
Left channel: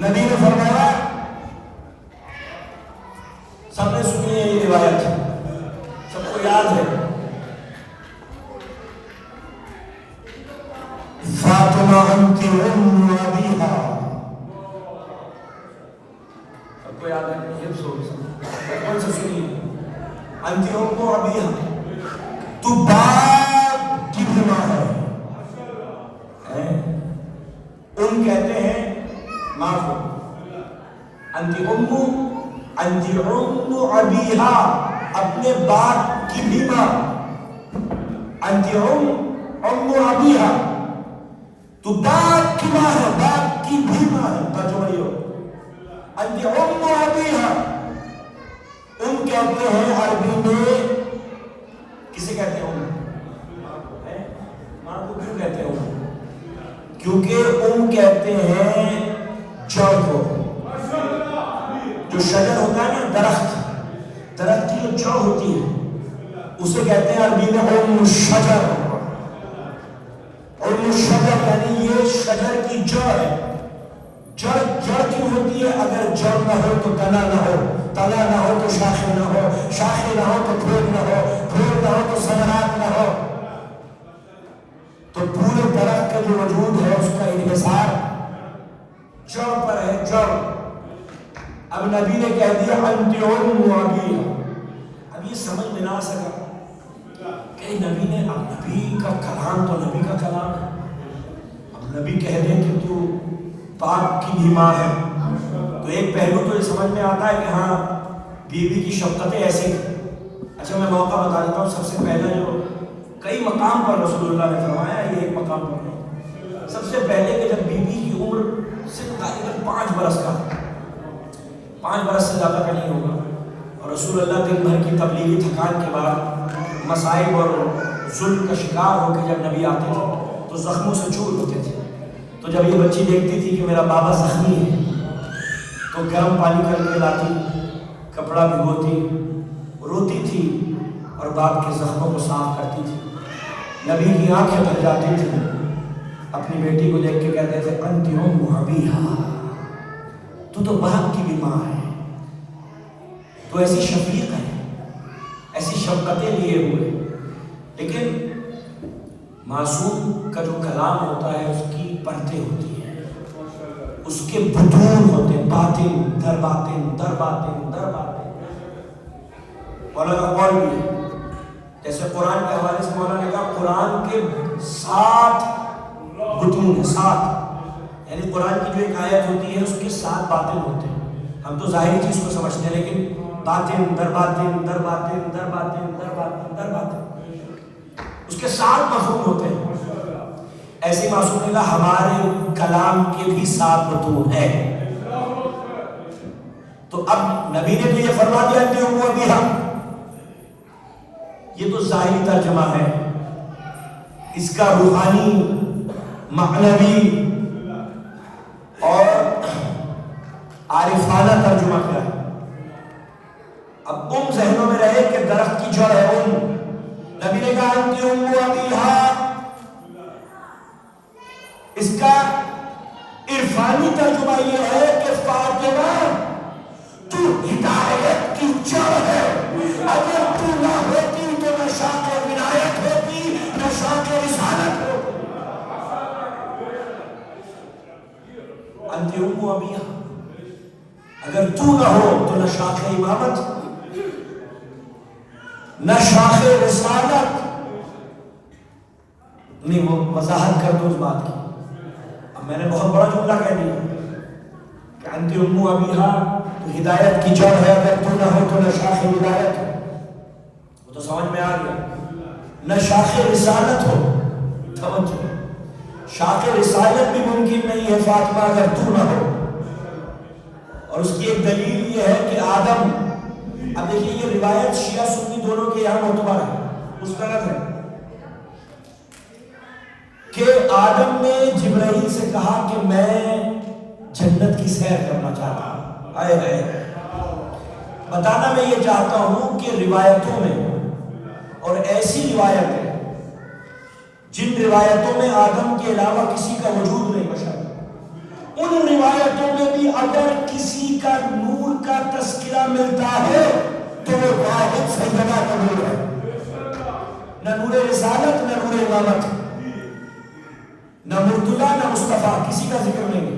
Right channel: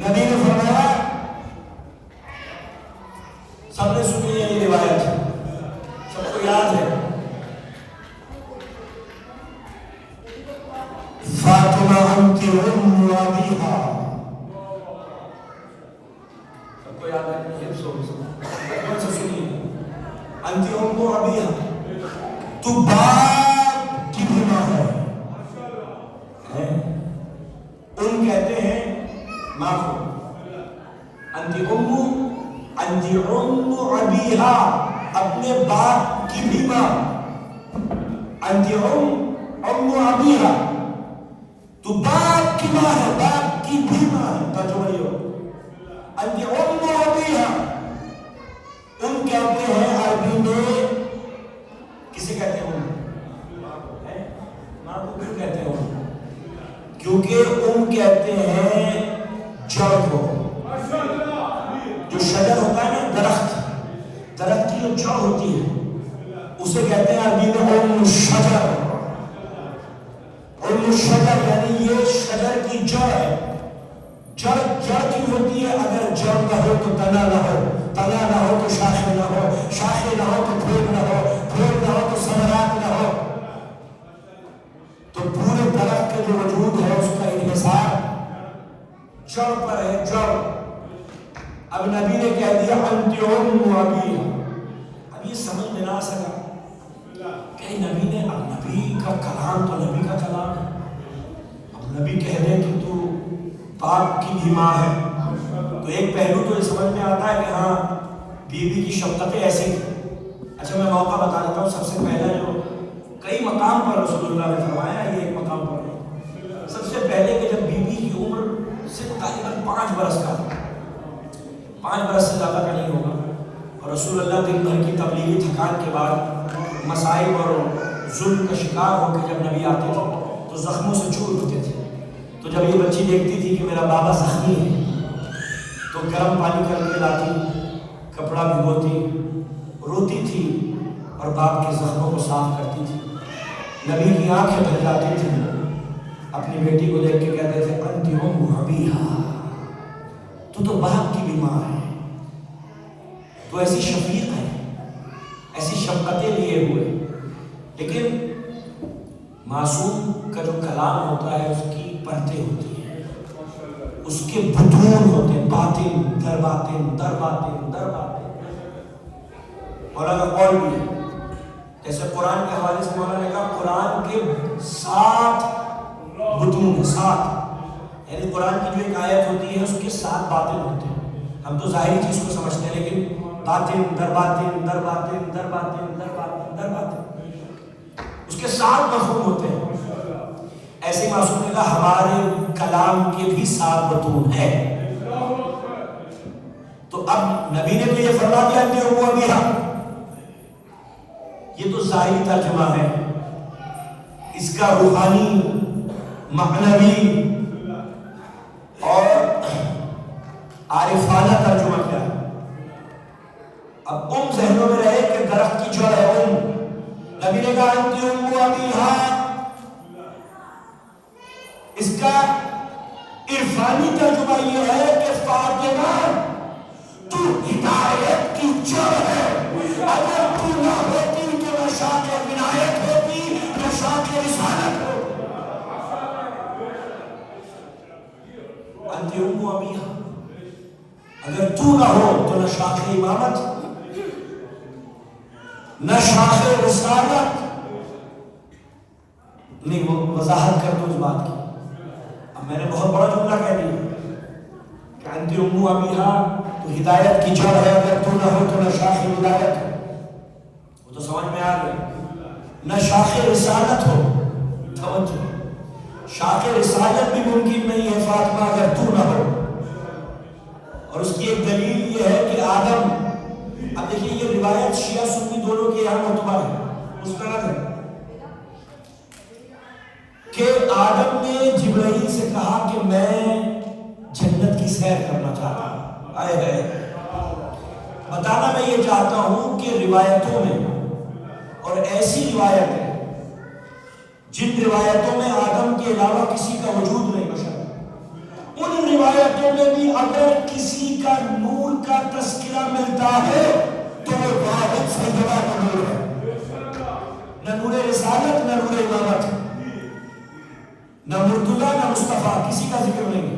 نبی نے فرمایا, سب نے سنی ہے یہ روایت, سب کو یاد ہے, فاطمہ انت ام ابیہا. سب کو یاد ہے, یہ کون سا سنی ہے؟ انت ام ابیہا, تو باپ کی بھی ماں ہے. ان کہتے ہیں معاف ہو, انتی ام ابیہا, اپنے باپ کی بھی ماں. انتی ام ابیہا, تو باپ کی ماں ہے, باپ کی بھی ماں ہے. ترجمہ یہ ہو, انتی ام ابیہا. ان کہتے ہیں عربی میں, کسے کہتے ہیں ماں کو کیوں کہتے ہیں؟ کیونکہ ام کہتے ہیں جڑ کو. جو شجر ہوتا ہے نا, درخت کی جو جڑ ہوتی ہے اسے کہتے ہیں عربی میں ام الشجر. ام الشجر یعنی یہ شجر کی جڑ ہے. جڑ کی ہوتی ہے, اگر جڑ نہ ہو تو تنا نہ ہو, تنا نہ ہو تو شاخیں نہ ہو, شاخیں نہ ہو تو پھول نہ ہو, پھول نہ ہو تو ثمرات نہ ہو. تو پورے درخت کا جو وجود ہے اس کا انحصار جڑ پر ہے, جڑ. اب نبی نے کہہ دیا انت ام ابیہا. اب یہ سمجھ میں نہ آ سکا کہ نبی نے, اب نبی کا کلام تو نبی کا کلام ہے, اب نبی کہہ دیں کہ تو باپ کی بھی ماں ہے, تو ایک پہلو تو یہ سمجھ میں آتا ہے کہ ہاں بیوی کی شفقتیں ایسے. اچھا میں موقع بتا دیتا ہوں. سب سے پہلا جو کئی مقام پر رسول اللہ نے فرمایا, یہ ایک مقام پر نہیں. سب سے پہلے کہ جب بیوی کی عمر سے تقریباً 5 برس کا, 5 برس سے زیادہ کا نہیں ہوگا, اور رسول اللہ دن بھر کی تبلیغی تھکان کے بعد مصائب اور ظلم کا شکار ہو کے جب نبی آتے تھے تو زخموں سے چور ہوتے تھے. تو جب یہ بچی دیکھتی تھی کہ میرا بابا زخمی ہے تو گرم پانی کر کے لاتی, کپڑا بھگوتی, روتی تھی اور باپ کے زخموں کو صاف کرتی تھی. نبی کی آنکھیں بھر جاتی تھی, اپنی بیٹی کو دیکھ کے کہتے تھے انت ام ابیہا, تو باپ کی بھی ماں ہے, تو ایسی شفیق ہے, ایسی شفقتیں لیے ہوئے. لیکن معصوم کا جو کلام ہوتا ہے اس کی پرتیں ہوتی ہیں, اس کے بطون ہوتے ہیں, باطن در باطن در باطن در باطن. مولا کا قول بھی ہے, جیسے قرآن کے حوالے سے مولا نے کہا قرآن کے 7 بطون ہیں, 7. یعنی قرآن کی جو ایک آیت ہوتی ہے اس کے 7 باطن ہوتے ہیں. ہم تو ظاہری چیز کو سمجھتے ہیں, لیکن باطن در باطن در باطن در باطن در باطن در باطن, اس کے 7 مفہوم ہوتے ہیں. ایسے معصوم نے کہا ہمارے کلام کے بھی 7 بطون ہیں. تو اب نبی نے تو یہ فرما دیا کہ وہ ابھی ہم، یہ تو ظاہری ترجمہ ہے، اس کا روحانی معنوی اور عارفانہ ترجمہ کیا ہے؟ اب ذہنوں میں رہے کہ درخت کی جڑ ہے نبی نے کہا انتی ابیہا، اس کا عرفانی ترجمہ یہ ہے کہ فاطمہ تو ہدایت کی جڑ ہے، اگر تو نہ ہوتی تو نہ شاخ ولایت ہوتی نہ شاخ رسالت ہوتی۔ انتی ابیہا، اگر تو نہ ہو تو نہ شاخ امامت نہ شاخ رسالت۔ نہیں، وہ وضاحت کر دو اس بات کی، اب میں نے بہت بڑا جملہ کہہ دیا کہ انتی ابیہا تو ہدایت کی جڑ ہے، اگر تو نہ ہو تو نہ شاخ ہدایت ہو، وہ تو سمجھ میں آ گیا، نہ شاخ رسالت ہو۔ توجہ، شاخ رسالت بھی ممکن نہیں ہے فاطمہ اگر تو نہ ہو، اور اس کی ایک دلیل یہ ہے کہ آدم، اب دیکھیے یہ روایت شیعہ سنی دونوں کے یہاں معتبر ہے، مستند ہے، کہ آدم نے جبرائیل سے کہا کہ میں جنت کی سیر کرنا چاہتا ہوں۔ آئے بتانا میں یہ چاہتا ہوں کہ روایتوں میں، اور ایسی روایت ہے جن روایتوں میں آدم کے علاوہ کسی کا وجود نہیں بشر، ان روایتوں میں بھی اگر کسی کا نور کا تذکرہ ملتا ہے تو وہ واحد سیدنا کا نور ہے، نہ نور رسالت نہ نور امامت، نہ مرتضیٰ نہ مصطفیٰ، کسی کا ذکر نہیں،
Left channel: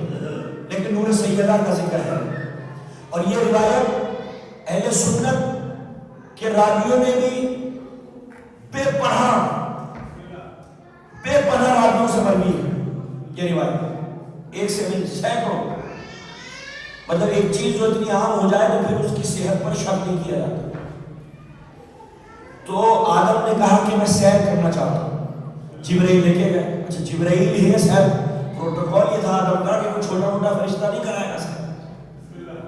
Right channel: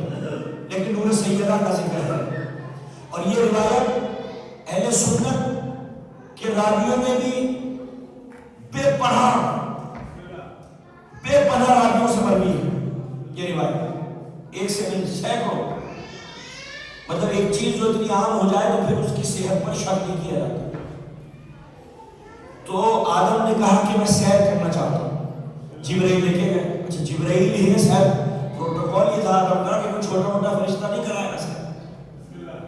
لیکن نور سیدہ کا ذکر ہے۔ اور یہ روایت اہل سنت کے راویوں میں بھی بے پناہ راویوں سے مروی ہے یہ روایت، ایک سے نہیں سینکڑوں، مطلب ایک چیز جو اتنی عام ہو جائے تو پھر اس کی صحت پر شک نہیں کیا جاتا۔ تو آدم نے کہا کہ میں سیر کرنا چاہتا ہوں، جبرائیل لے کے گئے، اچھا جبرائیل ہی ہے سیر، پروٹوکول یہ تھا آدم کا کہ کوئی چھوٹا موٹا فرشتہ نہیں کرائے گا سیر،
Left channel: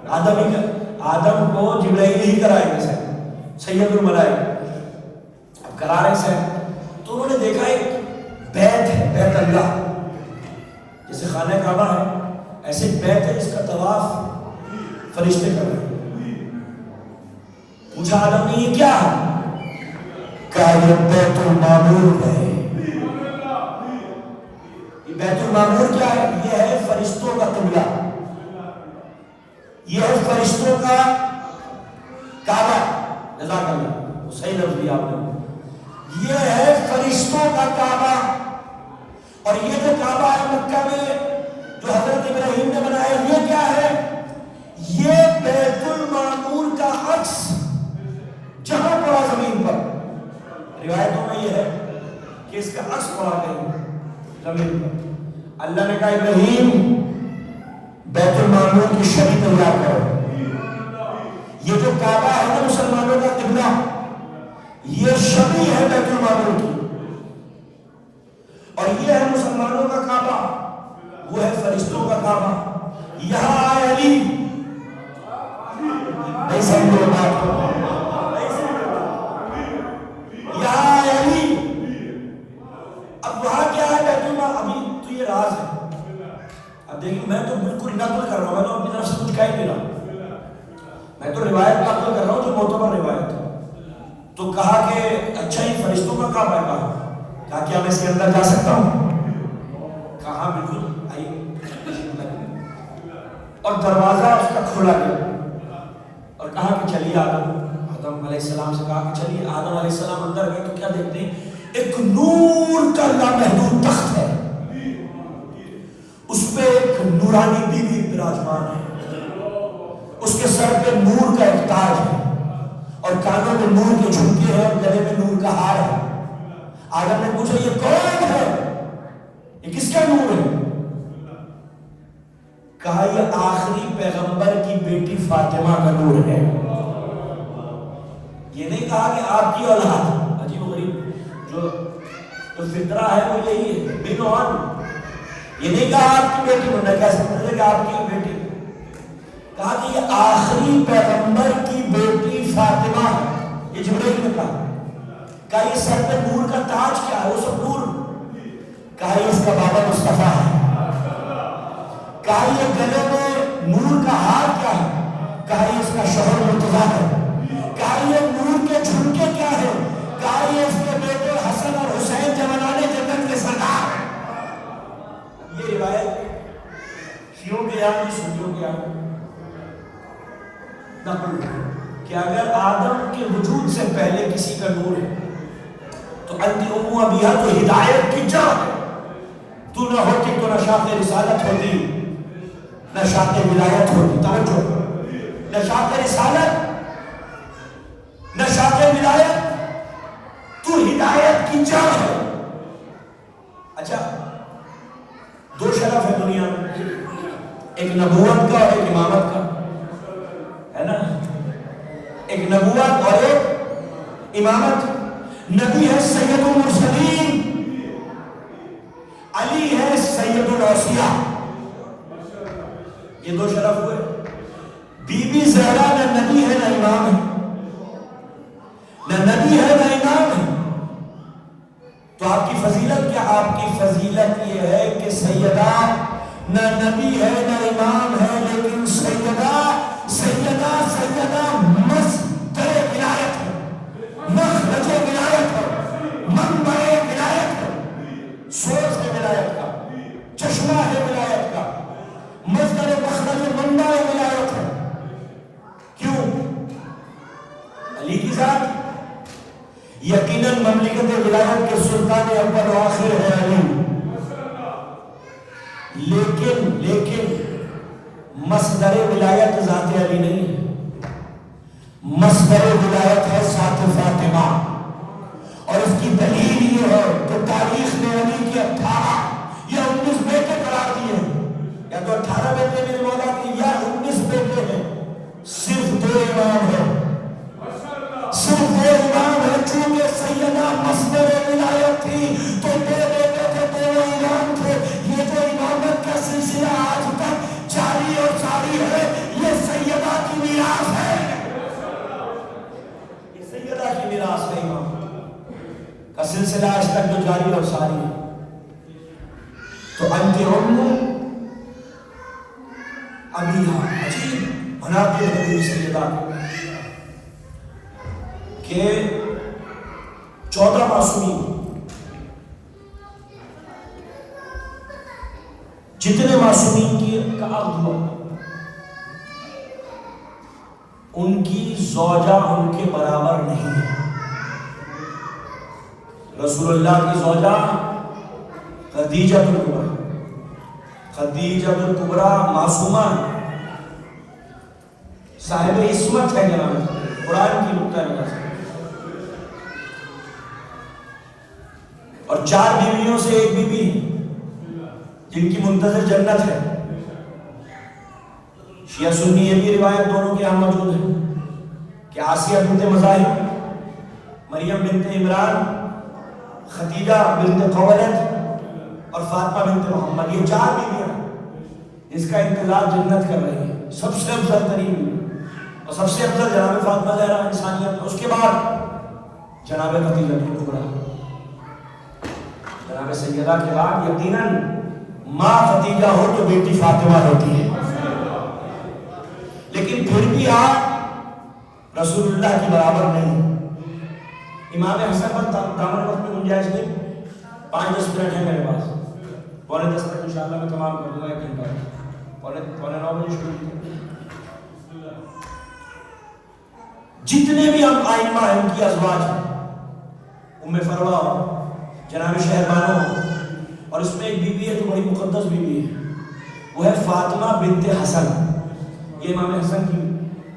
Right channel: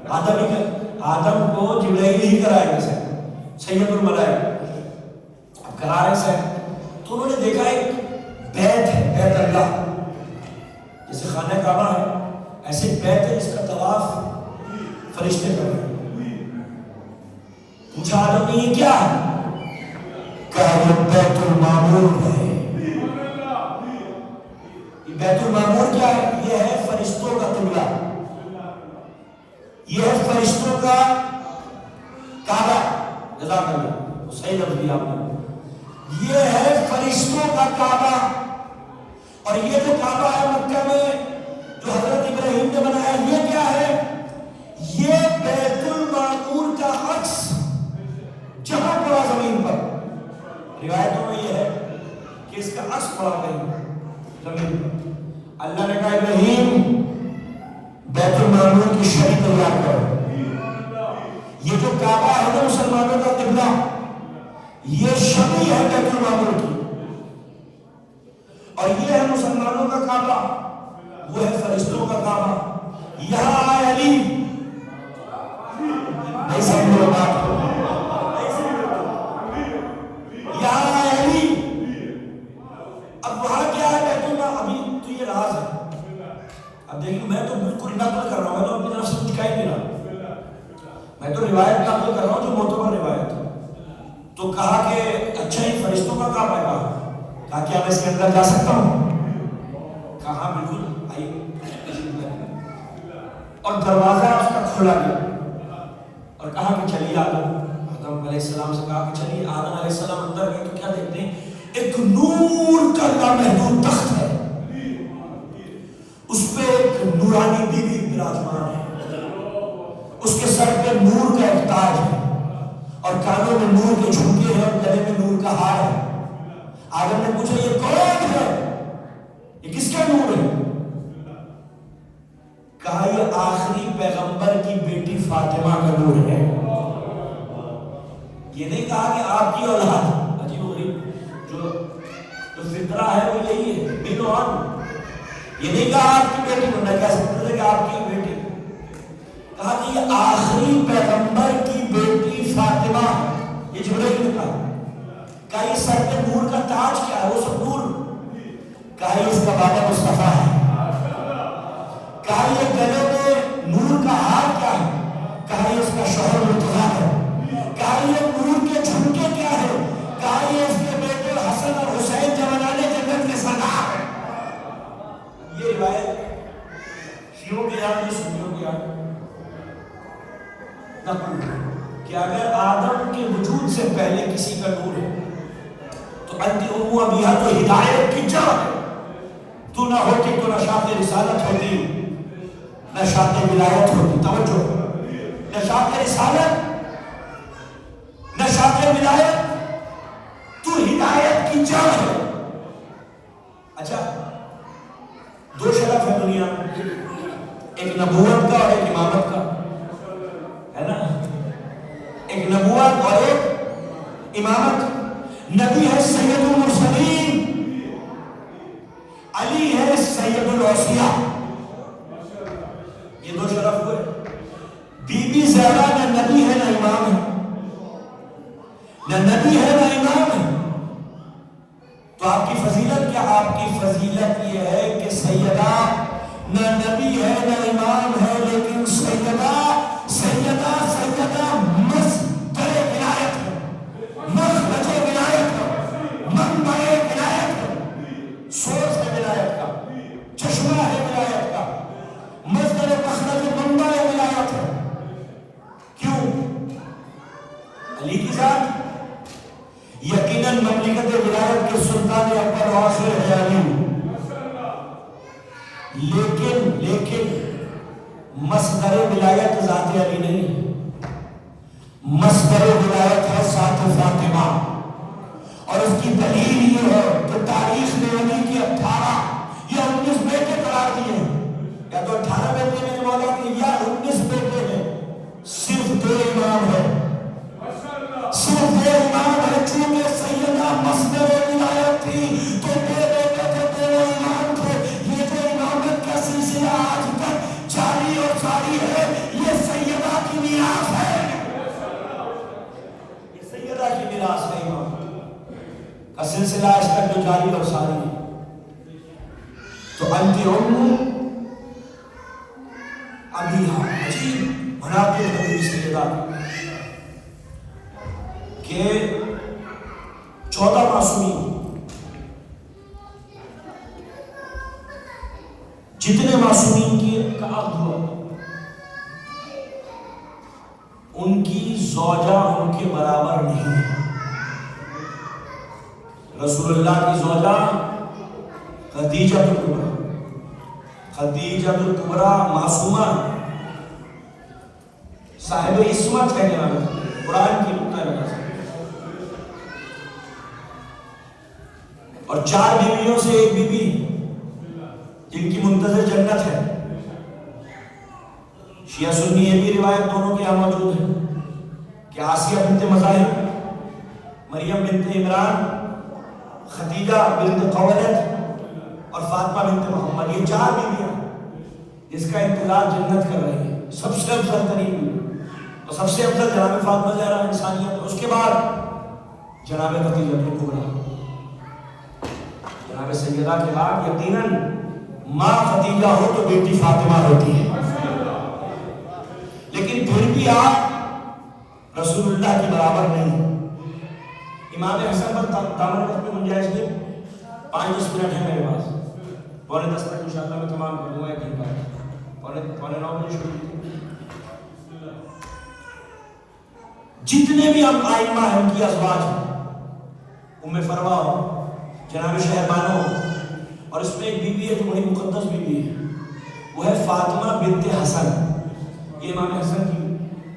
آدم کو جبرائیل ہی کرائے گا سیر، سید الملائکہ، اب کرا رہے سیر، تو انہوں نے دیکھا ایک بیت ہے، بیت اللہ، جیسے خانہ کعبہ ہے ایسے بیت ہے جس کا طواف فرشتے کر رہے ہیں۔ پوچھا آدم نے یہ کیا ہے؟ کہا یہ بیت المعمور ہے۔ یہ بیت المعمور کیا ہے؟ یہ ہے فرشتوں کا قبلہ، یہ ہے فرشتوں کا کعبہ، جزاک اللہ، صحیح لفظ دیا آپ نے، یہ ہے فرشتوں کا کعبہ۔ اور یہ جو کعبہ ہے مکہ میں جو حضرت ابراہیم نے بنایا، یہ کیا ہے؟ یہ بیت المعمور کا عکس جہاں پڑا زمین پر، روایتوں میں یہ ہے کہ اس کا عکس پڑا کہیں زمین پر۔ اللہ نے کہا ابراہیم بیت المعمور کی شبیہ تیار کرو، یہ جو کعبہ ہے نا مسلمانوں کا قبلہ، یہ شبیہ ہے بیت المعمور کی، اور یہ ہے مسلمانوں کا کعبہ، وہ ہے فرشتوں کا کعبہ۔ یہاں آئے علی، نہیں سمجھو بات کو، یہاں آئے علی، اب وہاں کیا ہے بیت المعمور؟ ابھی تو یہ راز ہے، اب دیکھیں میں تو بالکل نقل کر رہا ہوں، میں تو اپنی طرف سے کچھ کہہ نہیں رہا، میں تو روایت نقل کر رہا ہوں جو معتبر روایت ہے۔ تو کہا کہ اچھا ہی فرشتوں کا کعبہ ہے، کہا کیا میں اس کے اندر جا سکتا ہوں؟ کہا بالکل آئیے، اور دروازہ اس کا کھولا گیا اور کہا کہ چلیے آدم علیہ السلام سے کہا کہ چلیے، آدم علیہ السلام اندر گئے تو کیا دیکھتے ہیں؟ ایک نور کا لامحدود تخت ہے، اس پہ ایک نورانی بیوی براجمان ہے، اس کے سر پہ نور کا ایک تاج ہے اور کانوں میں نور کے جھمکے ہیں اور گلے میں نور کا ہار ہے۔ آدم نے پوچھا یہ کون ہے؟ یہ کس کا نور ہے؟ کہا یہ آخری پیغمبر کی بیٹی فاطمہ کا نور ہے۔ یہ نہیں کہا کہ آپ کی اولاد، عجیب و غریب جو فطرہ ہے وہ یہی ہے، بنوان، یہ نہیں کہا آپ کی بیٹی، میں کہہ سکتا تھا کہ آپ کی بیٹی، کہا کہ یہ آخری پیغمبر کی بیٹی فاطمہ ہے. یہ جبرائیل نے کہا یہ سر پہ نور کا تاج کیا ہے؟ وہ سب نور. کہا یہ اس کا بابا مصطفیٰ ہے. کہا یہ گلے میں نور کا ہار کیا ہے؟ کہا یہ اس کا شوہر مرتضیٰ ہے. کہا یہ نور کے جھمکے کیا ہے؟ کہا یہ اس کے بیٹے حسن اور حسین جوانان جنت کے سردار ہیں. یہ روایت شیعوں کے یاد نہیں سنیوں کے یاد نقل کہ اگر آدم کے وجود سے پہلے کسی کا نور ہے تو انت ام ابیہ تو ہدایت کی جڑ ہے. تو نہ ہوتی تو نہ شاخ رسالت ہوتی نہ شاخ ولایت ہوتی. توجہ, نہ شاخ رسالت نہ شاخ ولایت, تو ہدایت کی جڑ ہے. اچھا, دو شرف ہے دنیا میں, ایک نبوت کا اور ایک امامت کا, ہے نا. ایک نبوت اور ایک امامت. نبی ہے سید المرسلین, علی ہے سید الاوصیاء. یہ دو شرف ہوئے. بی بی زہرا نہ نبی ہے نہ امام ہے, نہ نبی ہے نہ امام ہے. تو آپ کی فضیلت کیا؟ آپ کی فضیلت یہ ہے کہ سیدہ نہ نبی ہے نہ امام ہے, لیکن سیدہ مصدر ولایت ہے, مخرج ولایت ہے, منبع ولایت ہے, سورس ہے ولایت کا, چشمہ ہے ولایت کا, مصدر مخرج منبع ولایت ہے. کیوں؟ علی کی ذات. یقیناً مملکت ولایت کے سلطان اول و آخر ہے علی, لیکن مصدر ولایت ذات علی نہیں ہے. مصدر ولایت ہے ذات فاطمہ. اور اس کی دلیل یہ ہے کہ تاریخ نے علی کے 18 یا 19 بیٹے قرار دیے ہیں. یا تو 18 بیٹے میرے مولا کے یا 19 بیٹے ہیں. صرف 2 امام ہے, صرف 2 امام ہے. چونکہ سیدہ مصدر ولایت تھی تو 2 بیٹے تھے, 2 امام تھے. یہ جو امامت کا سلسلہ آج تک جاری اور ساری ہے, یہ سیدہ کی میراث ہے. یہ سیدہ کی میراث ہے. امام کا سلسلہ آج تک جو جاری اور ساری ہے. تو انت ام ابیہا, عجیب مناقب نبی سیدہ کہ 14 معصومین, جتنے معصومین کی کا عقد ہوا, ان کی زوجہ ان کے برابر نہیں ہے. رسول اللہ کی زوجہ خدیجہ الکبریٰ, خدیجہ الکبریٰ معصومہ صاحب عصمت ہے جناب, قرآن کی نقطہ نظر سے. اور 4 بیویوں سے ایک بیوی جن کی منتظر جنت ہے. شیعہ سنی یہ بھی روایت دونوں کے یہاں موجود ہے کہ آسیہ بنت مزاحم, مریم بنت عمران, خدیجہ بنت خویلد اور فاطمہ بنت محمد, یہ 4 بیویاں جس کا انتظار جنت کر رہی ہے. سب سے افضل ترین اور سب سے افضل جناب فاطمہ زہرا انسانیت. اس کے بعد جناب خدیجہ الکبریٰ, جناب سیدہ کے بعد یقیناً ماں خدیجہ ہو تو بیٹی فاطمہ ہوتی ہے. لیکن پھر بھی آپ رسول اللہ کی برابر نہیں. امام حسن پر دامن وقت میں گنجائش نہیں, 5-10 منٹ ہے میرے پاس, 9:45 تک انشاءاللہ میں تمام کر دوں گا. 1 گھنٹہ 9:45 بجے شروع. جتنے بھی ہم آئمہ ہیں ان کی ازواج ہیں, ام فروا ہو, جناب شہربانو ہو, اور اس میں ایک بیوی ہے جو بڑی مقدس بیوی ہے, وہ ہے فاطمہ بنت حسن. یہ امام حسن کی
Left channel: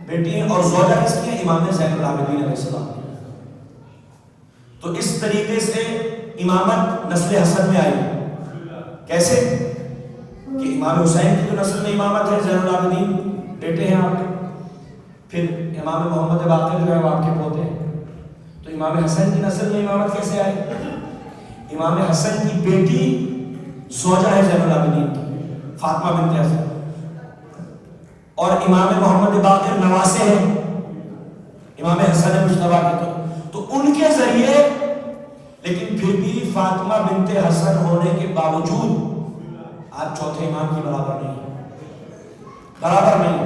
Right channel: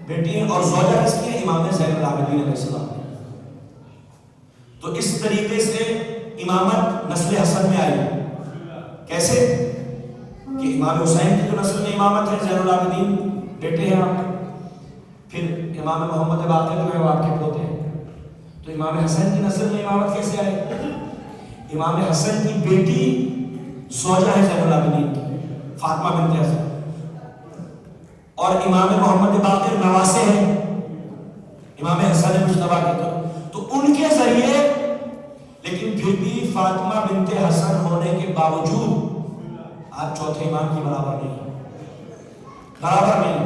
بیٹی ہیں اور زوجہ کس کی ہے؟ امام زین العابدین علیہ السلام. تو اس طریقے سے امامت نسل حسن میں آئی. کیسے کہ امام حسین کی جو نسل میں امامت ہے, زین العابدین بیٹے ہیں آپ کے, پھر امام محمد باقر جو ہے وہ آپ کے پوتے ہیں. تو امام حسن کی نسل میں امامت کیسے آئی؟ امام حسن کی بیٹی زوجہ ہے زین العابدین کی, فاطمہ بنت حسن, اور امام محمد باقر نواسے ہیں امام حسن مجتبی کے، تو ان کے ذریعے، لیکن پھر بھی فاطمہ بنت حسن ہونے کے باوجود آپ چوتھے امام کی برابر نہیں،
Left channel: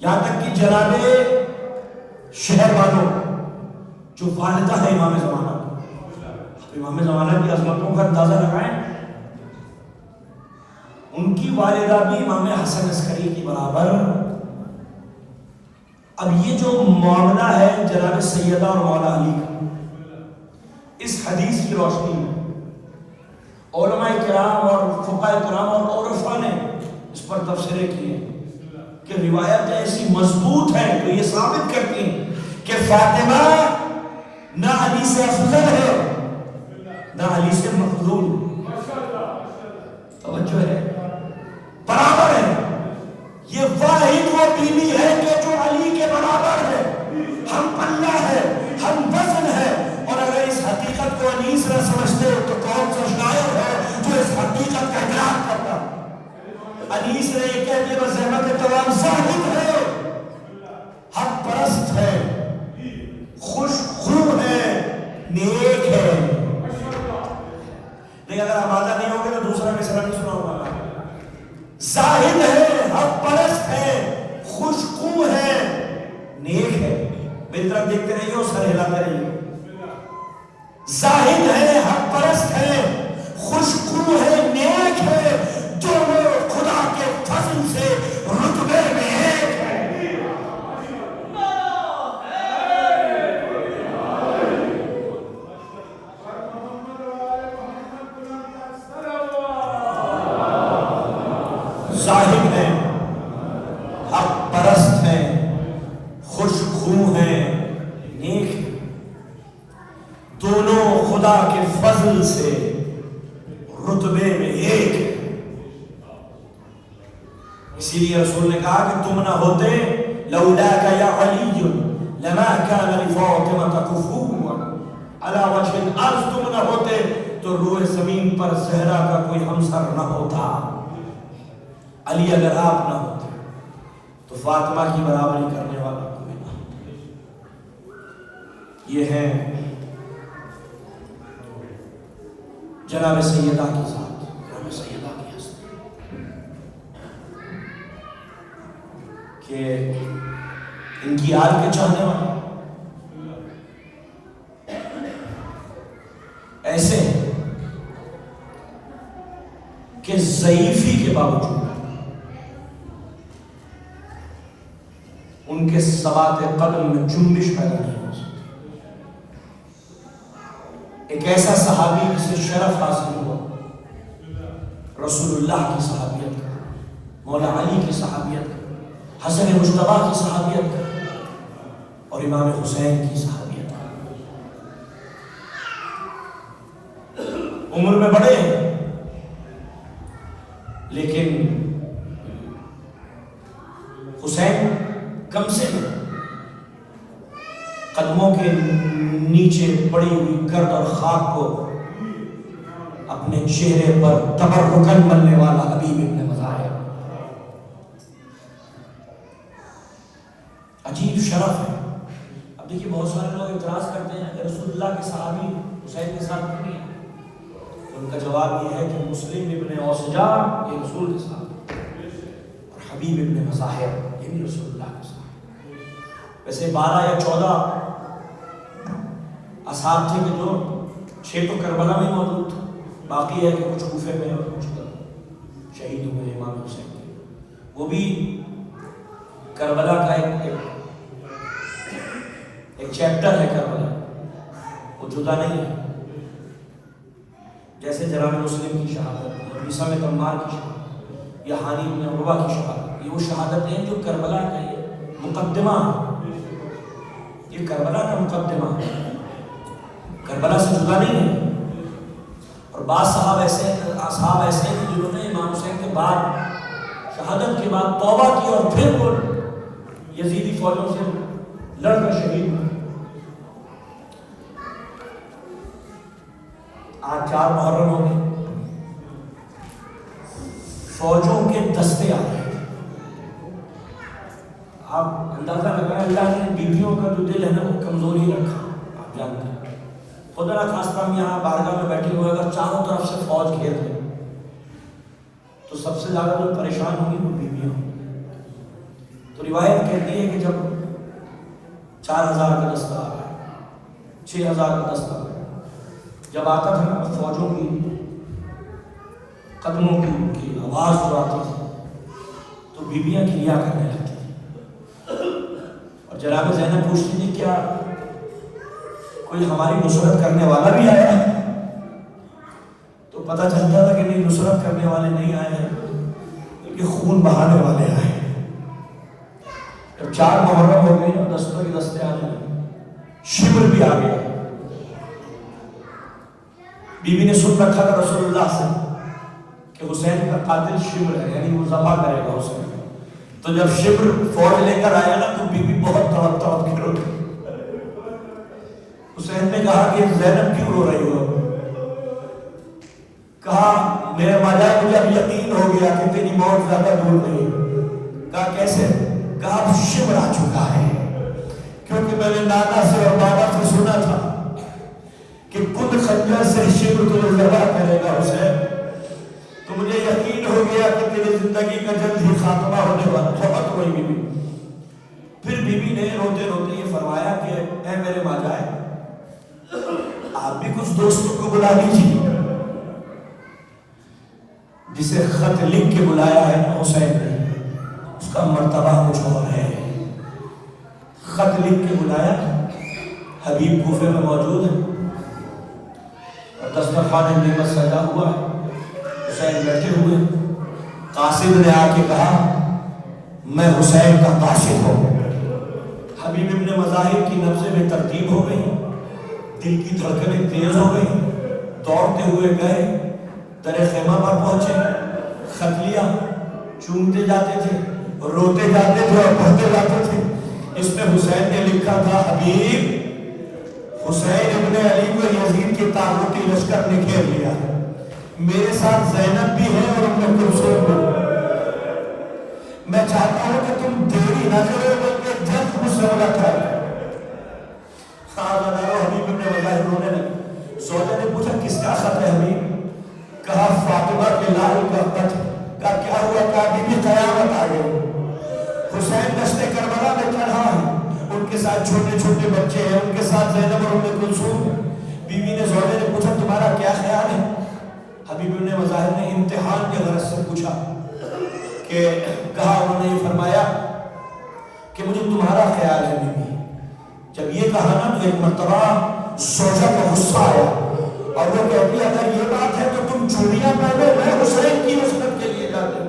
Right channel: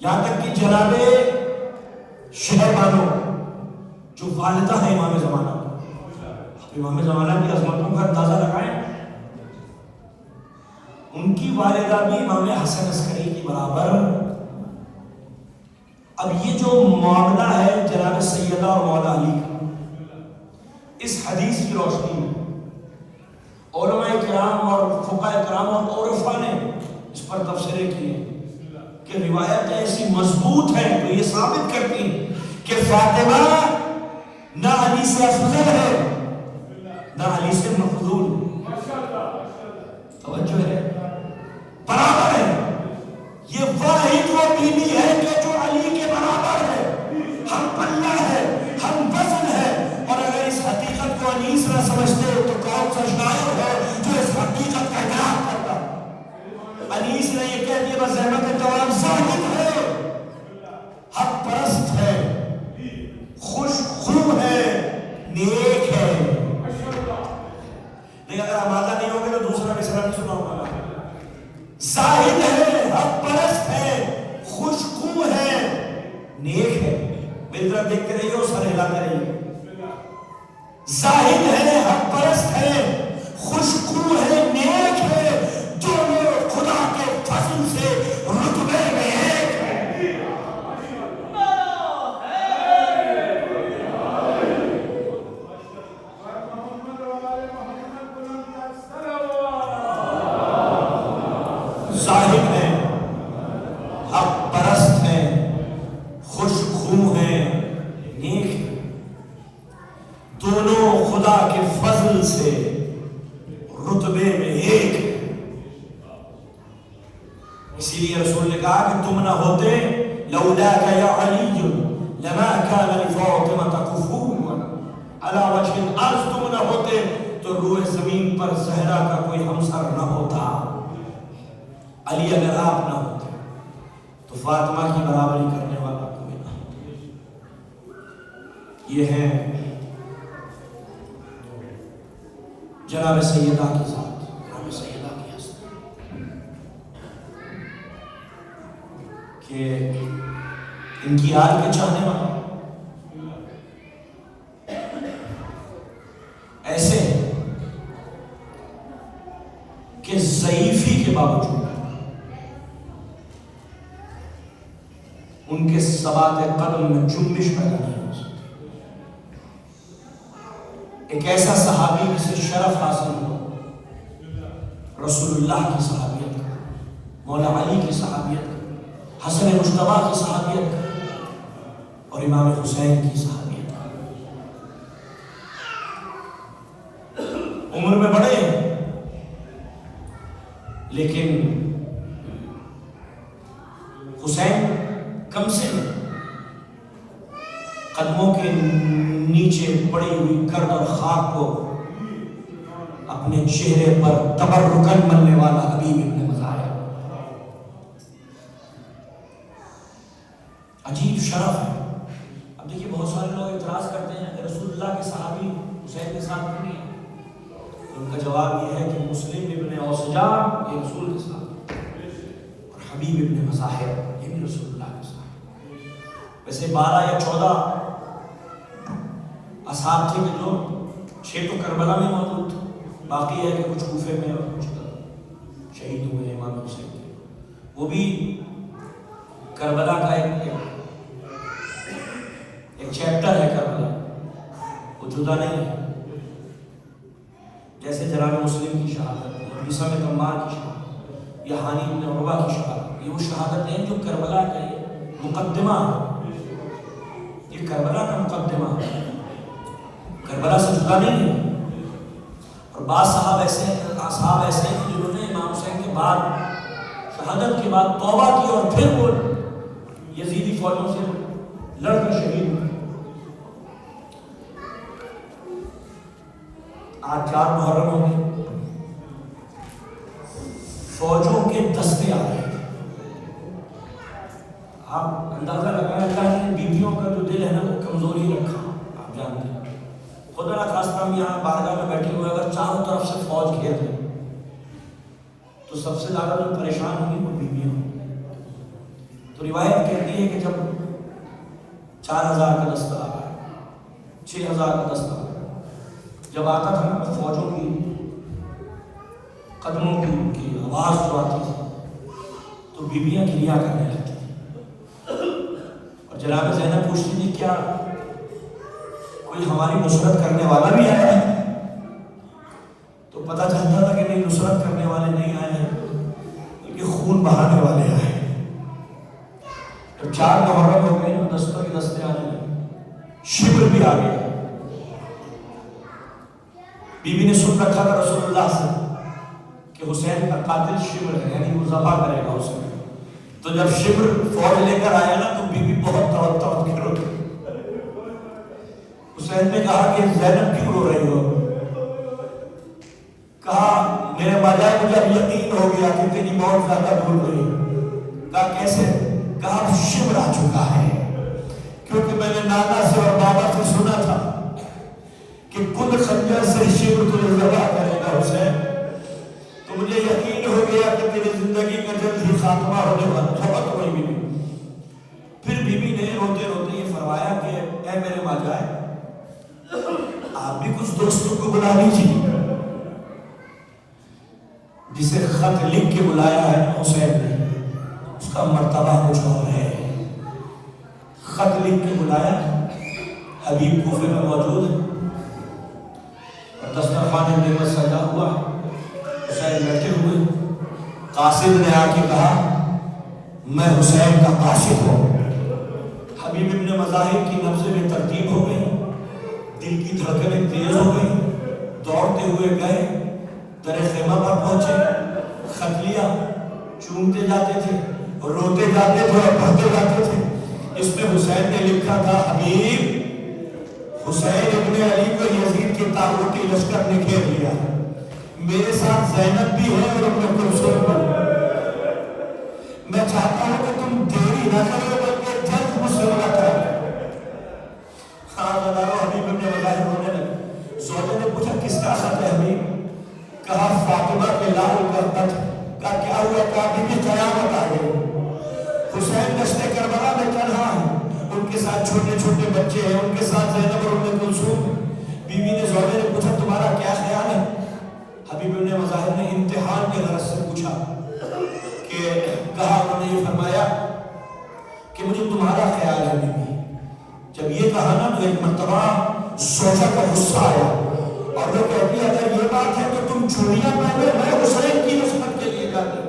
یہاں تک کہ جناب شہر بانو جو والدہ ہے امام زمانہ، امام زمانہ کی عظمتوں کا اندازہ لگائیں، ان کی والدہ بھی امام حسن عسکری کی برابر۔ اب یہ جو معاملہ ہے جناب سیدہ اور مولا علی کا، اس حدیث کی روشنی میں علماء کرام اور فقہاء کرام اور عرفا نے اس پر تبصرے کیے کہ روایت ایسی مضبوط ہے تو یہ ثابت کرتی ہیں کہ فاطمہ نہ علی سے افضل ہے نہ علی سے مفضول، توجہ ہے، برابر ہے۔ یہ واحد وہ بیوی ہے کہ جو علی کے برابر ہے، ہم پلہ ہے، ہم وزن ہے، اور اگر اس حقیقت کو انیس نہ سمجھتے تو کون سا شاعر ہے جو اس حقیقت کا اعتراف کرتا؟ انیس نے یہ کہہ دیا بس احمد توام زاہد ہے، حق پرست ہے، خوش خو ہے، نیک ہے۔ لیکن اگر آمادہ نہیں ہوگے تو دوسرا مثلا نہیں سنا ہوگا، زاہد ہے، حق پرست ہے، خوش خو ہے، نیک ہے۔ میری طرف دیکھتے رہیے اور سر ہلاتے رہیے۔ زاہد ہے، حق پرست ہے، خوش خو ہے، نیک ہے، جو خدا کے فضل سے رتبے میں ایک ہے۔ زاہد ہے، حق پرست ہے، خوش خو ہے، نیک ہے، دونوں خدا کے فضل سے رتبے میں ایک ہے۔ اسی لیے رسول نے کہا کہ تم نہ ہوتے لولاک یا علی لما کان لفاطمہ کفوا علی وجہ الارض، تم نہ ہوتے تو روح زمین پر زہرا کا کوئی ہمسر نہ ہوتا۔ علی اگر آپ نہ ہوتے تو فاطمہ کی برابری کرنے والا کوئی نہ ہوتا۔ یہ ہے جناب سیدہ کی ذات، جناب سیدہ کی حسن، کہ ان کی آل کے چاہنے والے ایسے کہ ضعیفی کے باوجود ان کے ثبات قدم میں جنبش پیدا نہیں ہو سکتی۔ ایک ایسا صحابی جسے شرف حاصل ہوا رسول اللہ کی صحابیت کا، مولا علی کی صحابیت کا، حسن مجتبی کی صحابیت کا، اور امام حسین کی صحابیت کا۔ عمر میں بڑے ہیں لیکن حسین کم سے کم قدموں کے نیچے پڑی ہوئی گرد اور خاک کو اپنے چہرے پر تبرکن ملنے والا حبیب ابن مظاہر، عجیب شرف ہے۔ اب دیکھیے بہت سارے لوگ اعتراض کرتے ہیں کہ رسول اللہ کے صحابی حسین کے ساتھ کیوں نہیں ہے؟ تو ان کا جواب یہ ہے کہ مسلم ابن اوسجا یہ رسول کے ساتھ، اور حبیب ابن مظاہر یہ بھی رسول اللہ کے ساتھ۔ ویسے 12 یا 14 اصحاب تھے کہ جو 6 تو کربلا میں موجود تھے، باقی ہے کہ کچھ کوفے میں اور کچھ شہید ہوئے امام حسین کے، وہ بھی کربلا کا ایک چیپٹر ہے۔ کربلا وہ جدا نہیں ہے، جیسے جناب مسلم کی شہادت یا عیسیٰ میں تمار کی شہادت یا حانی بن عروہ کی شہادت، یہ وہ شہادت ہیں جو کربلا کا یہ مقدمہ ہے، یہ کربلا کا مقدمہ ہے، کربلا سے جدا نہیں ہے۔ اور بعض اصحاب ایسے ہیں جنہوں نے امام حسین کے بعد شہادت کے بعد توبہ کی اور پھر وہ یزیدی فوجوں سے لڑ کر شہید ہوئے۔ آج 4 محرم ہو گئے، فوجوں کے دستے آ رہے ہیں، آپ اندازہ لگائیں اللہ نے بیویوں کا جو دل ہے نا وہ کمزوری رکھا، آپ جانتے ہیں خدا نہ خاصہ ہم یہاں بارگاہ میں بیٹھے ہوئے اگر چاروں طرف سے فوج گھیر لیں تو سب سے زیادہ جو پریشان ہوں گی وہ بیویاں ہوں۔ تو روایت کہتی ہے کہ جب 4000 کا دستہ آ گیا، 6000 کا دستہ آ گیا، جب آتا تھا نا فوجوں کی قدموں کی آواز جو آتی تھی تو بیویاں کریا کرنے لگتی تھی، اور جناب زینب پوچھتی تھی کیا کوئی ہماری نصرت کرنے والا بھی آیا ہے؟ تو پتہ چلتا تھا کہ نہیں، نصرت کرنے والے نہیں آئے ہیں بلکہ خون بہانے والے آئے ہیں۔ جب 4 محرم ہو گئے اور دستوں کے دستے آنے لگے، شبر بھی آ گیا، بیوی نے سن رکھا تھا رسول اللہ سے کہ حسین کا قاتل شبر ہے، یعنی وہ ذبح کرے گا حسین۔ تو جب شبر فوج لے کر آیا نا تو بیوی بہت تڑپ کے رو رہی۔ حسین نے کہا کہ زینب کیوں رو رہی ہو؟ کہا میرے ماجائے مجھے اب یقین ہو گیا کہ تیری موت زیادہ دور نہیں۔ کہا کیسے؟ کہا اب شبر آ چکا ہے، کیونکہ میں نے نانا سے اور بابا سے سنا تھا کہ خود خنجر سے شبر تجھے ذبح کرے گا حسین، تو مجھے یقین ہو گیا کہ تیری زندگی کا جلد ہی خاتمہ ہونے والا ہے۔ بہت ہوئی بیوی۔ پھر بیوی نے روتے روتے یہ فرمایا کہ اے میرے ماجائے آپ بھی کچھ دوستوں کو بلا لیجیے۔ جسے خط لکھ کے بلایا ہے حسین نے اس کا مرتبہ کچھ اور ہے۔ خط لکھ کے بلایا، حبیب کوفے میں موجود ہے اور دسترخوان نعمت سجا ہوا، حسین بیٹھے ہوئے، قاصد نے آ کے کہا میں حسین کا قاصد ہوں۔ حبیب ابن مظاہر کی نبضیں میں ترتیب ہو گئی، دل کی دھڑکنیں تیز ہو گئی، دوڑتے ہوئے گئے، در خیمہ پر پہنچے، خط لیا، چومتے جاتے تھے، روتے جاتے تھے اور پڑھتے جاتے تھے۔ اس میں حسین نے لکھا تھا حبیب حسین ابن علی کو یزید کے طاغوتی لشکر نے گھیر لیا، میرے ساتھ زینب بھی ہے اور ابن کلثوم بھی، میں چاہتا ہوں کہ تم دیری نہ کرو بلکہ جلد مجھ سے ملاقات کرو۔ حبیب ابن مظاہر رونے لگے۔ زوجہ نے پوچھا کس کا خط ہے حبیب؟ کہا فاطمہ کے لال کا خط۔ کہا کیا ہوا؟ کہا بیوی قیامت آ گئی، حسین دشت کربلا میں تنہا ہے، ان کے ساتھ چھوٹے چھوٹے بچے ہیں، ان کے ساتھ زینب اور ام کلثوم۔ بیوی نے زوجہ نے پوچھا تمہارا کیا خیال ہے؟ حبیب ابن مظاہر نے امتحان کے غرض سے پوچھا کہ کہا انہوں نے یہ فرمایا کہ مجھے تمہارا خیال ہے بیوی۔ جب یہ کہا نا تو ایک مرتبہ زوجہ کا غصہ آیا اور وہ کہتی ہے اگر یہ بات ہے تو تم چوڑیاں پہنے، میں حسین کی نصرت کے لیے جاتے۔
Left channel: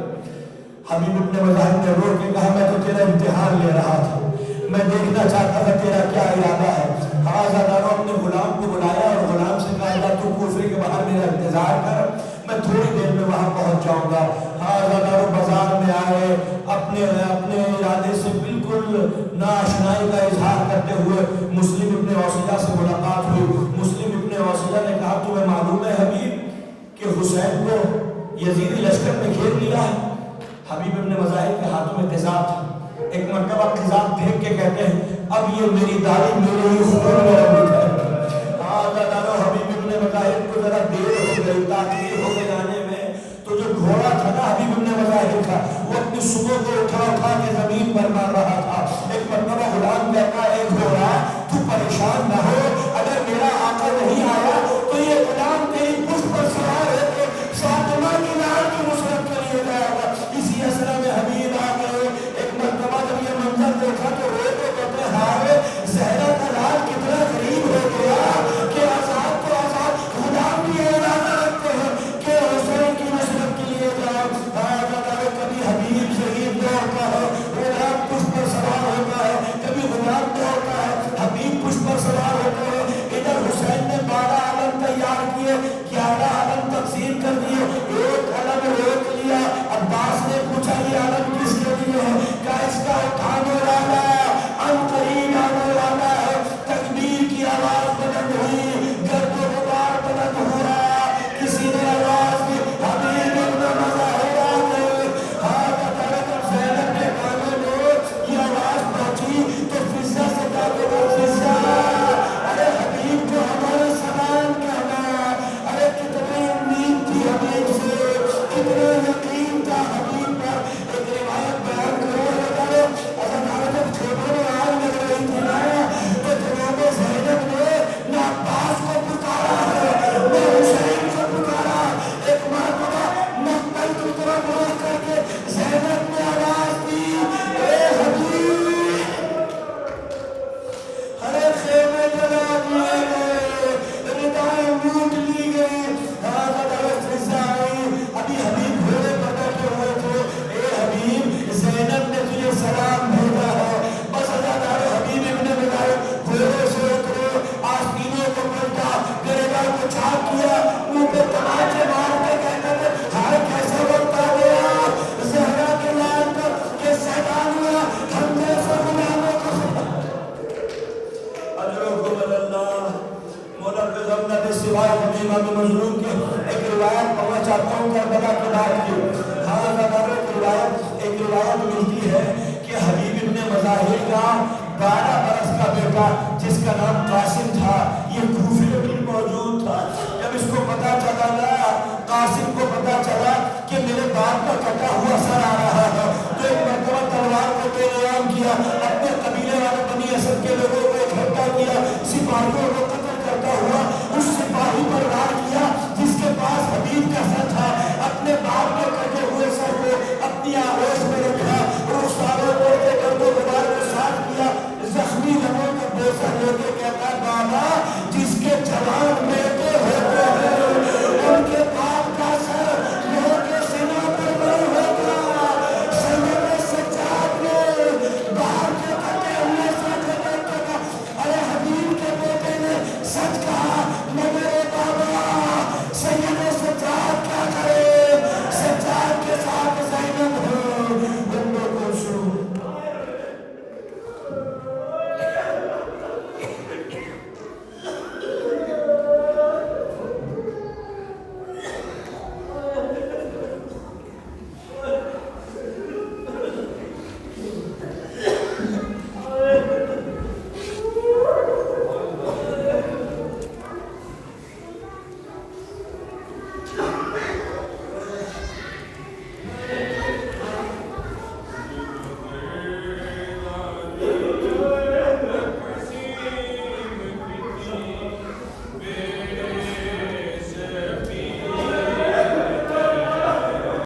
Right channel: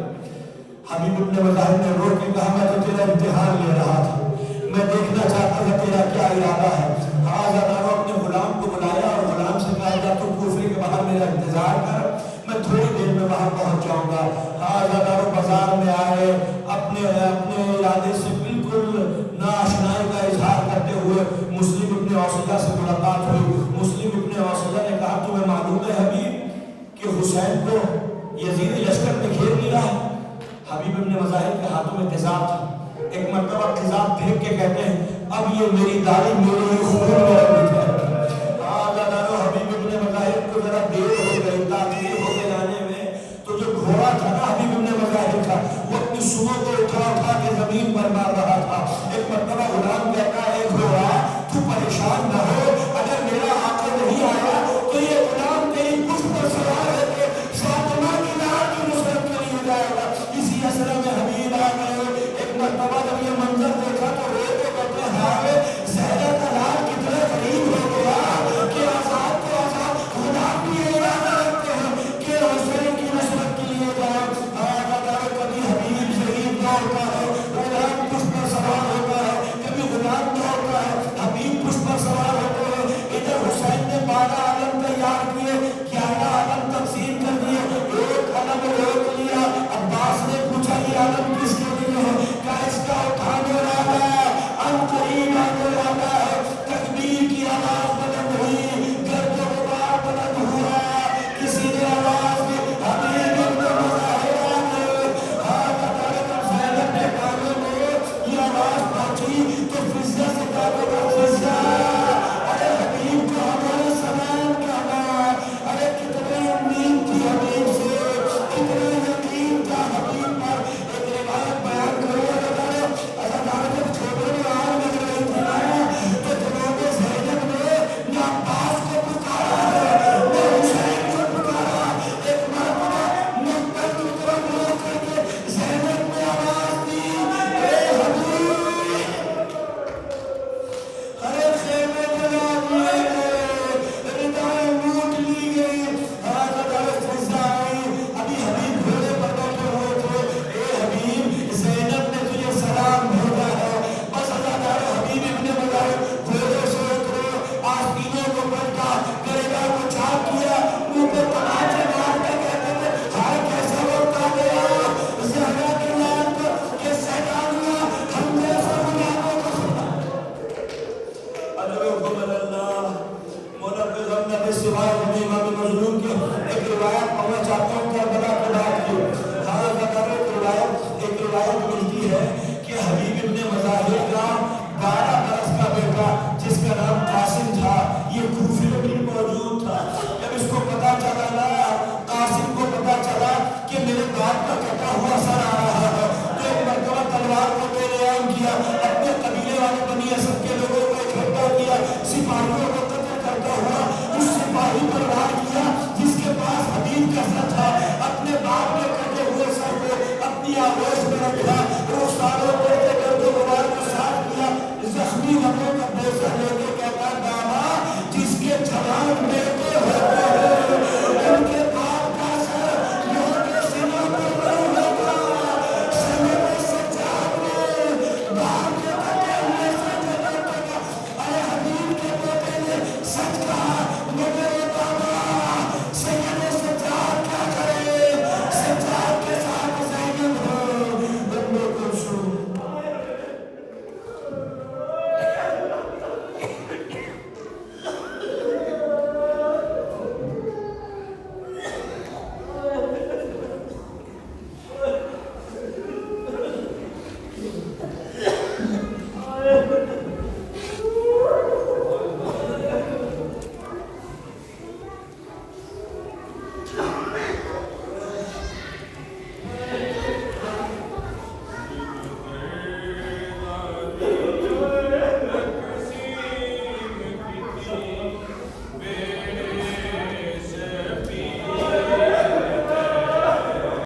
حبیب ابن مظاہر نے رو کے کہا میں تو تیرا امتحان لے رہا تھا، میں دیکھنا چاہتا تھا تیرا کیا ارادہ ہے۔ ہاں اپنے غلام کو بلایا اور غلام سے کہا جا تو کوفے کے باہر میرا انتظار کر، میں تھوڑی دیر میں وہاں پہنچ جاؤں گا۔ ہاں بازار میں آئے، اپنے ارادے سے بالکل ناآشنائی کا اظہار کرتے ہوئے مسلم ابن اوسیہ سے ملاقات ہوئی۔ مسلم ابن اوسیہ نے کہا تمہیں معلوم ہے حبیب کہ حسین کو یزیدی لشکر نے گھیر لیا ہے؟ حبیب ابن مظاہر کے ہاتھوں میں تیزاب تھی، ایک مرتبہ تیزاب پھینک کے کہتے ہیں اب یہ میری داڑھی میرے ہی خون میں رنگی